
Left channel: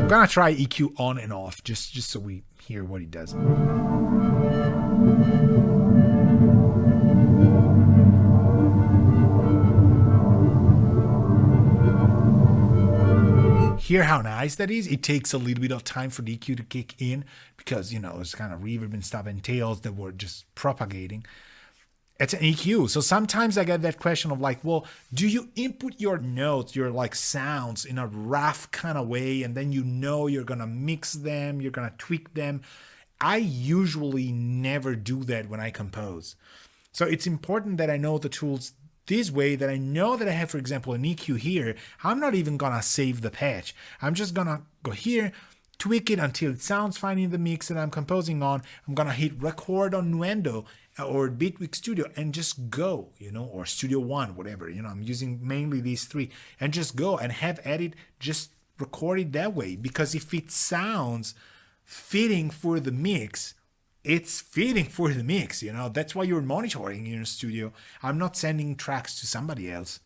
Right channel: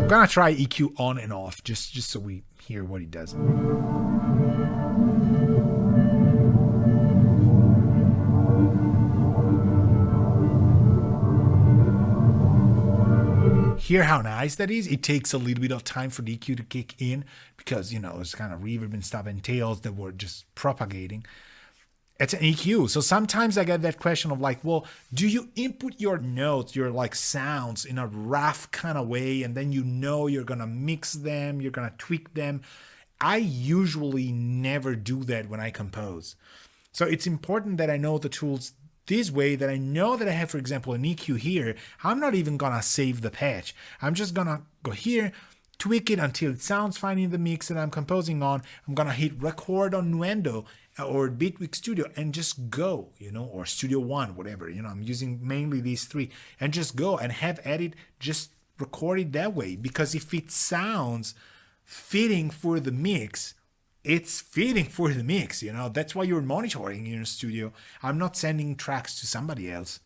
I'm gonna try EQ on and off, just so we hear what it does. Hear how nice that is? It takes a little bit of time for the EQ to kick in because, you know, it's kind of reverb and stuff and tails that were just propagating. It's an EQ. So sometimes I get that question of like, well, do you input your notes, your like sounds in a rough kind of way, and then you know you're going to mix them, you're going to tweak them? I usually never do that when I compose. So it's important that I know the tools this way, that I know that I have, for example, an EQ here. I'm not even gonna save the patch. I'm just gonna go here, tweak it until it sounds fine in the mix that I'm composing on. I'm gonna hit record on Nuendo or Bitwig Studio and just go, you know, or Studio One, whatever, you know, I'm using mainly these three, and just go and have edit, just record it that way. Because if it sounds fitting for the mix, it's fitting for the mix, you know. That's why you're monitoring in your studio. I'm not sending tracks to somebody else.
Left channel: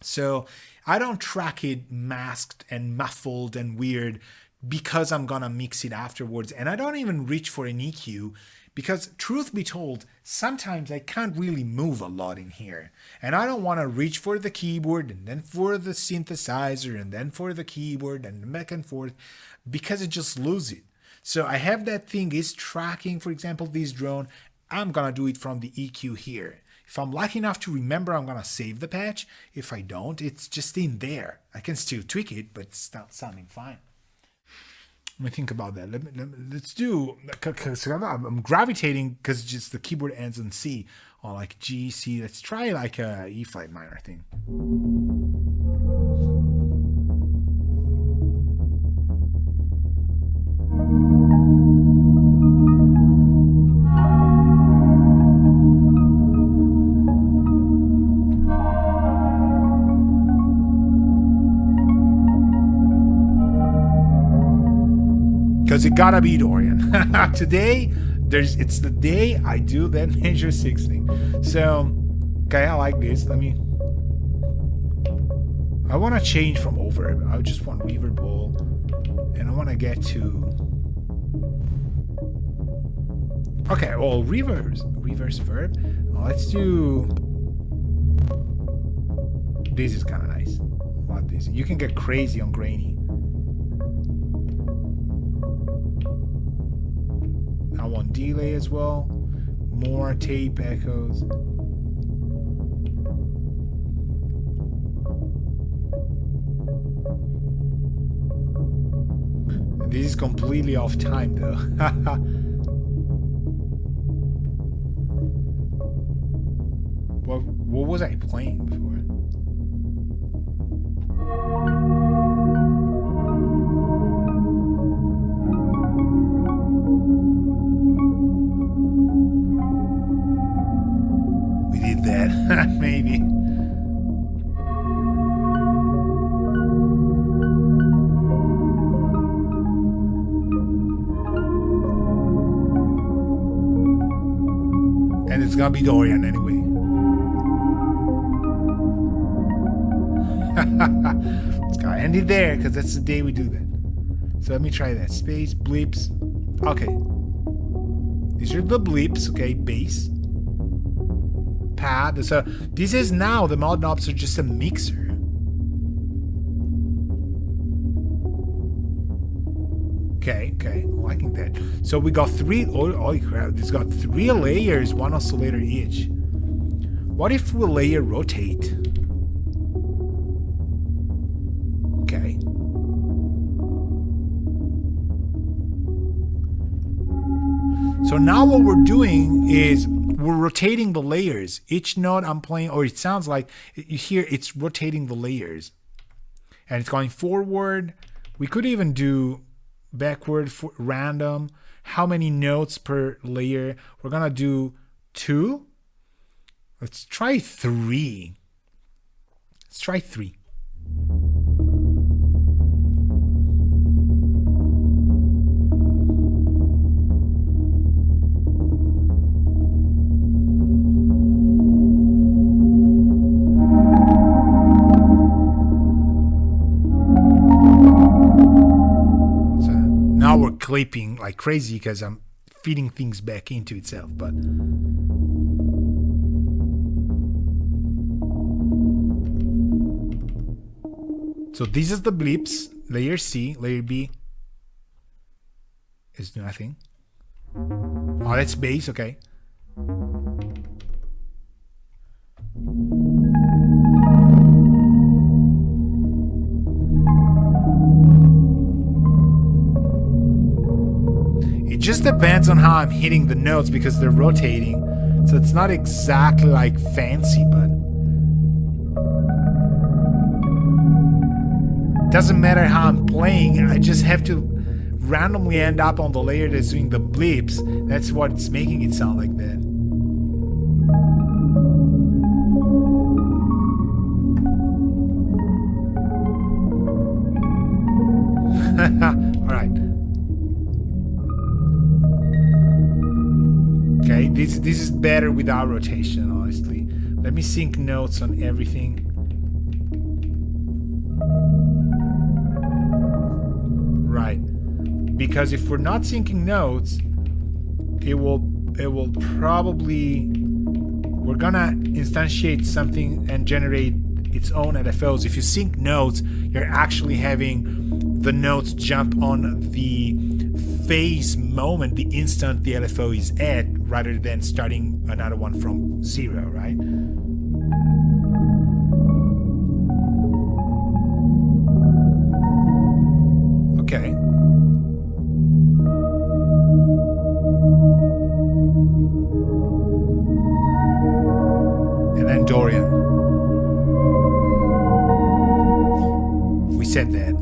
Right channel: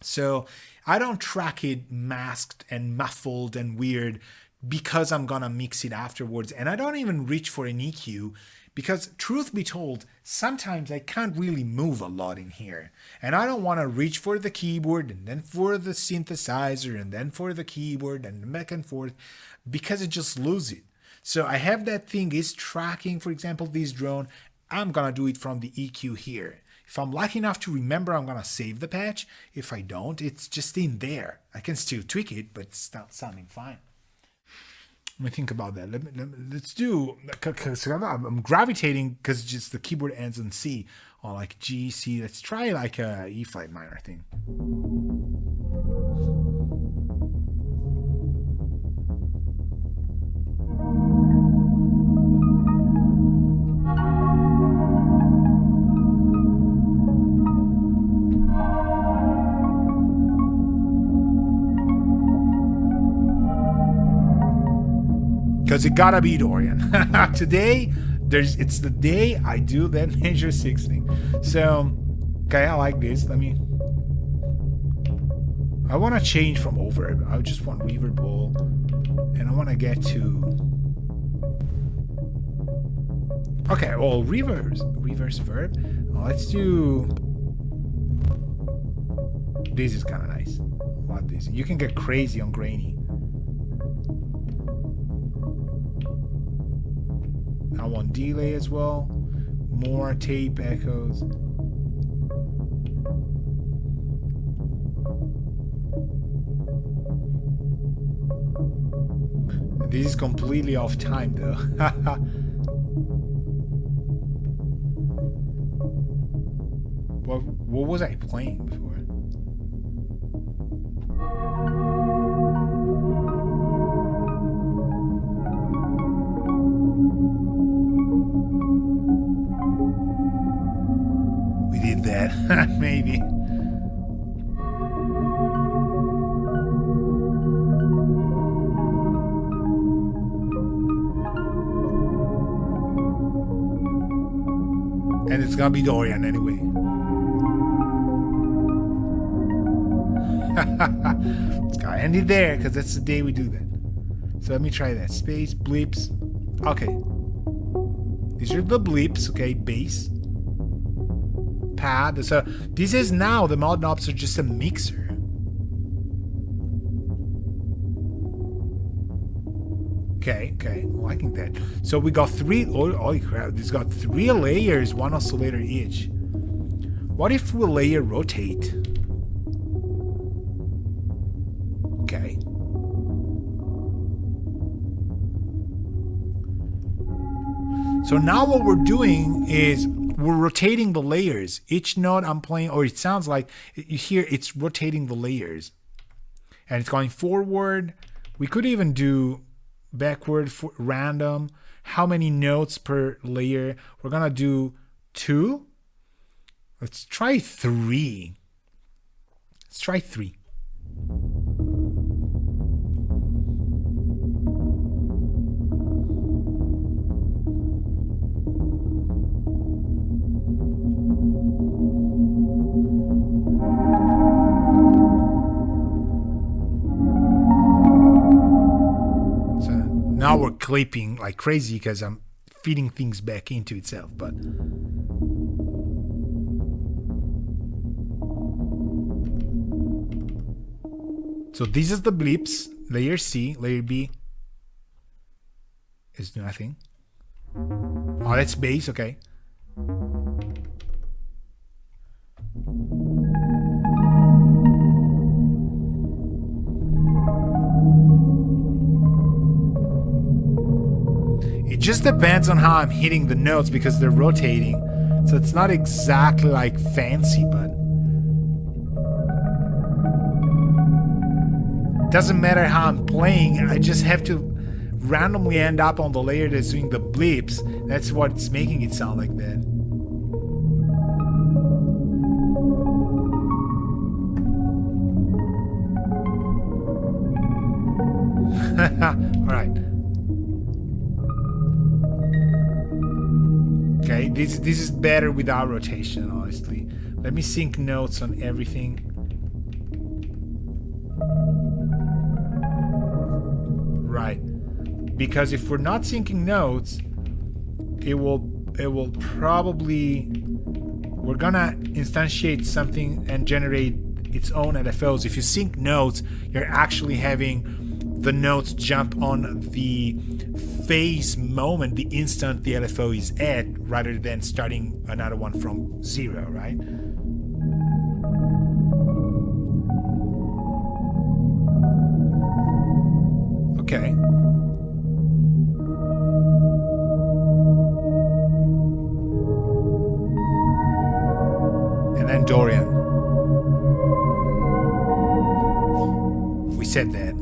So I don't track it masked and muffled and weird because I'm gonna mix it afterwards. And I don't even reach for an EQ because, truth be told, sometimes I can't really move a lot in here. And I don't want to reach for the keyboard and then for the synthesizer and then for the keyboard and back and forth, because it just loses it. So I have that thing is tracking, for example, this drone. I'm gonna do it from the EQ here. If I'm lucky enough to remember, I'm gonna save the patch. If I don't, it's just in there. I can still tweak it, but it's not sounding fine. Let me think about that. Let's do, because I'm gravitating, because just the keyboard ends in C, or like G, C. Let's try like a E flat minor thing. Because it gotta be Dorian. Today, it's the day I do that major 6 thing. So, okay, I like this. I want to change from overb. I just want reverbable, and I want to get to. Okay, well, reverse verb. Let's do. This is kind of nice. I like this. You can get crazy on grainy. I want delay as well. more tape echoes. And this is completely off time though. What was I playing before? We did that, maybe. And it's gonna be Dorian anyway. It's gotta end it there because that's the day we do that. So let me try that. Space, bleeps. Okay. These are the bleeps, okay, bass. Pad. So this is now the mod knobs are just a mixer. Okay, I'm liking that. So we got three. Holy crap! This got 3 layers, 1 oscillator each. What if we layer rotate? Okay. So now what we're doing is we're rotating the layers. Each note I'm playing, or it sounds like you hear it's rotating the layers. And it's going forward. We could even do backward for random. How many notes per layer? We're gonna do 2. Let's try 3. Let's try 3. Now we're clipping like crazy because I'm feeding things back into itself, but so this is the bleeps, layer C, layer B is nothing. Oh, that's bass, okay. It just depends on how I'm hitting the notes because they're rotating. So it's not exactly like fancy, but it doesn't matter how I'm playing. I just have to randomly end up on the layer that's doing the bleeps. That's what's making it sound like that. All right. Okay, this is better without rotation, honestly. Let me sync notes on everything. Right. Because if we're not syncing notes, it will probably, we're gonna instantiate something and generate its own LFOs. If you sync notes, you're actually having the notes jump on the phase moment, the instant the LFO is at, rather than starting another one from 0, right? Okay. And then Dorian. We said that.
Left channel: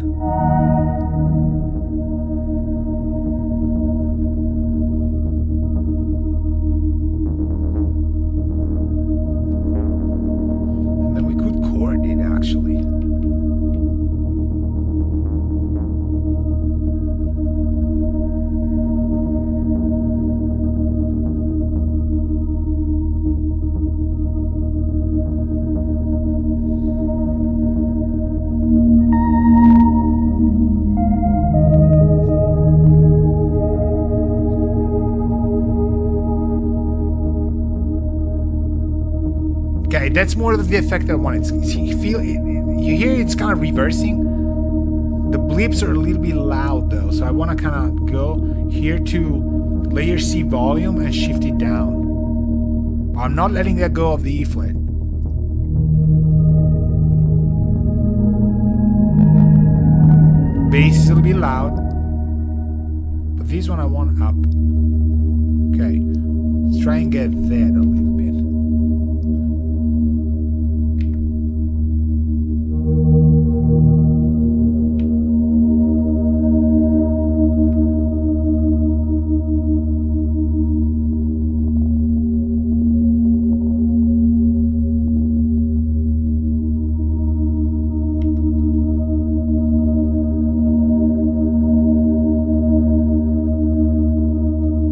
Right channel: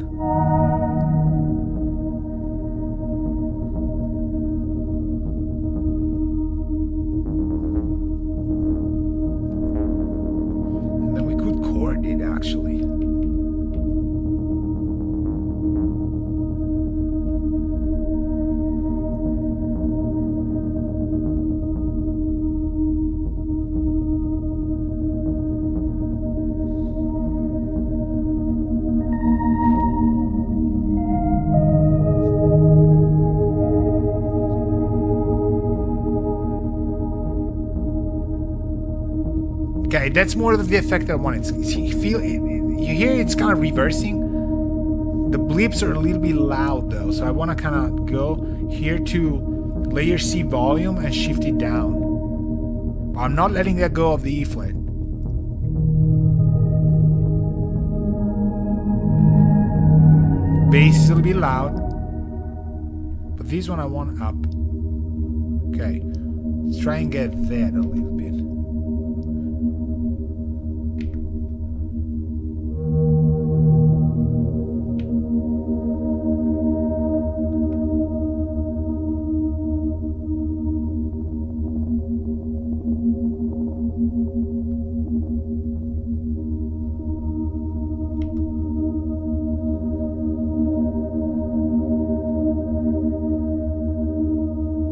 Actually. Okay, that's more of the effect I wanted. You hear it's kind of reversing. The bleeps are a little bit loud though, so I want to kind of go here to layer C volume and shift it down. I'm not letting that go of the E flat. Bass is a little bit loud, but this one I want up. Okay, let's try and get that a little bit.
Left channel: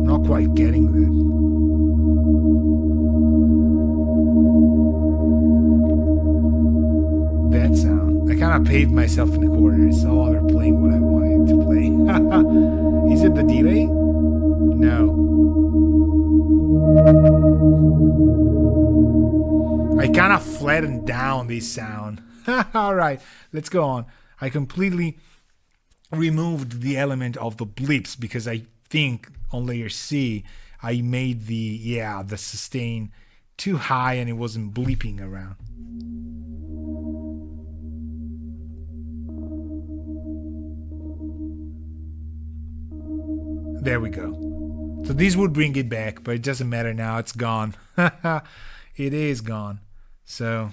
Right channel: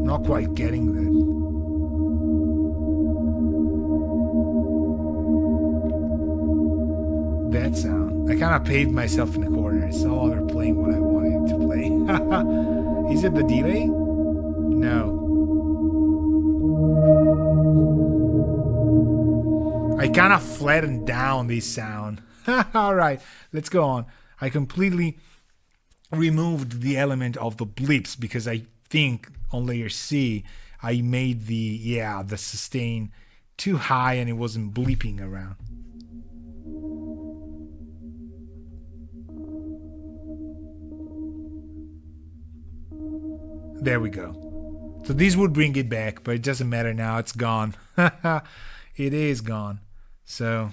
Not quite getting that. That sound. I kind of paved myself in the corner. It's no longer playing what I wanted to play. Is it the delay? No. I kind of flattened down this sound. All right, let's go on. I completely removed the element of the blips because I think on layer C I made the sustain too high and it wasn't bleeping around. There we go. So this would bring it back, but it doesn't matter now. It's gone. It is gone. So,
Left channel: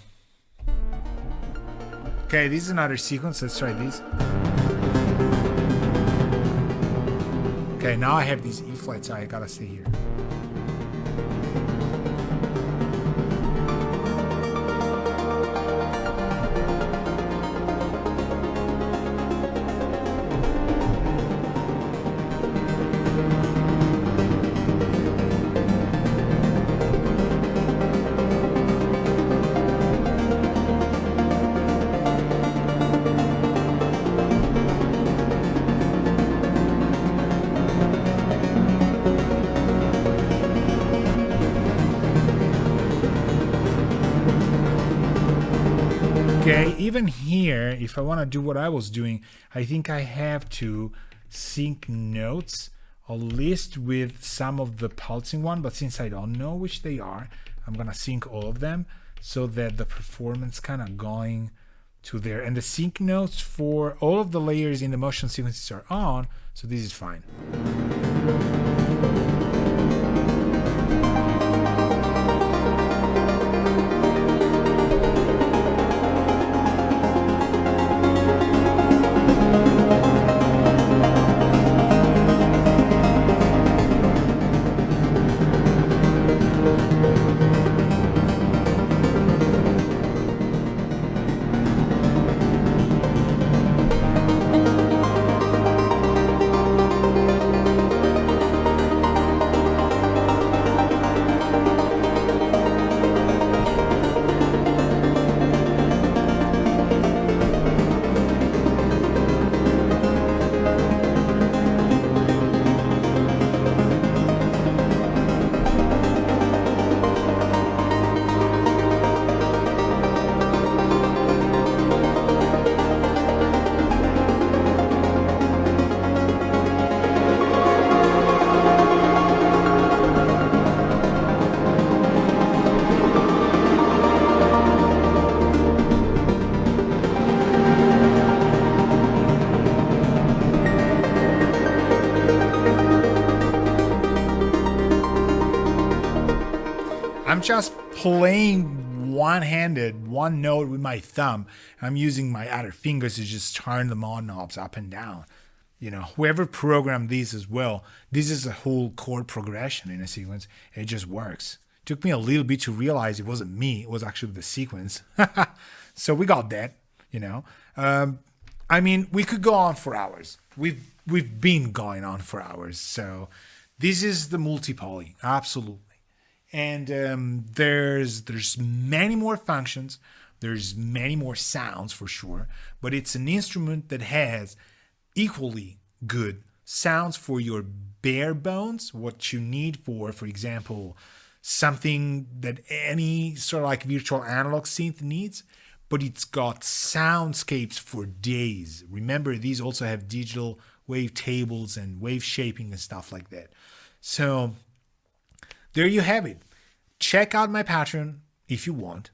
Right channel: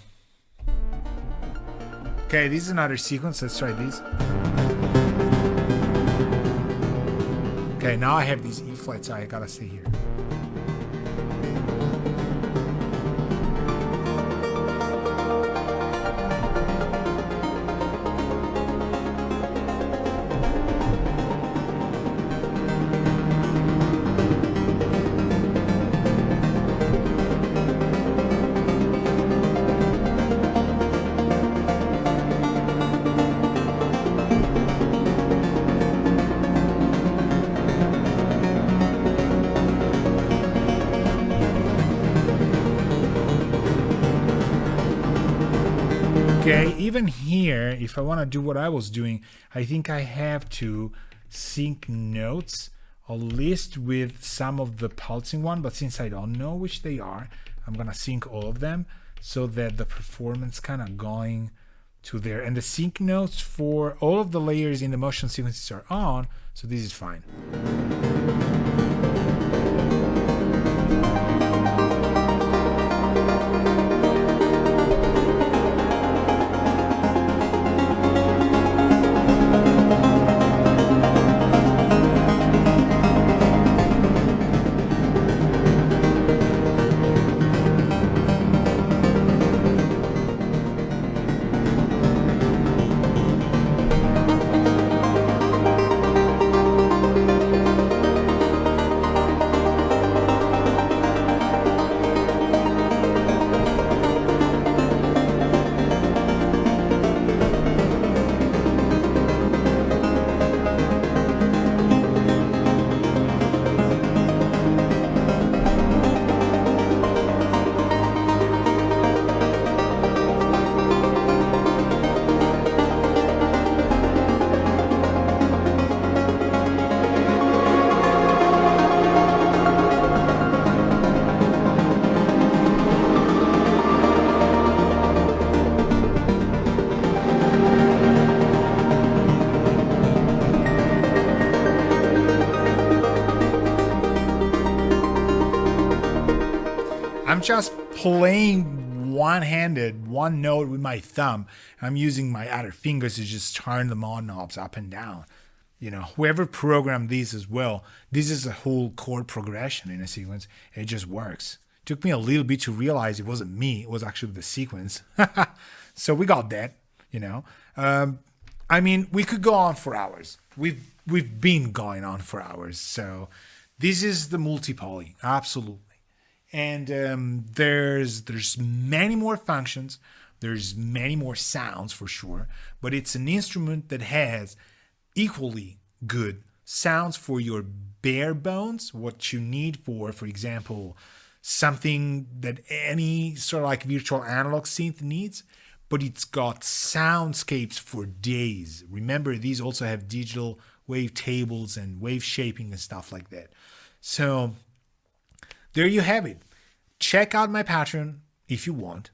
okay, this is another sequence. Let's try this. Okay, now I have these E flats. So I gotta stay here. Okay, even here, if I want to do what I was doing, I think I have to sync notes, at least with some of the pulsing one, but since I don't know which they are, I'm gonna sync all of them so that the performance kind of going to there. And the sync notes for all of the layers in the motion sequences are on, so this is fine. I'm just playing one-handed, one note with my thumb. I'm using my other fingers to just turn the mod knobs up and down. You know, whoever programmed these as well, this is a whole chord progression in a sequence. It just works. It took me a little bit to realize it wasn't me. It was actually the sequence. So we got that, you know. I mean, we could go on for hours. We've been going on for hours. So this is the multi-poly, absolutely. And there's many more functions. There's many more sounds for sure. But it's an instrument that has equally good sounds for your bare bones, what you need for example, something that any sort of like virtual analog synth needs, but it's got soundscapes for days. Remember, these also have digital wave tables and wave shaping and stuff like that. So there you have it. check out my Patreon if you want,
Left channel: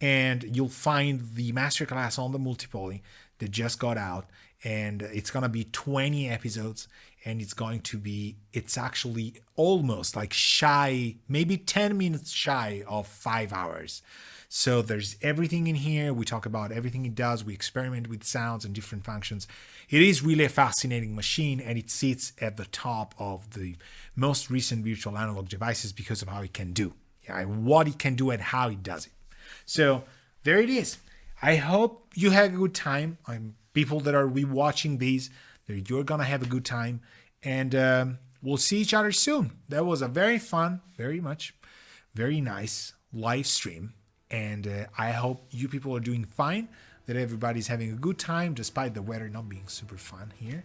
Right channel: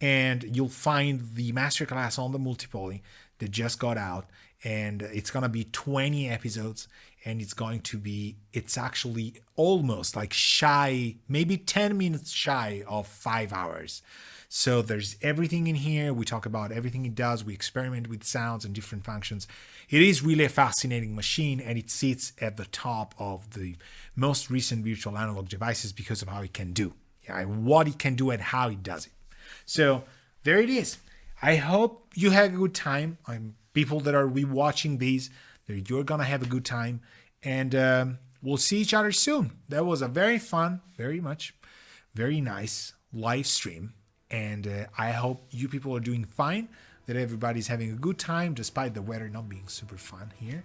and you'll find the masterclass on the multipoly that just got out, and it's gonna be 20 episodes, and it's actually almost like shy, maybe 10 minutes shy of 5 hours. So there's everything in here. We talk about everything it does. We experiment with sounds and different functions. It is really a fascinating machine, and it sits at the top of the most recent virtual analog devices because of how it can do. What it can do and how it does it. So there it is. I hope you had a good time. People that are rewatching these, you're gonna have a good time, and we'll see each other soon. That was a very fun, very nice live stream, and I hope you people are doing fine, that everybody's having a good time despite the weather not being super fun here.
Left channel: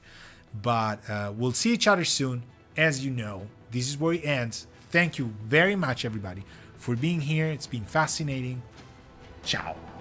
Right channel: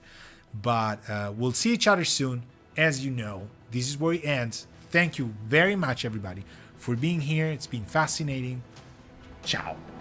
But we'll see each other soon. As you know, this is where it ends. Thank you very much, everybody, for being here. It's been fascinating. Ciao.